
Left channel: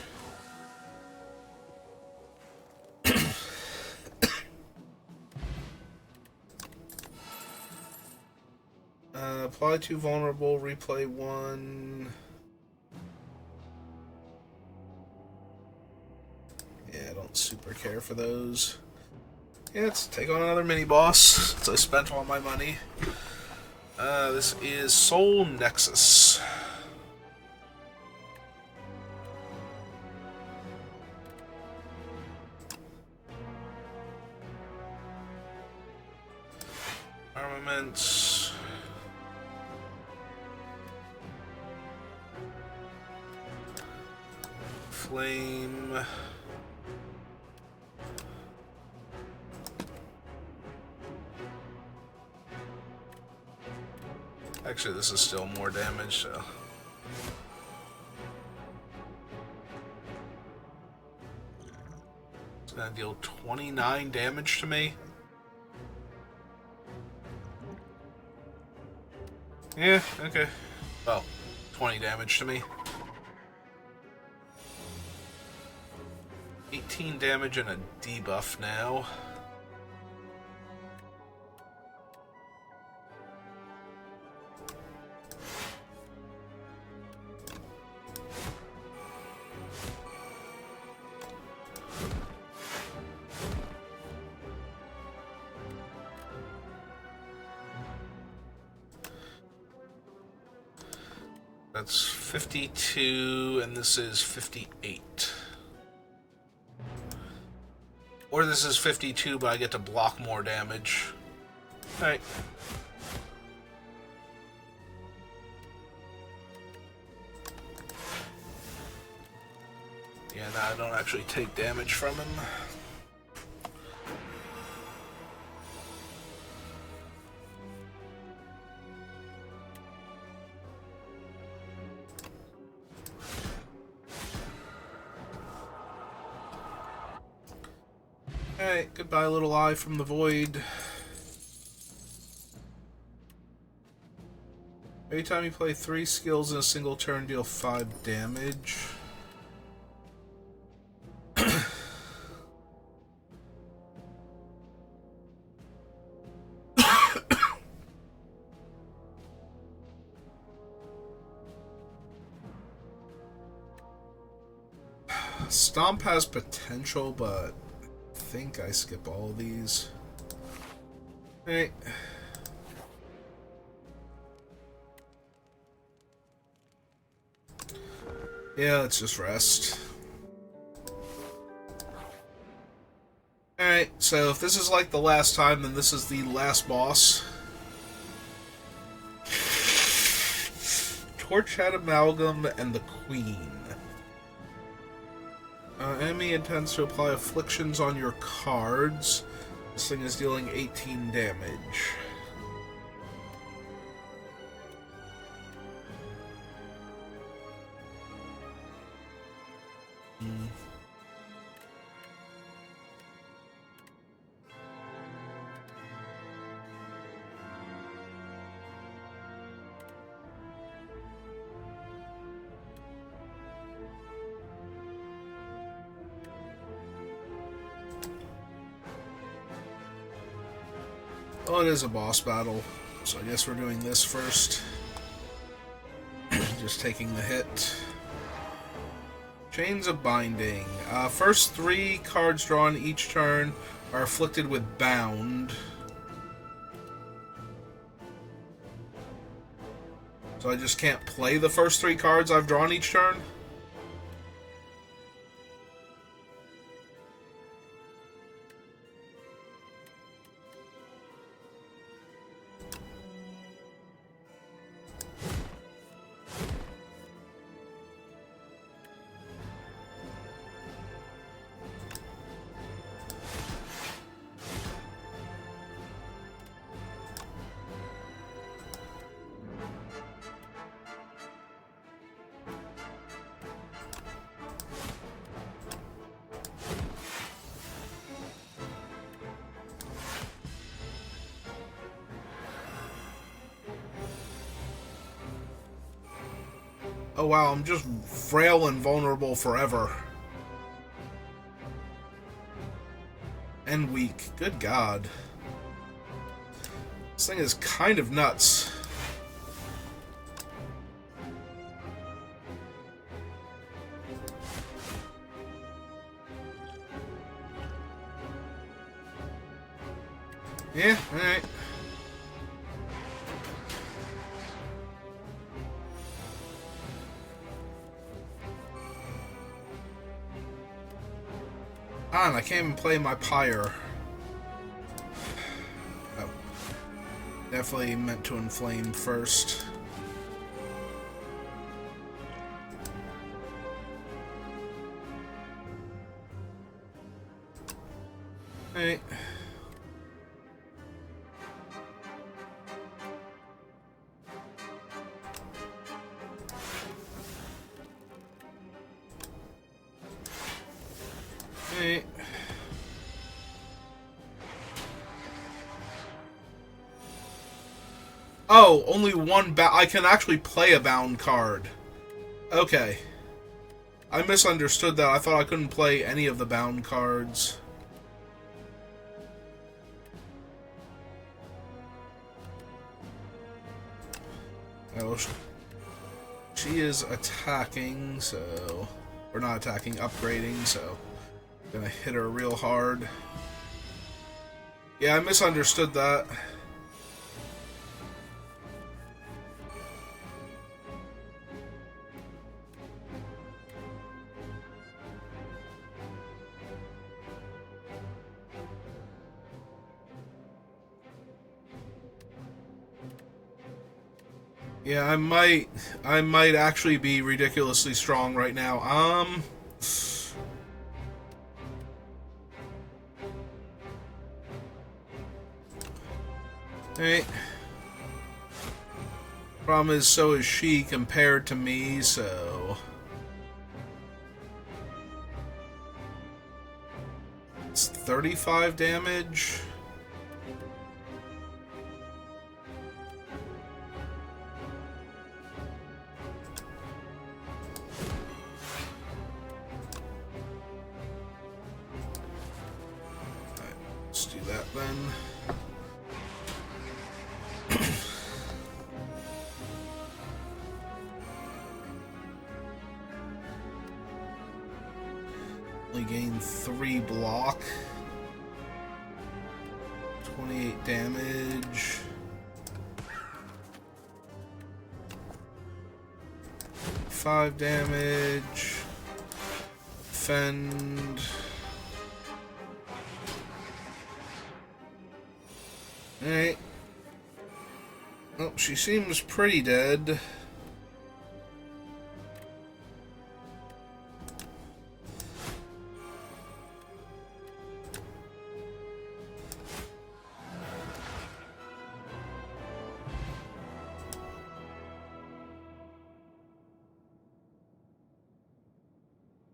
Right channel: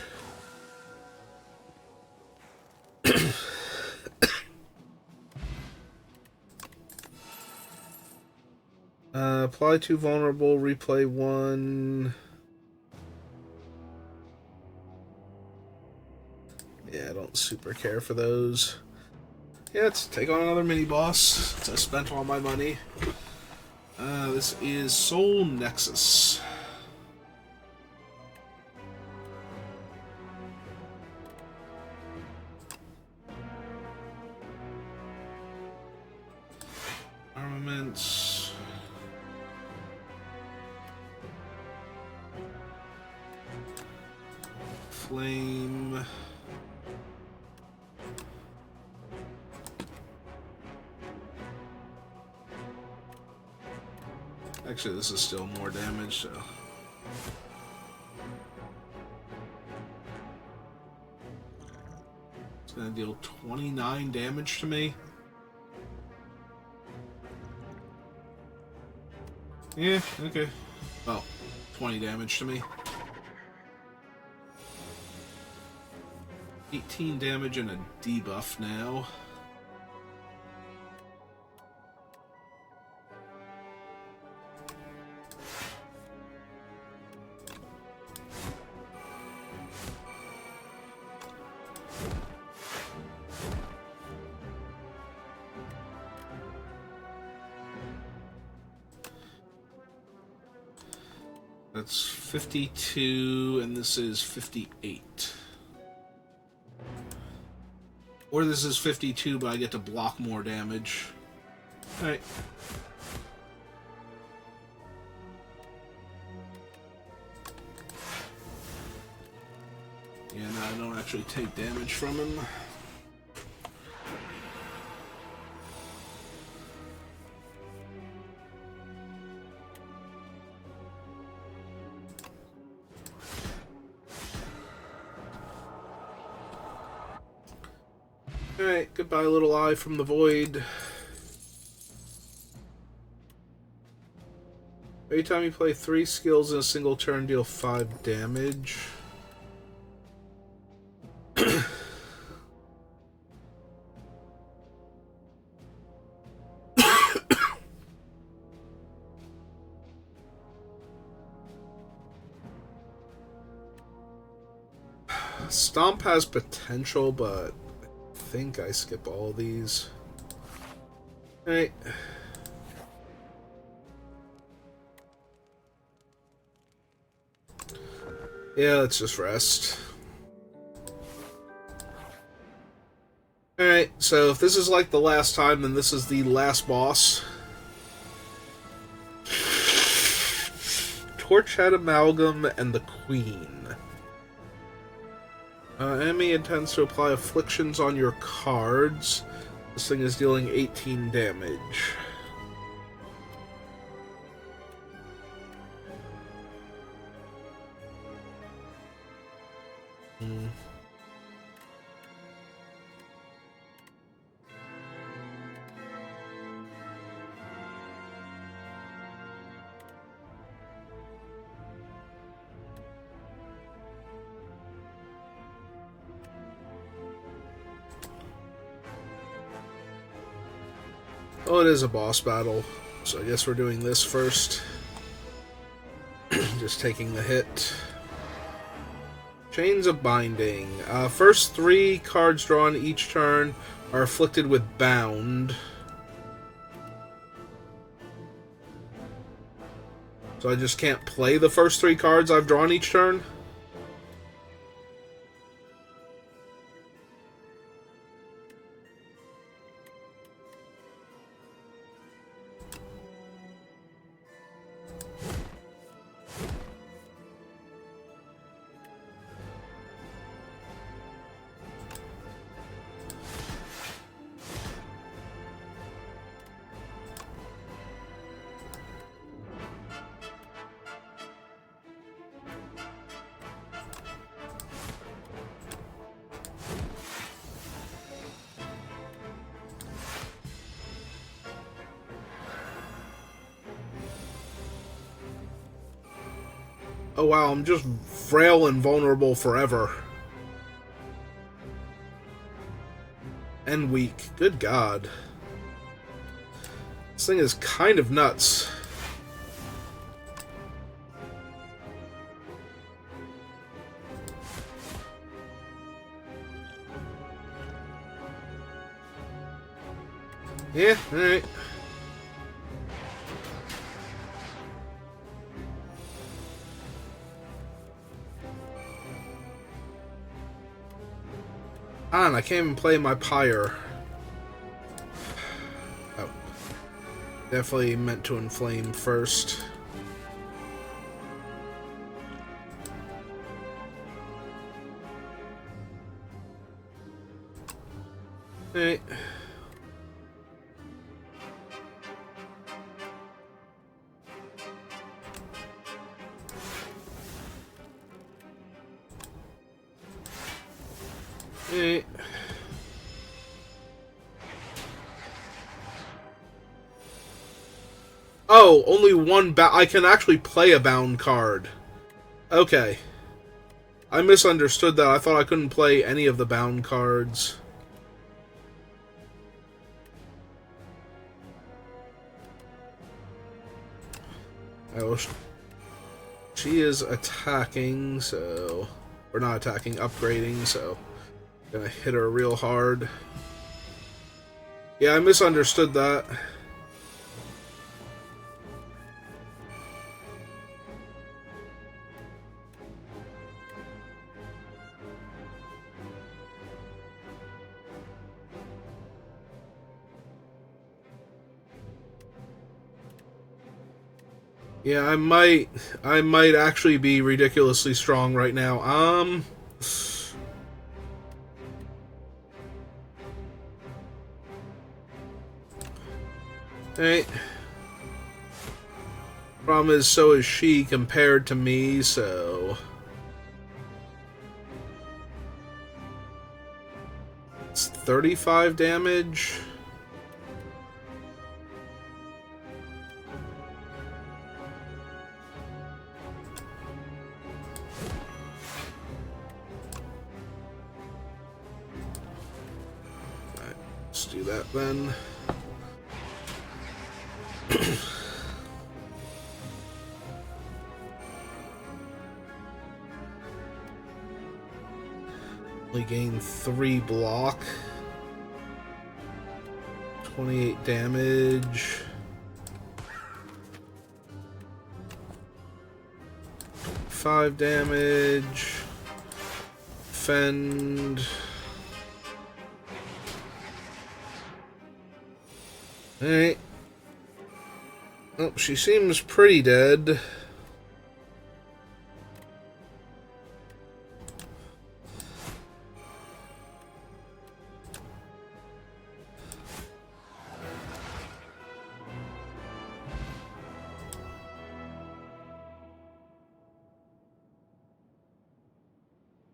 Apply 2 vulnerable, replay 1. Yeah, I don't super care for those. Yeah, let's take on another mini-boss, since I spent all my money. This is Soul Nexus. Elements. Flame. Actually, this is still more damage, so... It's gonna deal 29 damage to me. Yeah, okay. Oh, 20 damage to me. 18 damage and a debuff now. That's 52, and this is 58. Or this is 52, but I get to block more damage. Alright. Yeah, no, I don't actually take damage from him. Alright, goodbye, little eye from the void. Every time you play 3 skills in a single turn, deal 5 damage. Stomp has potential, but I think I skip all these. Alright. Yeah, let's just rest. Alright, so if this is like the last time, then this is the last boss. Torchhead Amalgam and the Queen. Enemy intends to apply afflictions on your cards. This thing is dealing 18 damage. Oh, it is a boss battle, so I guess we're doing this first. Just taking the hit. Chains of Binding. First 3 cards drawn each turn are afflicted with Bound. So I just can't play the first 3 cards I've drawn each turn? Oh wow, I'm just frail and vulnerable forever. And weak. Good God. This thing is kind of nuts. Yeah, alright. I can't even play my pyre. Oh. Definitely meant to inflame first. Alright. Alright. Oh, only one I can actually play a bound card. Okay. I misunderstood that. I thought I couldn't play any of the bound cards. Oh, she is attacking, so... Or not attacking, upgrading, so... Gonna hit her real hard. Yeah, I misunderstood that. Yeah, I might actually be ridiculously strong right now. Hey. Problem is, so is she compared to me, so... It's 35 damage. Alright, let's do that then. Only gain 3 block. 28 damage. 5 damage. Defend. Alright. Oh, she seems pretty dead.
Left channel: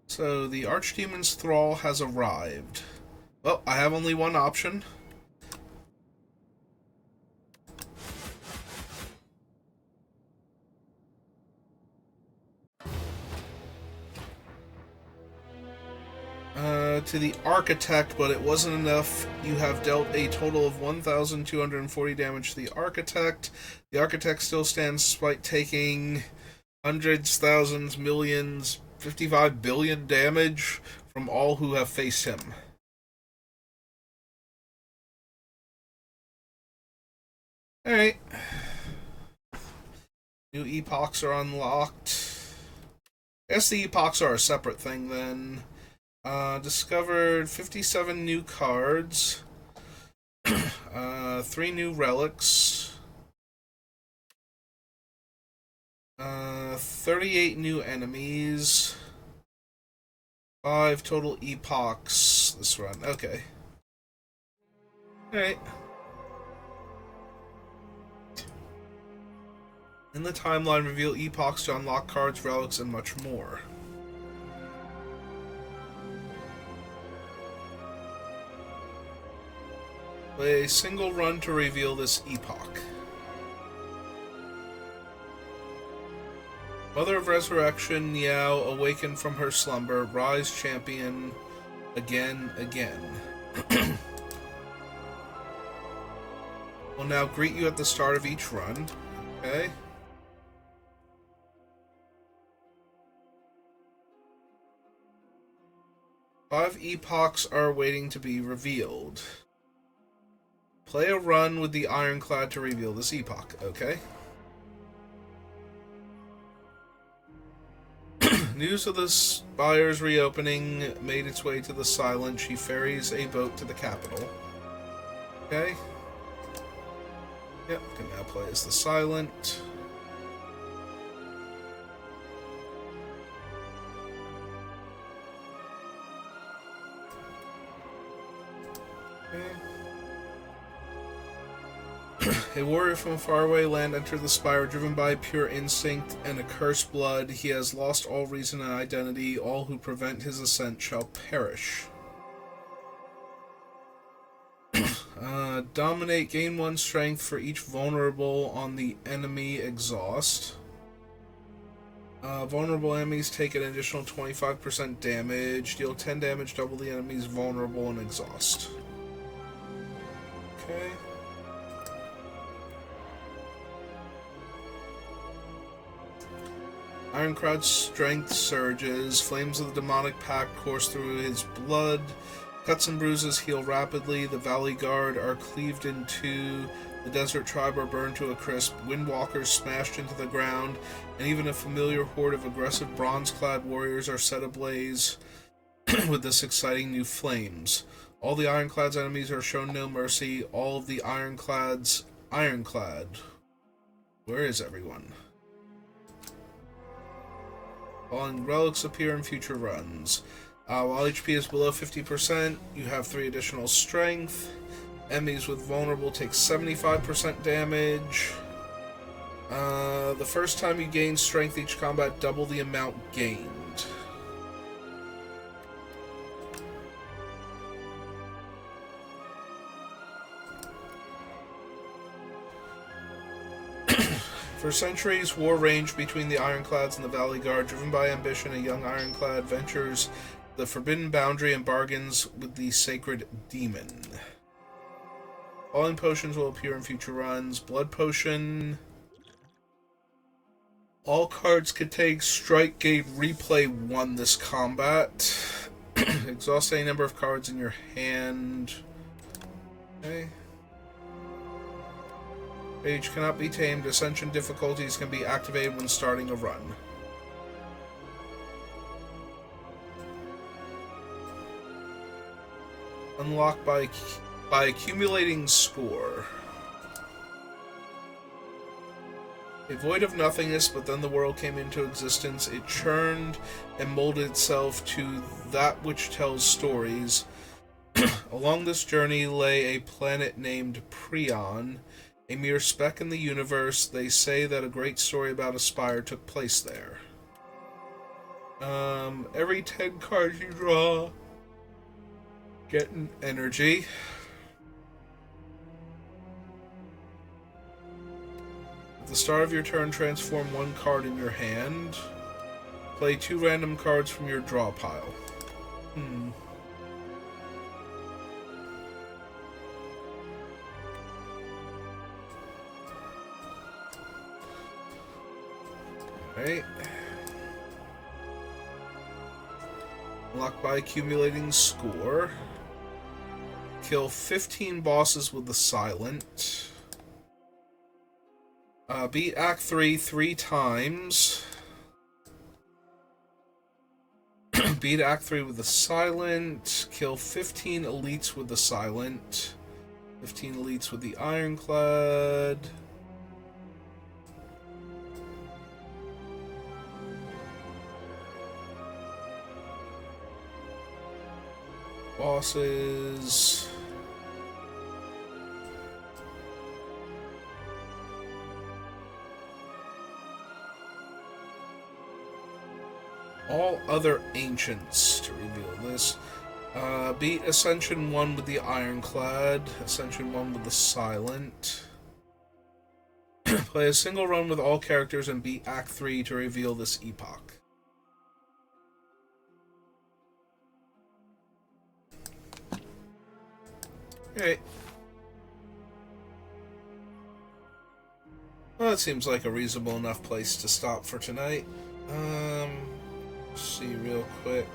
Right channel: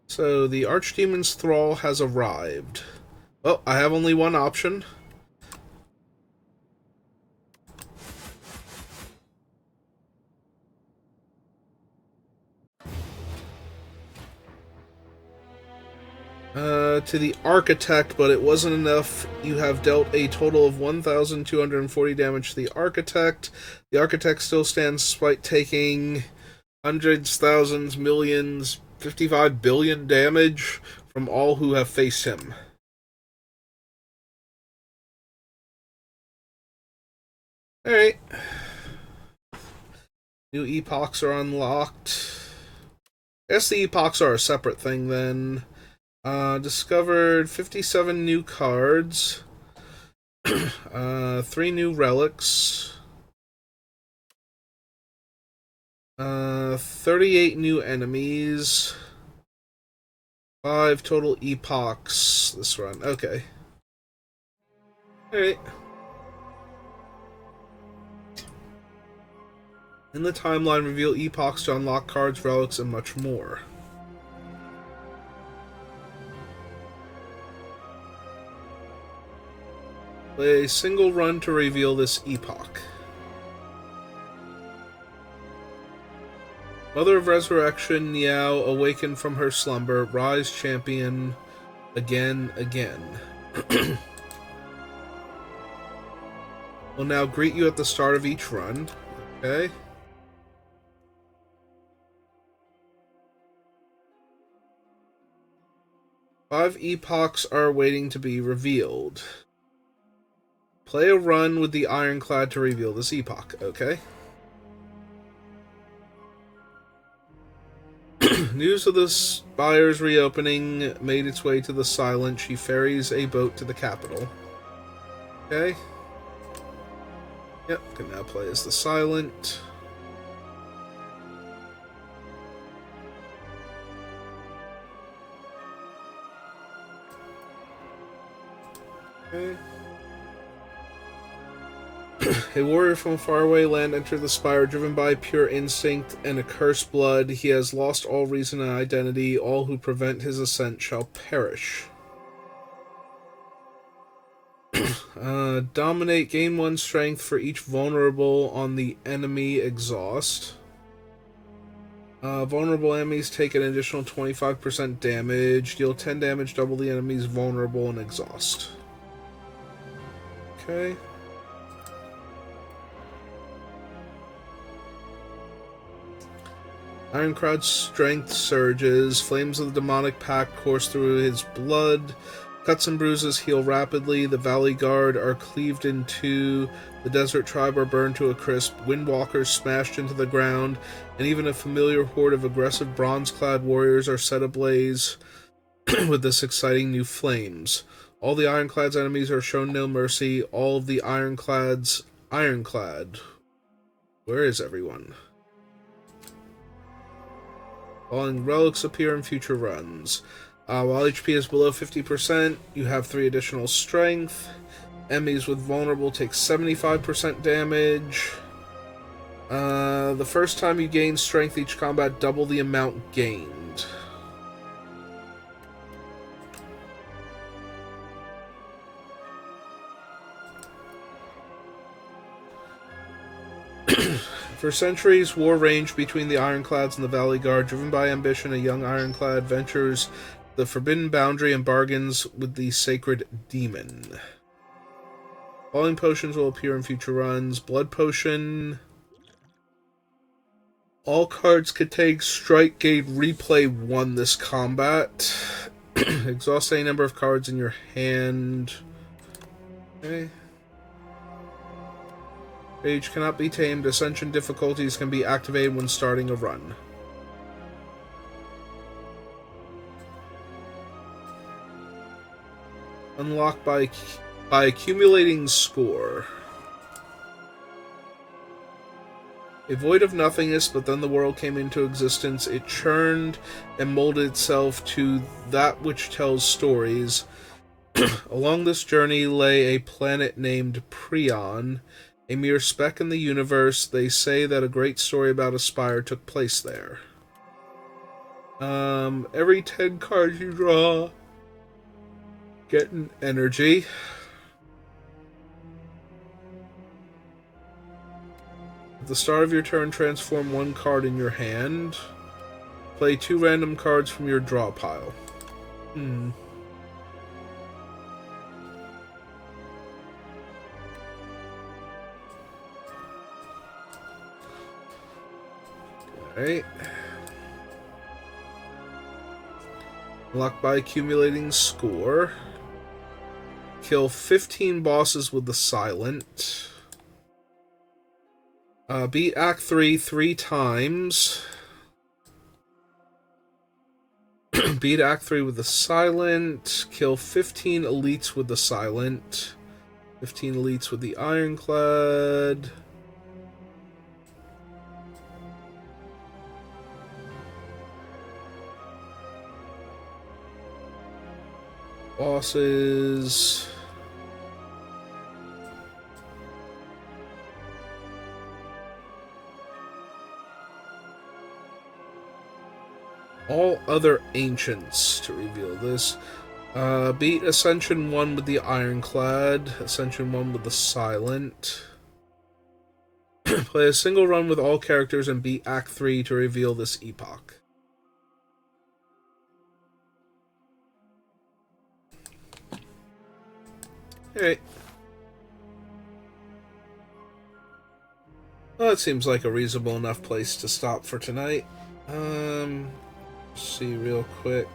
So, the Archdemon's Thrall has arrived. Oh, I have only one option. To the Architect, but it wasn't enough. You have dealt a total of 1,240 damage to the Architect. The Architect still stands despite taking hundreds, thousands, millions, 55 billion damage from all who have faced him. Alright. New epochs are unlocked. I guess the epochs are a separate thing then. Discovered 57 new cards. 3 new relics. 38 new enemies. 5 total epochs this run. Okay. Alright. In the timeline, reveal epochs to unlock cards, relics, and much more. Play a single run to reveal this epoch. Mother of Resurrection, Niao, awaken from her slumber, rise champion, again. Will now greet you at the start of each run. Okay. Five epochs are waiting to be revealed. Play a run with the Ironclad to reveal this epoch. Okay. News of the Spire's reopening made its way to the Silent. She ferries a boat to the capital. Okay. Yep, can now play as the Silent. Okay. A warrior from a faraway land entered the Spire, driven by pure instinct and a cursed blood. He has lost all reason and identity. All who prevent his ascent shall perish. Dominate. Gain 1 strength for each vulnerable on the enemy exhaust. Vulnerable enemies take an additional 25% damage. Deal 10 damage, double the enemy's vulnerable and exhaust. Okay. Ironclad's strength surges. Flames of the demonic pact course through his blood. Cuts and bruises heal rapidly. The Valley Guard are cleaved in two. The Desert Tribe are burned to a crisp. Windwalkers smashed into the ground. And even a familiar horde of aggressive bronze-clad warriors are set ablaze with this exciting new flames. All the Ironclad's enemies are shown no mercy. All of the Ironclad's ironclad. Where is everyone? Falling relics appear in future runs. While HP is below 50%, you have 3 additional strength. Enemies with vulnerable take 75% damage. The first time you gain strength each combat, double the amount gained. For centuries, war raged between the Ironclads and the Valley Guard. Driven by ambition, a young Ironclad ventures the forbidden boundary and bargains with the sacred demon. Falling potions will appear in future runs. Blood potion. All cards contain strike gain replay 1 this combat. Exhaust any number of cards in your hand. Okay. Rage cannot be tamed. Ascension difficulties can be activated when starting a run. Unlocked by accumulating score. A void of nothingness, but then the world came into existence. It churned and molded itself to that which tells stories. Along this journey lay a planet named Prion, a mere speck in the universe. They say that a great story about a Spire took place there. Every 10 cards you draw get an energy. At the start of your turn, transform 1 card in your hand. Play 2 random cards from your draw pile. Alright. Unlocked by accumulating score. Kill 15 bosses with the Silent. Beat Act 3 3 times. Beat Act 3 with the Silent. Kill 15 elites with the Silent. 15 elites with the Ironclad. Bosses. All other ancients to reveal this. Beat Ascension 1 with the Ironclad. Ascension 1 with the Silent. Play a single run with all characters and beat Act 3 to reveal this epoch. Alright. Well, that seems like a reasonable enough place to stop for tonight. See real quick.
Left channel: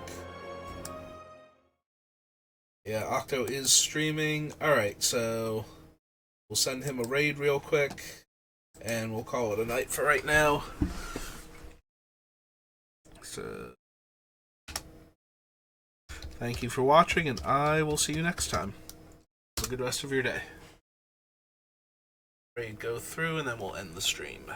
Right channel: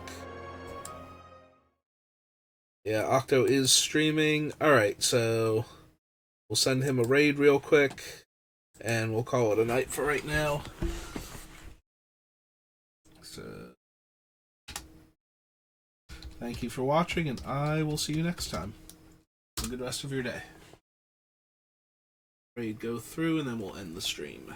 Yeah, Octo is streaming. Alright, so we'll send him a raid real quick, and we'll call it a night for right now. So, thank you for watching, and I will see you next time. Have a good rest of your day. raid go through, and then we'll end the stream.